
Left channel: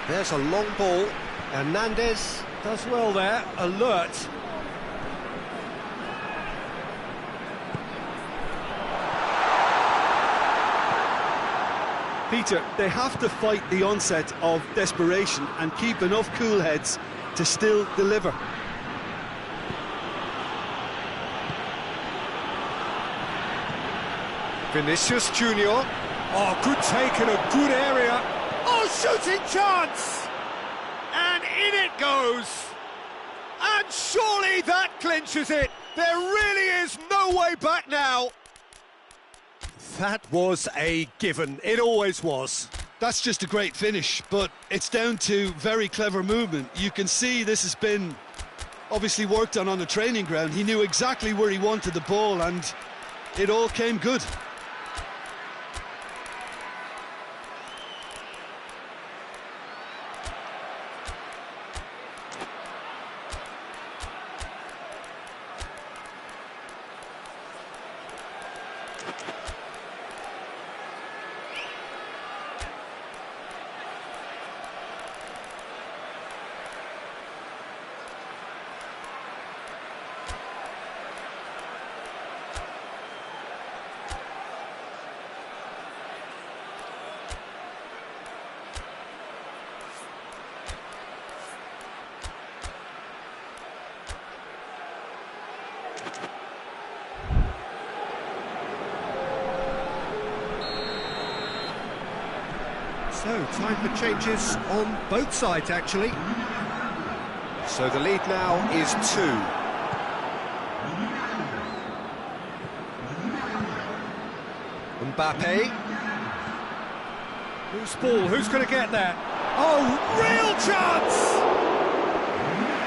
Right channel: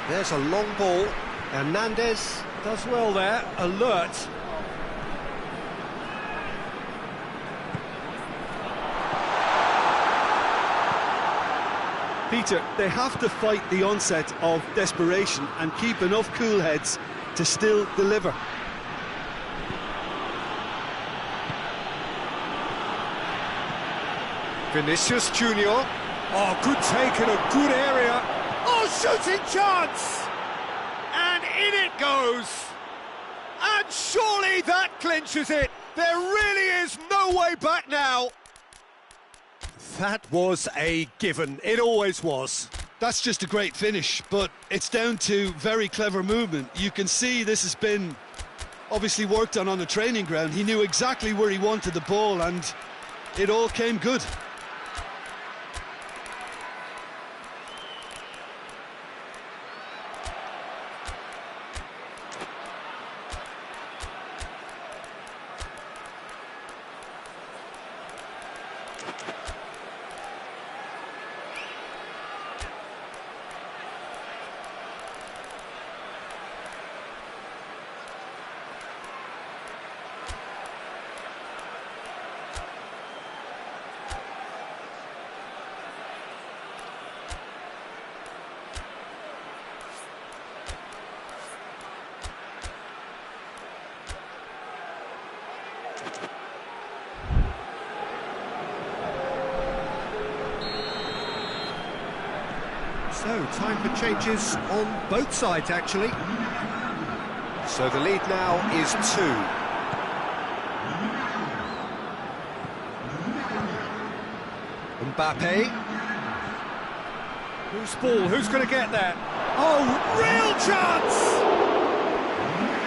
There's a long ball. Hernandez does well there, alert. Peter, they have to fight the onset of desperation and keep enough cool heads to still deliver. Vinicius Junior. Oh, good take in a good area. Oh, shooting chance! And in it goes! And surely that clinches it! There really is no way back now! That was a given. It always was. That's just a great finish, but it's down to very clever movement. You can see this has been obviously worked on the training ground. He knew exactly where he wanted the ball, and it all came good. So, time for changes on both sides, actually. So the lead now is 2. Mbappe. Who's ball? Who's going to get that? Oh, real chance!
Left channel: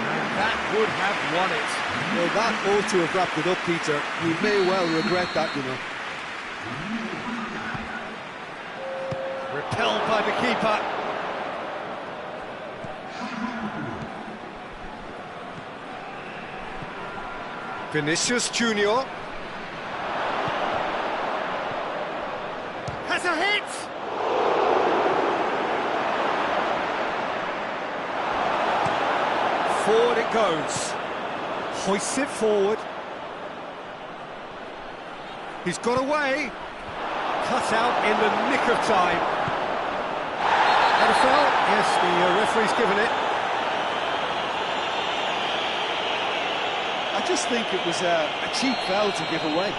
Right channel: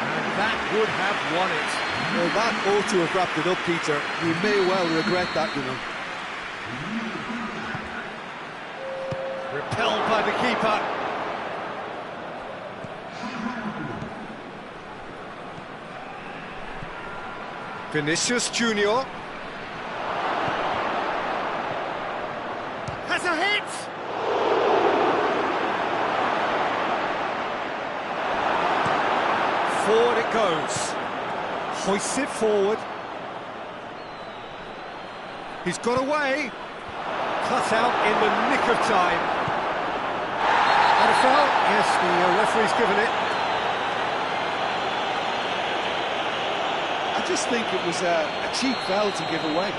And that would have won it. Well, that ought to have wrapped it up, Peter. He may well regret that, you know. Repelled by the keeper. Vinicius Junior. Has a hit! Forward it goes. Hoists it forward. He's got away. Cut out in the nick of time. That a foul? Yes, the referee's given it. I just think it was a cheap foul to give away.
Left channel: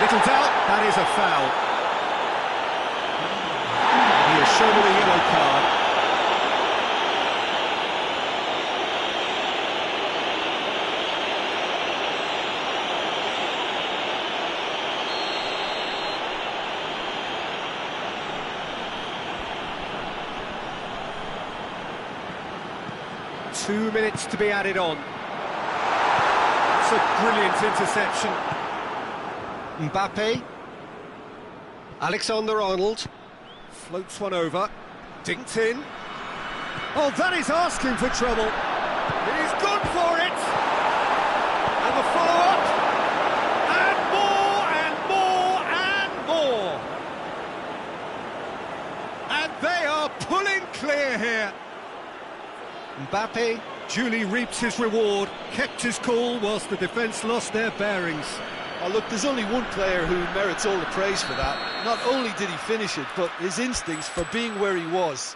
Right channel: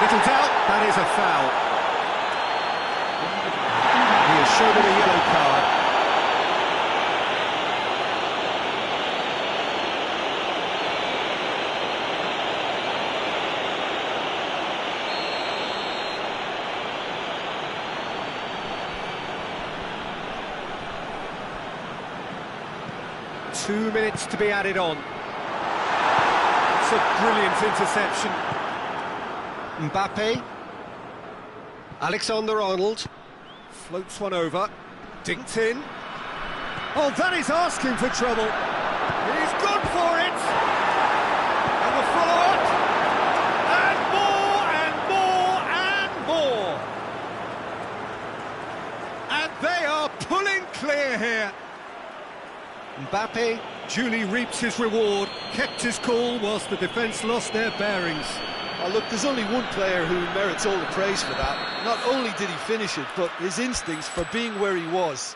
Little doubt, that is a foul. He has shown him a yellow card. 2 minutes to be added on. It's a brilliant interception. Mbappe. Alexander-Arnold. Floats one over. Dinked in. Oh, that is asking for trouble. He's gone for it. And the follow-up. And more, and more, and more. And they are pulling clear here. Mbappe duly reaps his reward, kept his cool whilst the defence lost their bearings. Oh, look, there's only one player who merits all the praise for that. Not only did he finish it, but his instincts for being where he was.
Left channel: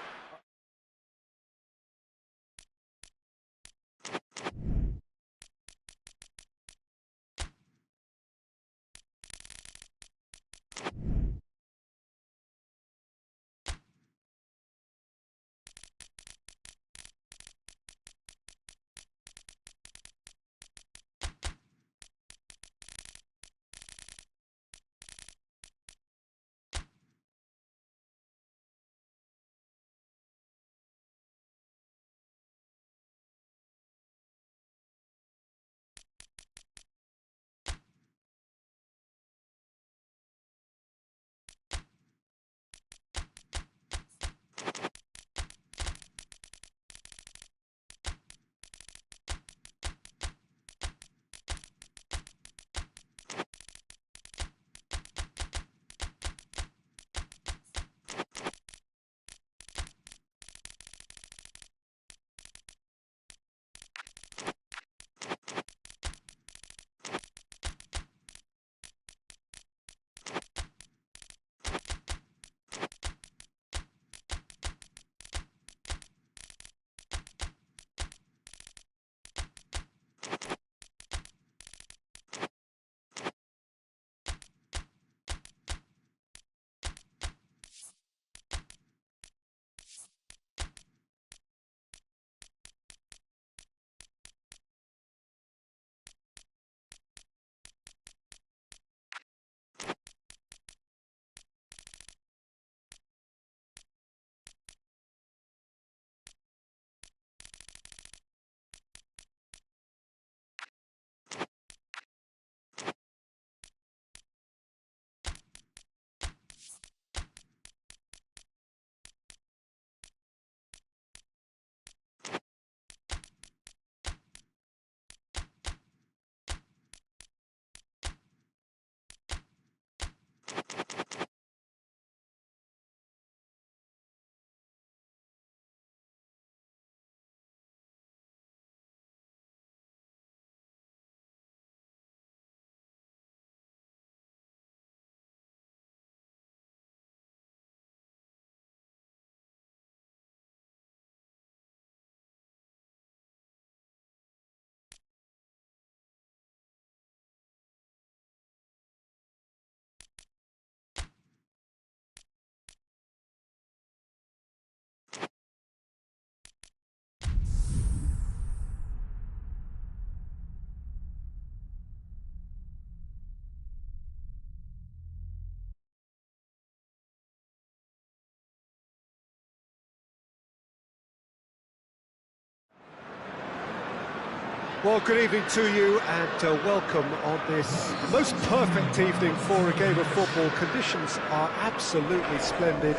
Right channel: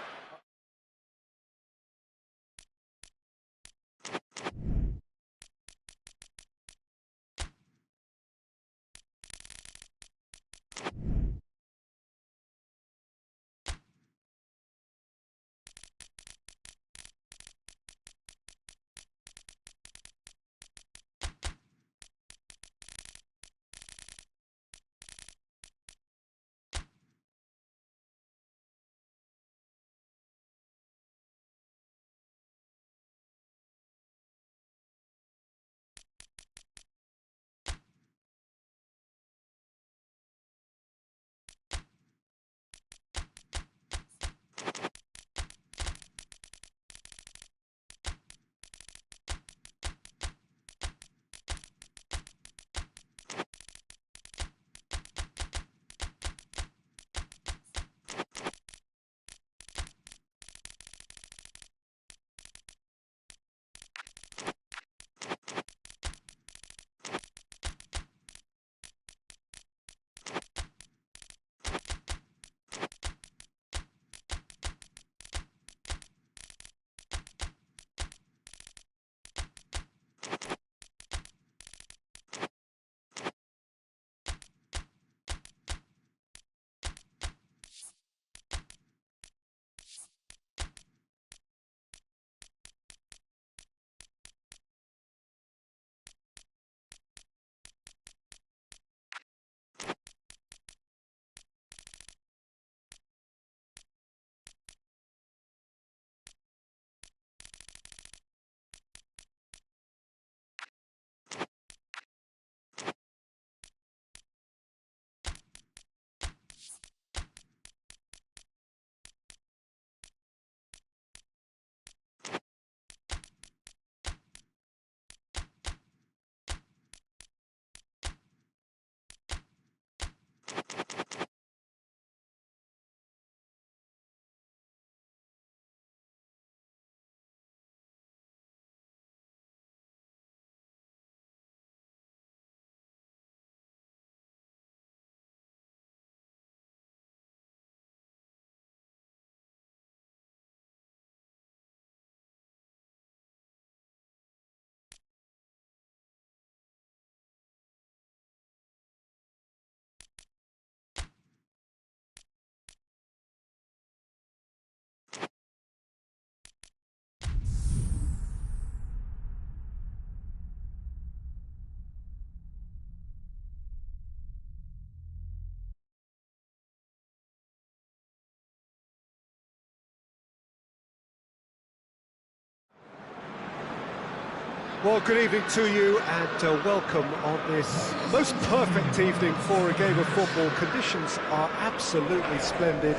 Well, good evening to you and welcome on this most perfect evening for a game of football. Conditions are absolutely splendid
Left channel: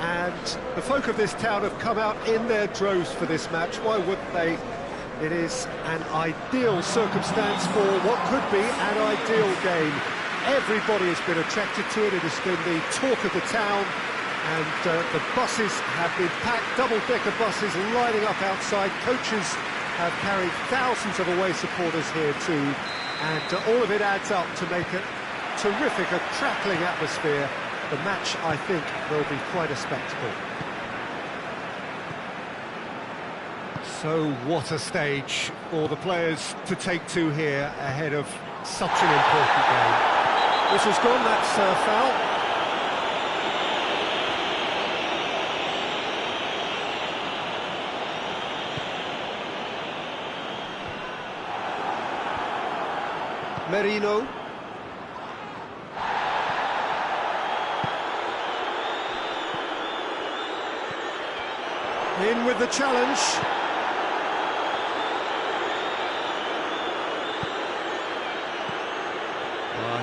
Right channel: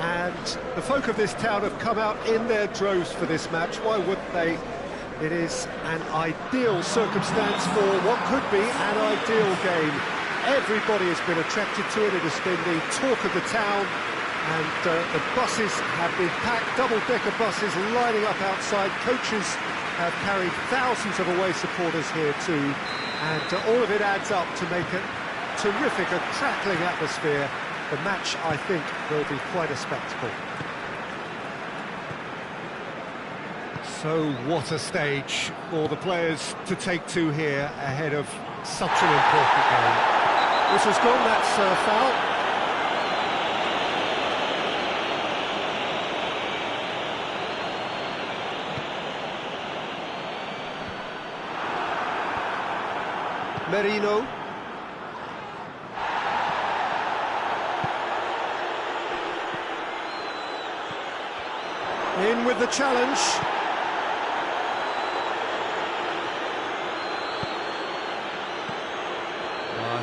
and the folk of this town have come out in their droves for this match. Why wouldn't they? It is an ideal circumstance for what could be an ideal game. Everybody has been attracted to it. It has been the talk of the town and the buses have been packed, double-decker buses lining up outside. Coaches have carried thousands of away supporters here too, and all of it adds up to make a terrific, a crackling atmosphere. The match, I think, will be quite a spectacle. So what a stage for the players to take to here ahead of such an important game. This has gone, that's a foul. Merino. In with the challenge.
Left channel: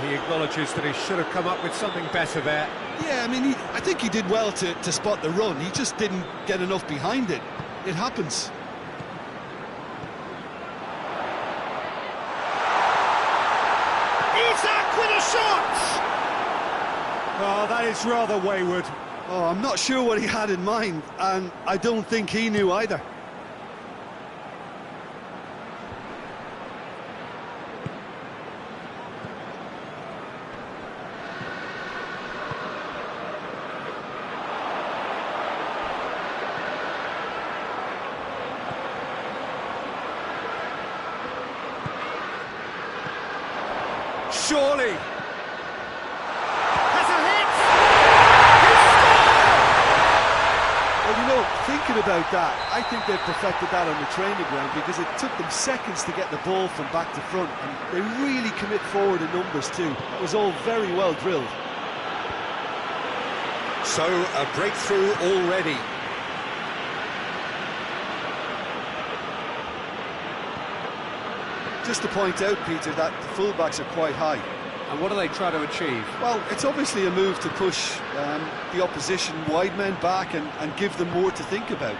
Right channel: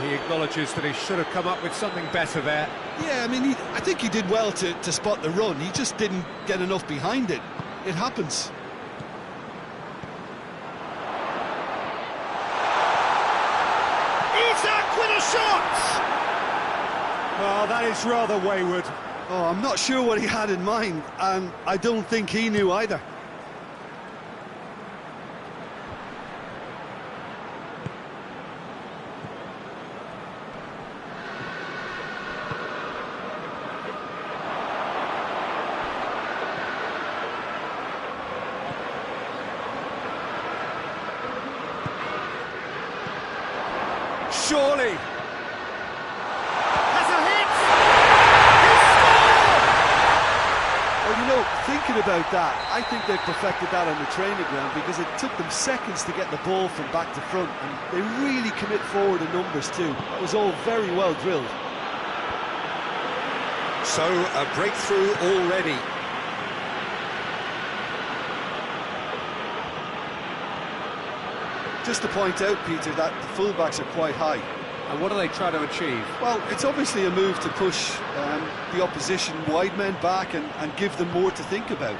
He acknowledges that he should have come up with something better there. Yeah, I mean, I think he did well to spot the run. He just didn't get enough behind it. It happens. Isak with a shot! Oh, that is rather wayward. Oh, I'm not sure what he had in mind, and I don't think he knew either. Surely. Has a hit! He Well, you know, thinking about that, I think they've perfected that on the training ground because it took them seconds to get the ball from back to front, and they really commit forward in numbers too. That was all very well drilled. So, a breakthrough already. Just to point out, Peter, that the fullbacks are quite high. And what do they try to achieve? Well, it's obviously a move to push the opposition wide men back and give them more to think about.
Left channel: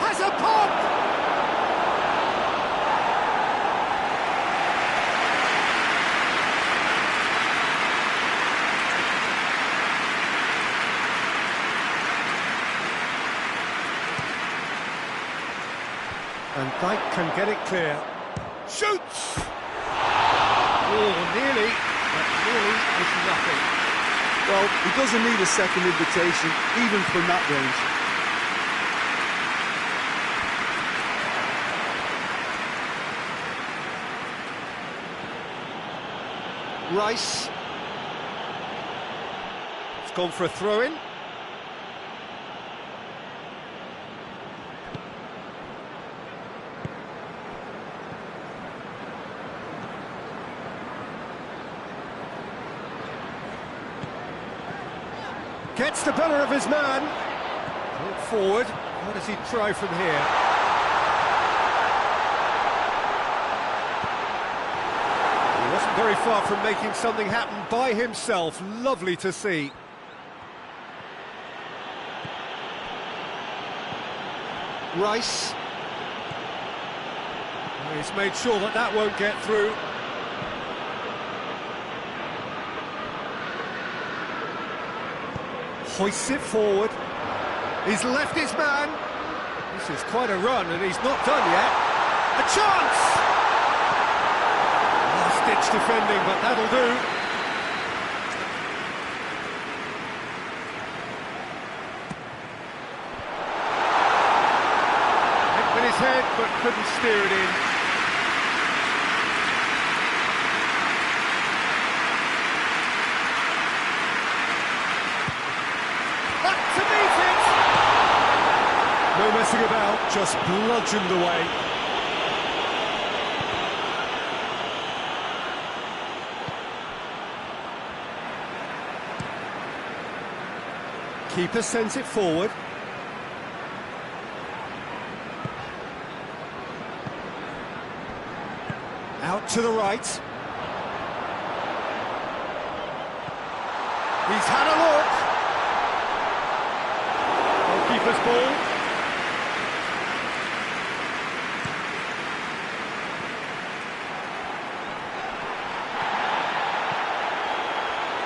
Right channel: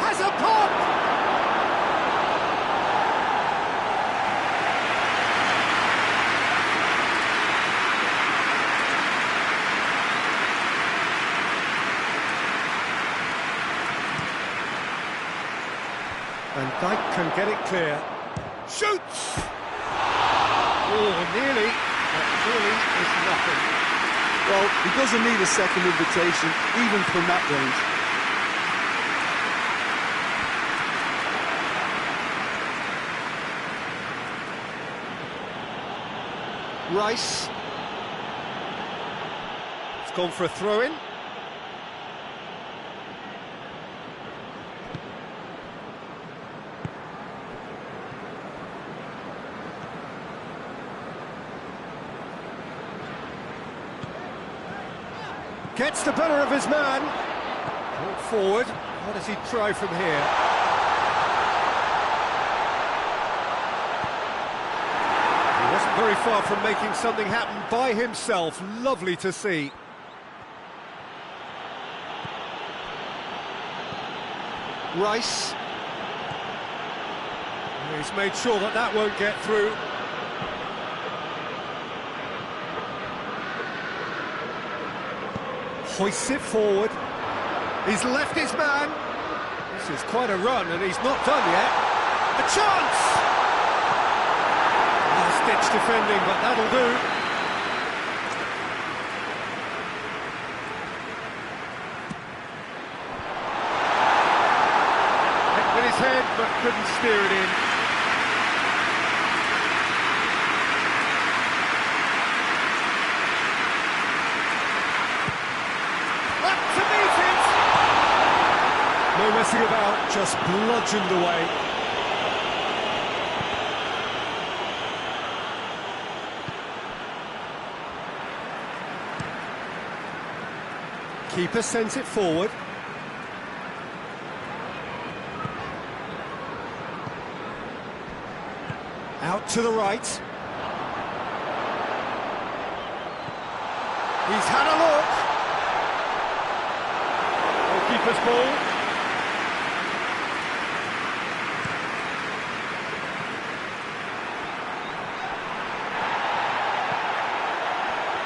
Has a pop! And Dyke can get it clear. Shoots! Oh, nearly, but nearly is nothing. Well, he doesn't need a second invitation, even from that range. Rice. It's gone for a throw-in. Gets the better of his man. Brought forward. What does he try from here? He wasn't very far from making something happen by himself. Lovely to see. Rice. He's made sure that that won't get through. Hoists it forward. He's left his man. This is quite a run, and he's not done yet. A chance! Last-ditch defending, but that'll do. Hit with his head, but couldn't steer it in. No messing about, just bludgeoned away. Keeper sends it forward. Out to the right. He's had a look. Goalkeeper's ball.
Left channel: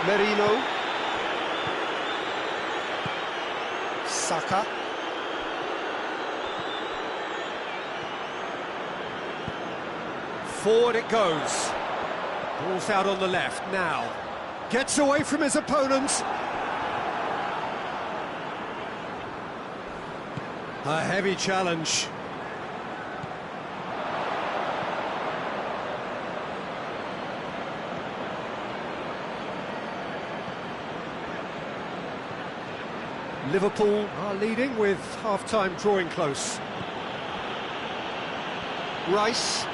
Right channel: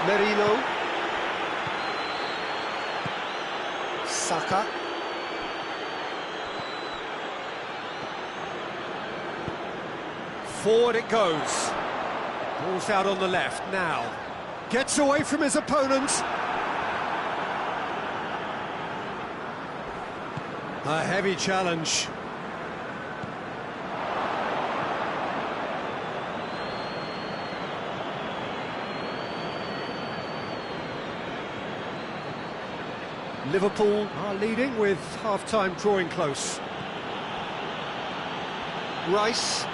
Merino. Saka. Forward it goes. Ball's out on the left now. Gets away from his opponent. A heavy challenge. Liverpool are leading with half-time drawing close. Rice.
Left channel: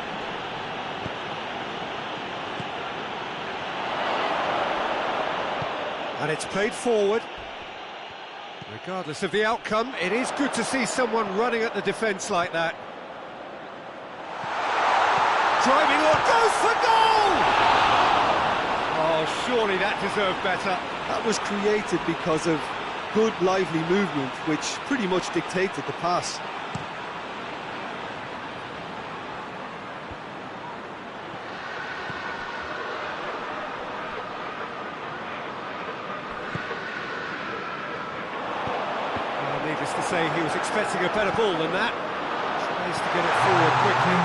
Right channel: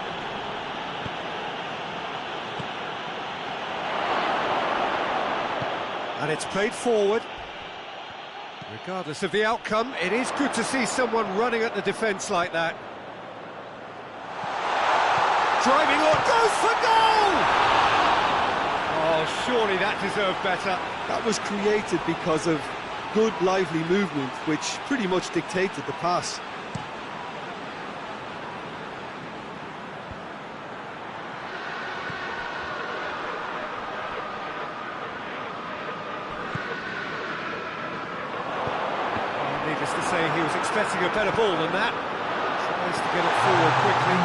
And it's played forward. Regardless of the outcome, it is good to see someone running at the defence like that. driving on, goes for goal! Oh, surely that deserved better. That was created because of good, lively movement, which pretty much dictated the pass. Needless to say, he was expecting a better ball than that. Tries to get it forward quickly.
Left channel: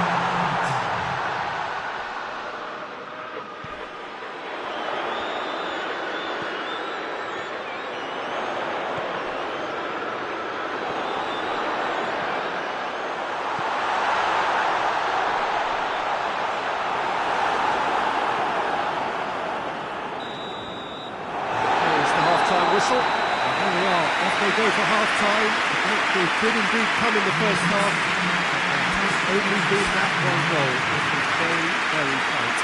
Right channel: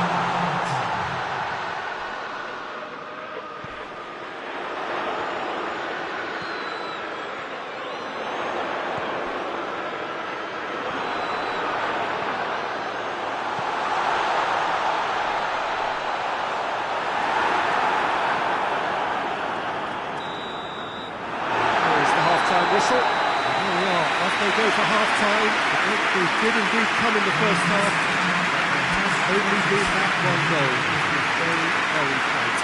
Here's the half-time whistle. Here we are, off they go for half-time. The breakthrough did indeed come in the first half, but there has only been that one goal. It was very, very tight.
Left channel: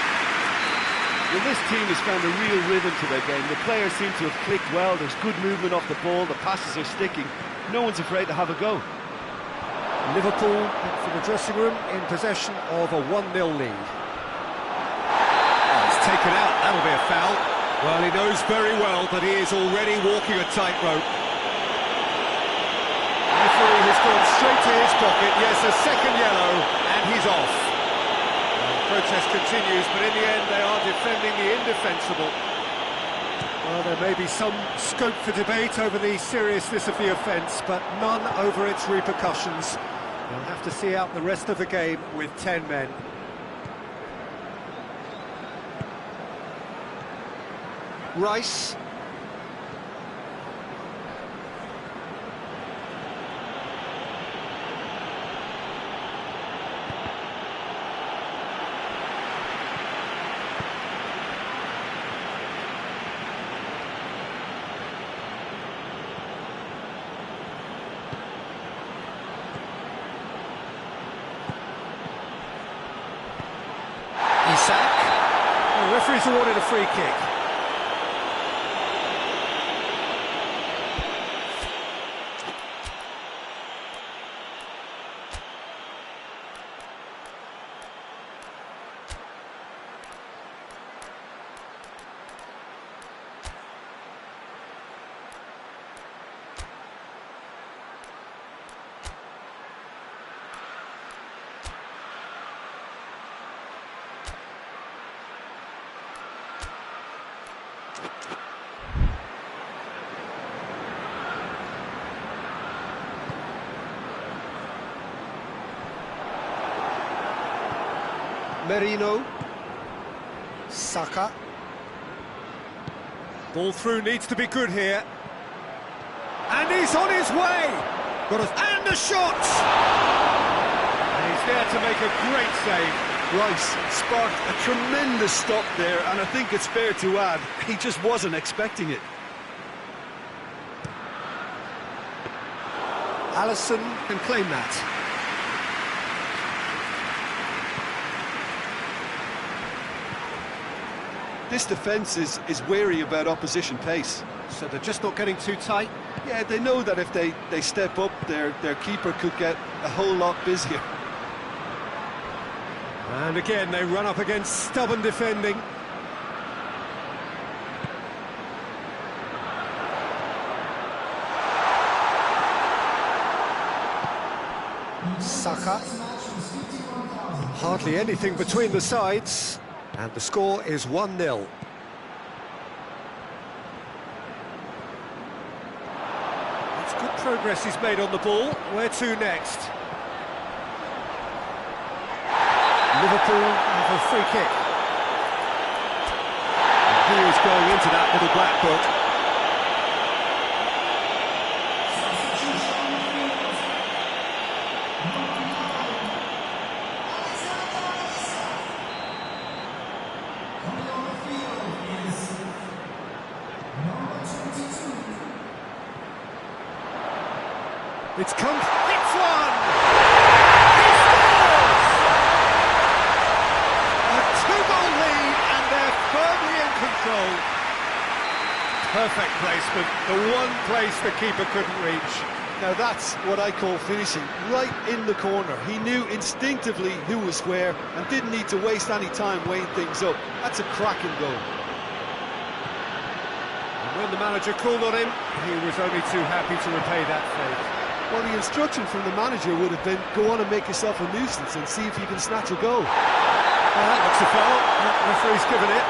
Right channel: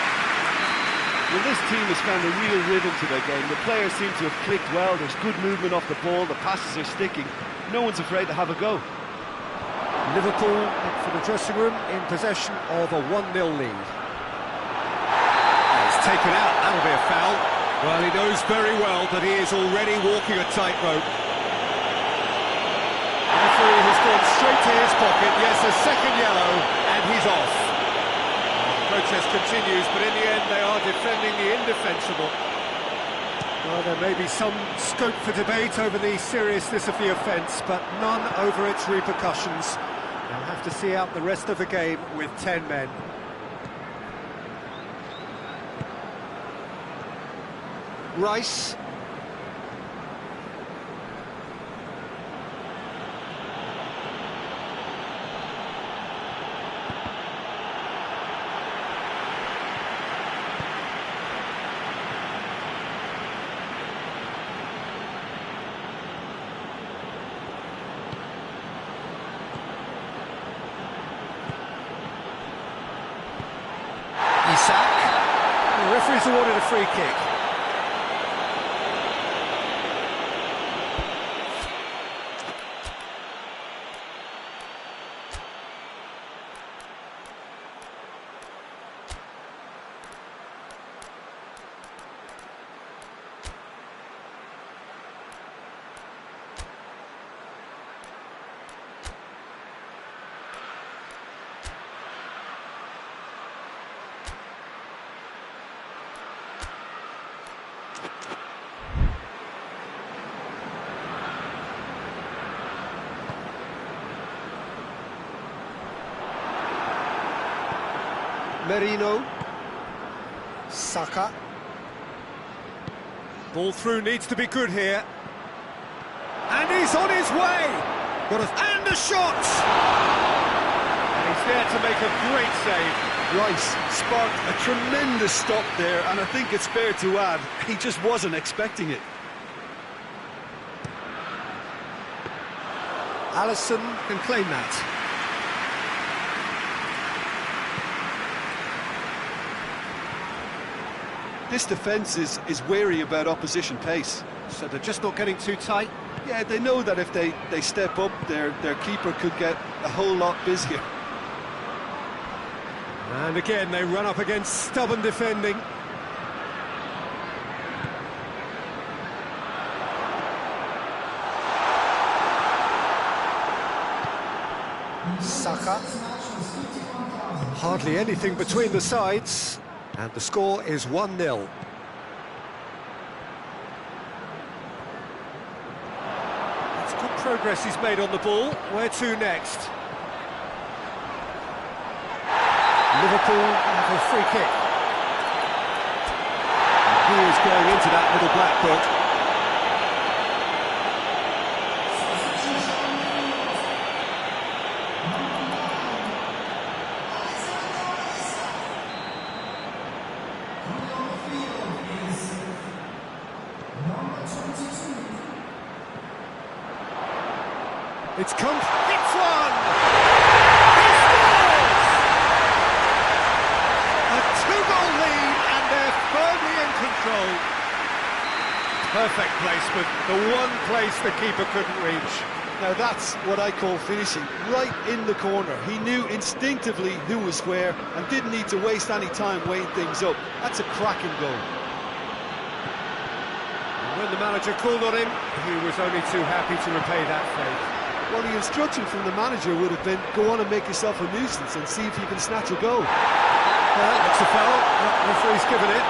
Well, this team has found a real rhythm to their game. The players seem to have clicked well. There's good movement off the ball. The passes are sticking. No one's afraid to have a go. Liverpool head for the dressing room in possession of a 1-0 lead. Oh, it's taken out. That'll be a foul. Well, he knows very well that he is already walking a tightrope. The referee has gone straight to his pocket. Yes, a second yellow, and he's off. Well, the protest continues, but in the end they are defending the indefensible. Well, there may be some scope for debate over the seriousness of the offence, but none over its repercussions. They'll have to see out the rest of the game with 10 men. Rice. Isak. The referee's awarded a free kick. Merino. Saka. Ball through needs to be good here. And he's on his way! And the shot! And he's there to make a great save. Rice sparked a tremendous stop there, and I think it's fair to add, he just wasn't expecting it. Alisson can claim that. This defence is wary about opposition pace. So they're just not getting too tight? Yeah, they know that if they step up, their keeper could get a whole lot busier. And again, they run up against stubborn defending. Saka. Hardly anything between the sides. And the score is 1-0. That's good progress he's made on the ball. Where to next? Liverpool have a free kick. And he is going into that little black book. It's come, it's one! He scores! A 2-goal lead, and they're firmly in control. Perfect placement, the one place the keeper couldn't reach. Now that's what I call finishing, right in the corner. He knew instinctively who was where and didn't need to waste any time weighing things up. That's a cracking goal. And when the manager called on him, he was only too happy to repay that favour. Well, the instruction from the manager would have been, go on and make yourself a nuisance and see if you can snatch a goal. Well, that's a foul. The referee's given it.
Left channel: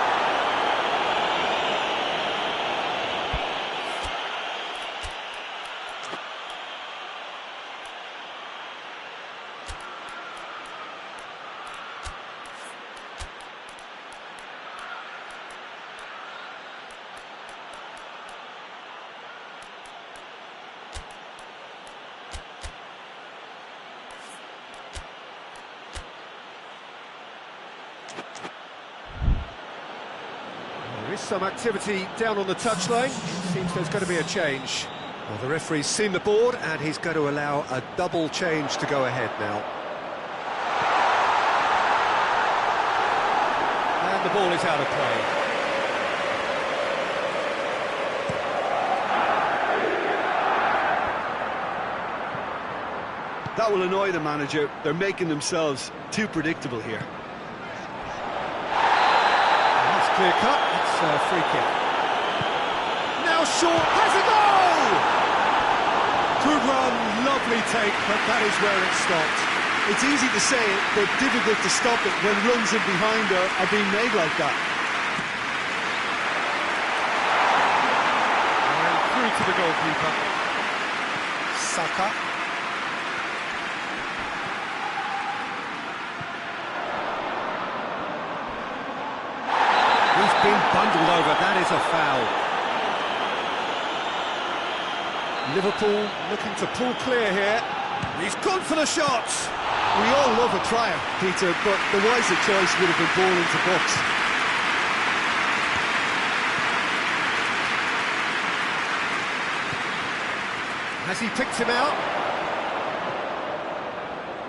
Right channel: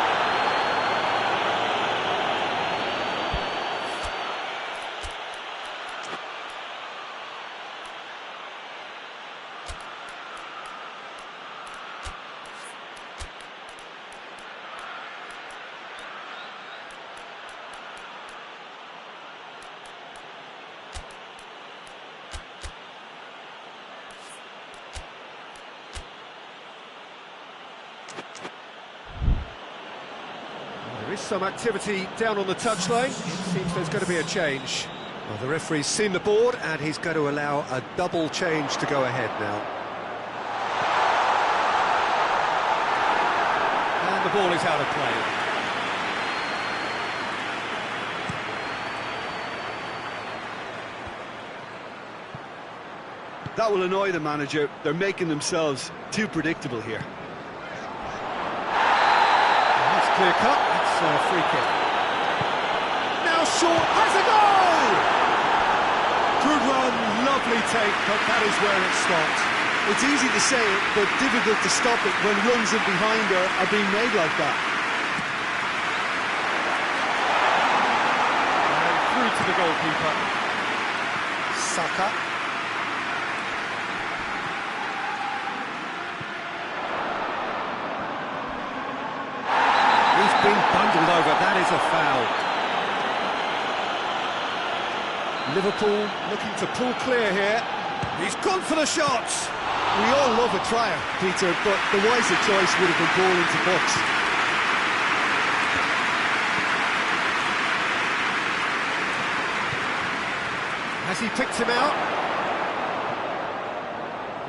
There is some activity down on the touchline. It seems there's going to be a change. Well, the referee's seen the board and he's going to allow a double change to go ahead now. And the ball is out of play. That will annoy the manager. They're making themselves too predictable here. That's clear cut. It's a free kick. Now short, has a goal! Good run, lovely take, but that is where it stopped. It's easy to say it, but difficult to stop it when runs in behind are being made like that. And through to the goalkeeper. Saka. He's been bundled over, that is a foul. Liverpool looking to pull clear here. He's gone for the shot. We all love a trier, Peter, but the wiser choice would have been ball into box. Has he picked him out?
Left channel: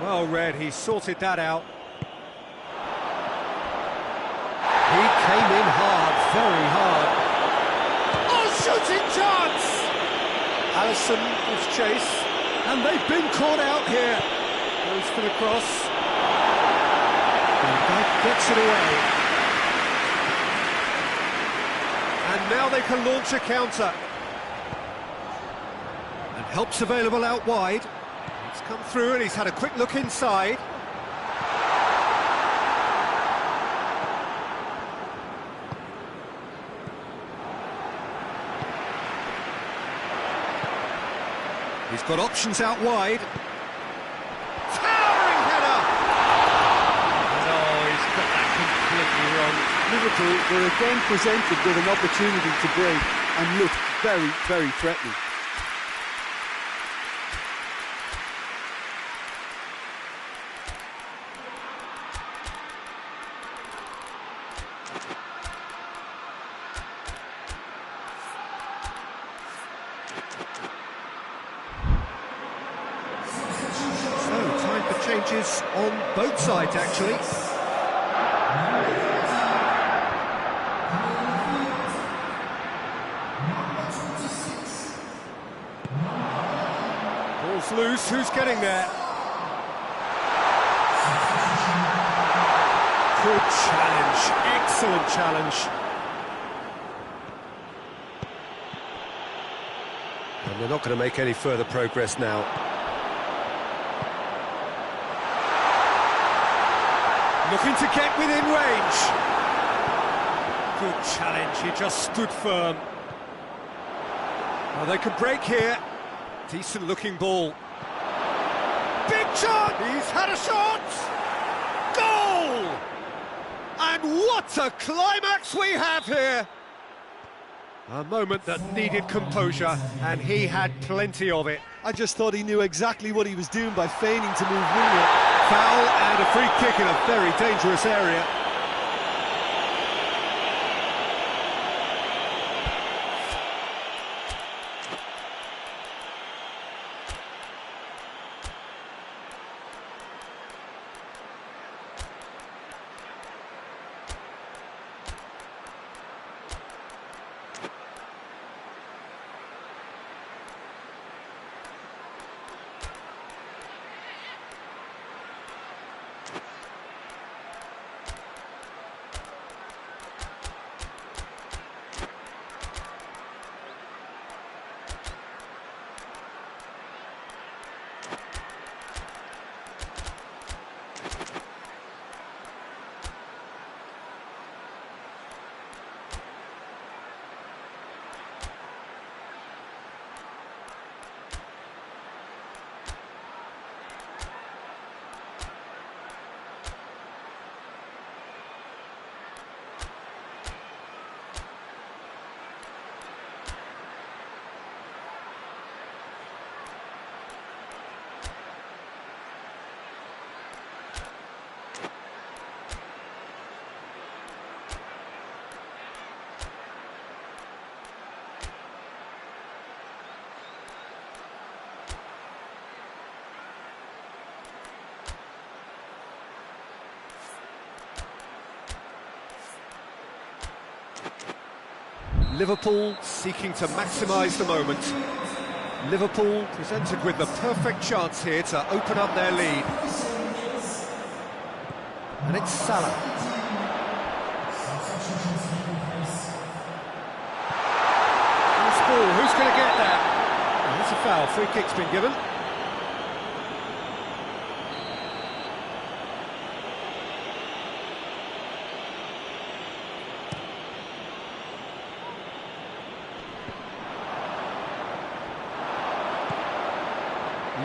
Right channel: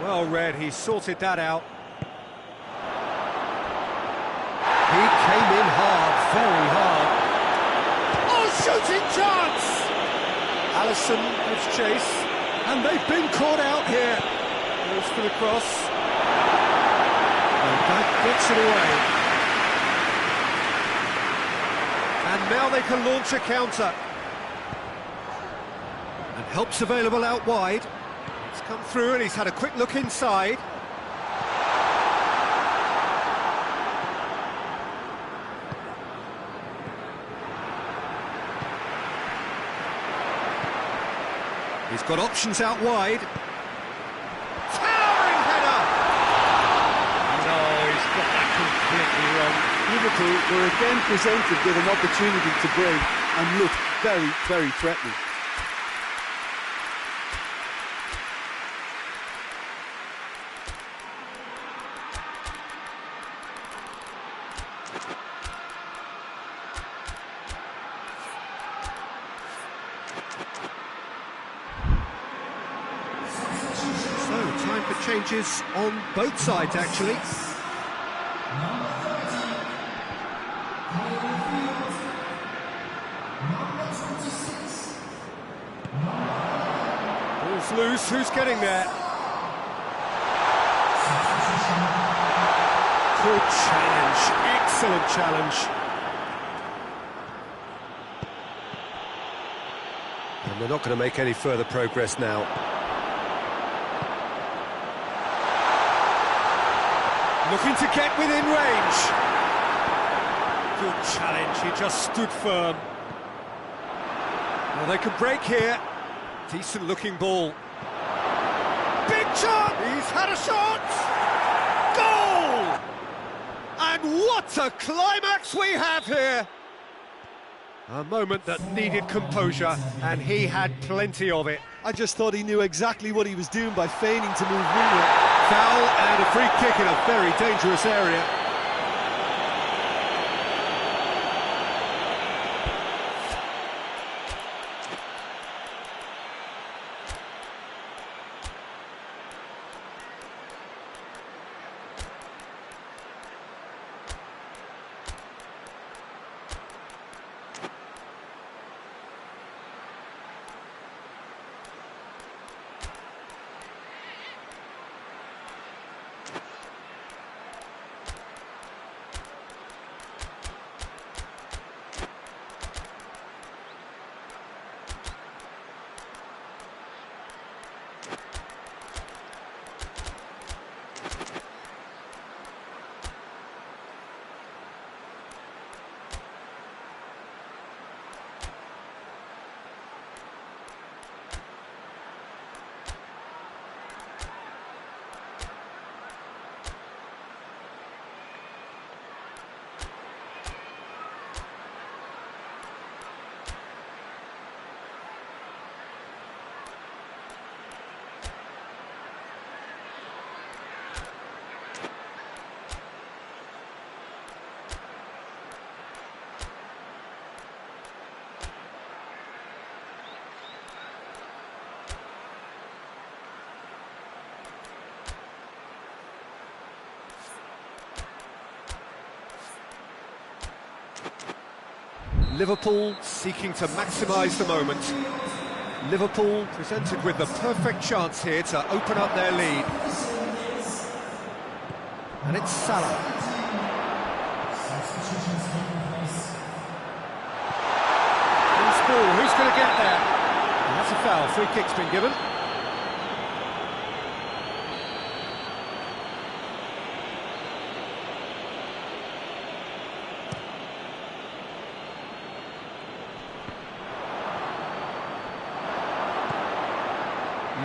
Well read, he sorted that out. He came in hard, very hard. Oh, shooting chance! Alisson gives chase, and they've been caught out here. Goes for the cross. Van Dijk gets it away. And now they can launch a counter. And help's available out wide. It's come through and he's had a quick look inside. He's got options out wide. Towering header! No, he's got that completely wrong. Liverpool were again presented with an opportunity to break and looked very, very threatening. So, time for changes on both sides, actually. Ball's loose, who's getting there? Good challenge, excellent challenge. And they're not going to make any further progress now. Looking to get within range. Good challenge, he just stood firm. Well, they could break here. Decent looking ball. Big shot! He's had a shot! Goal! And what a climax we have here! A moment that needed composure, and he had plenty of it. I just thought he knew exactly what he was doing by feigning to move wingward. Foul and a free kick in a very dangerous area. Liverpool seeking to maximise the moment. Liverpool presented with the perfect chance here to open up their lead. And it's Salah. Loose ball, who's going to get there? And that's a foul, free kick's been given.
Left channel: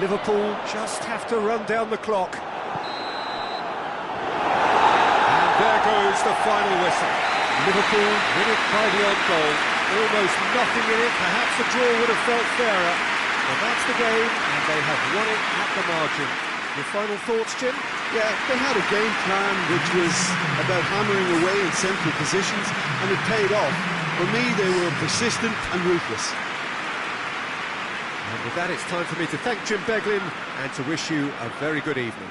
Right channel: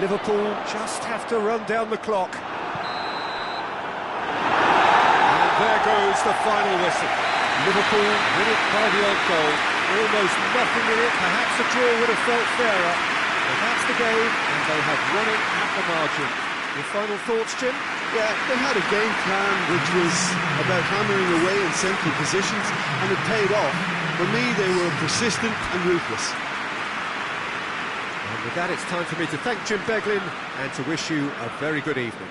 Liverpool just have to run down the clock. And there goes the final whistle. Liverpool win it by the odd goal. Almost nothing in it. Perhaps a draw would have felt fairer. But that's the game, and they have won it at the margin. Your final thoughts, Jim? Yeah, they had a game plan which was about hammering away in central positions, and it paid off. For me, they were persistent and ruthless. And with that, it's time for me to thank Jim Beglin and to wish you a very good evening.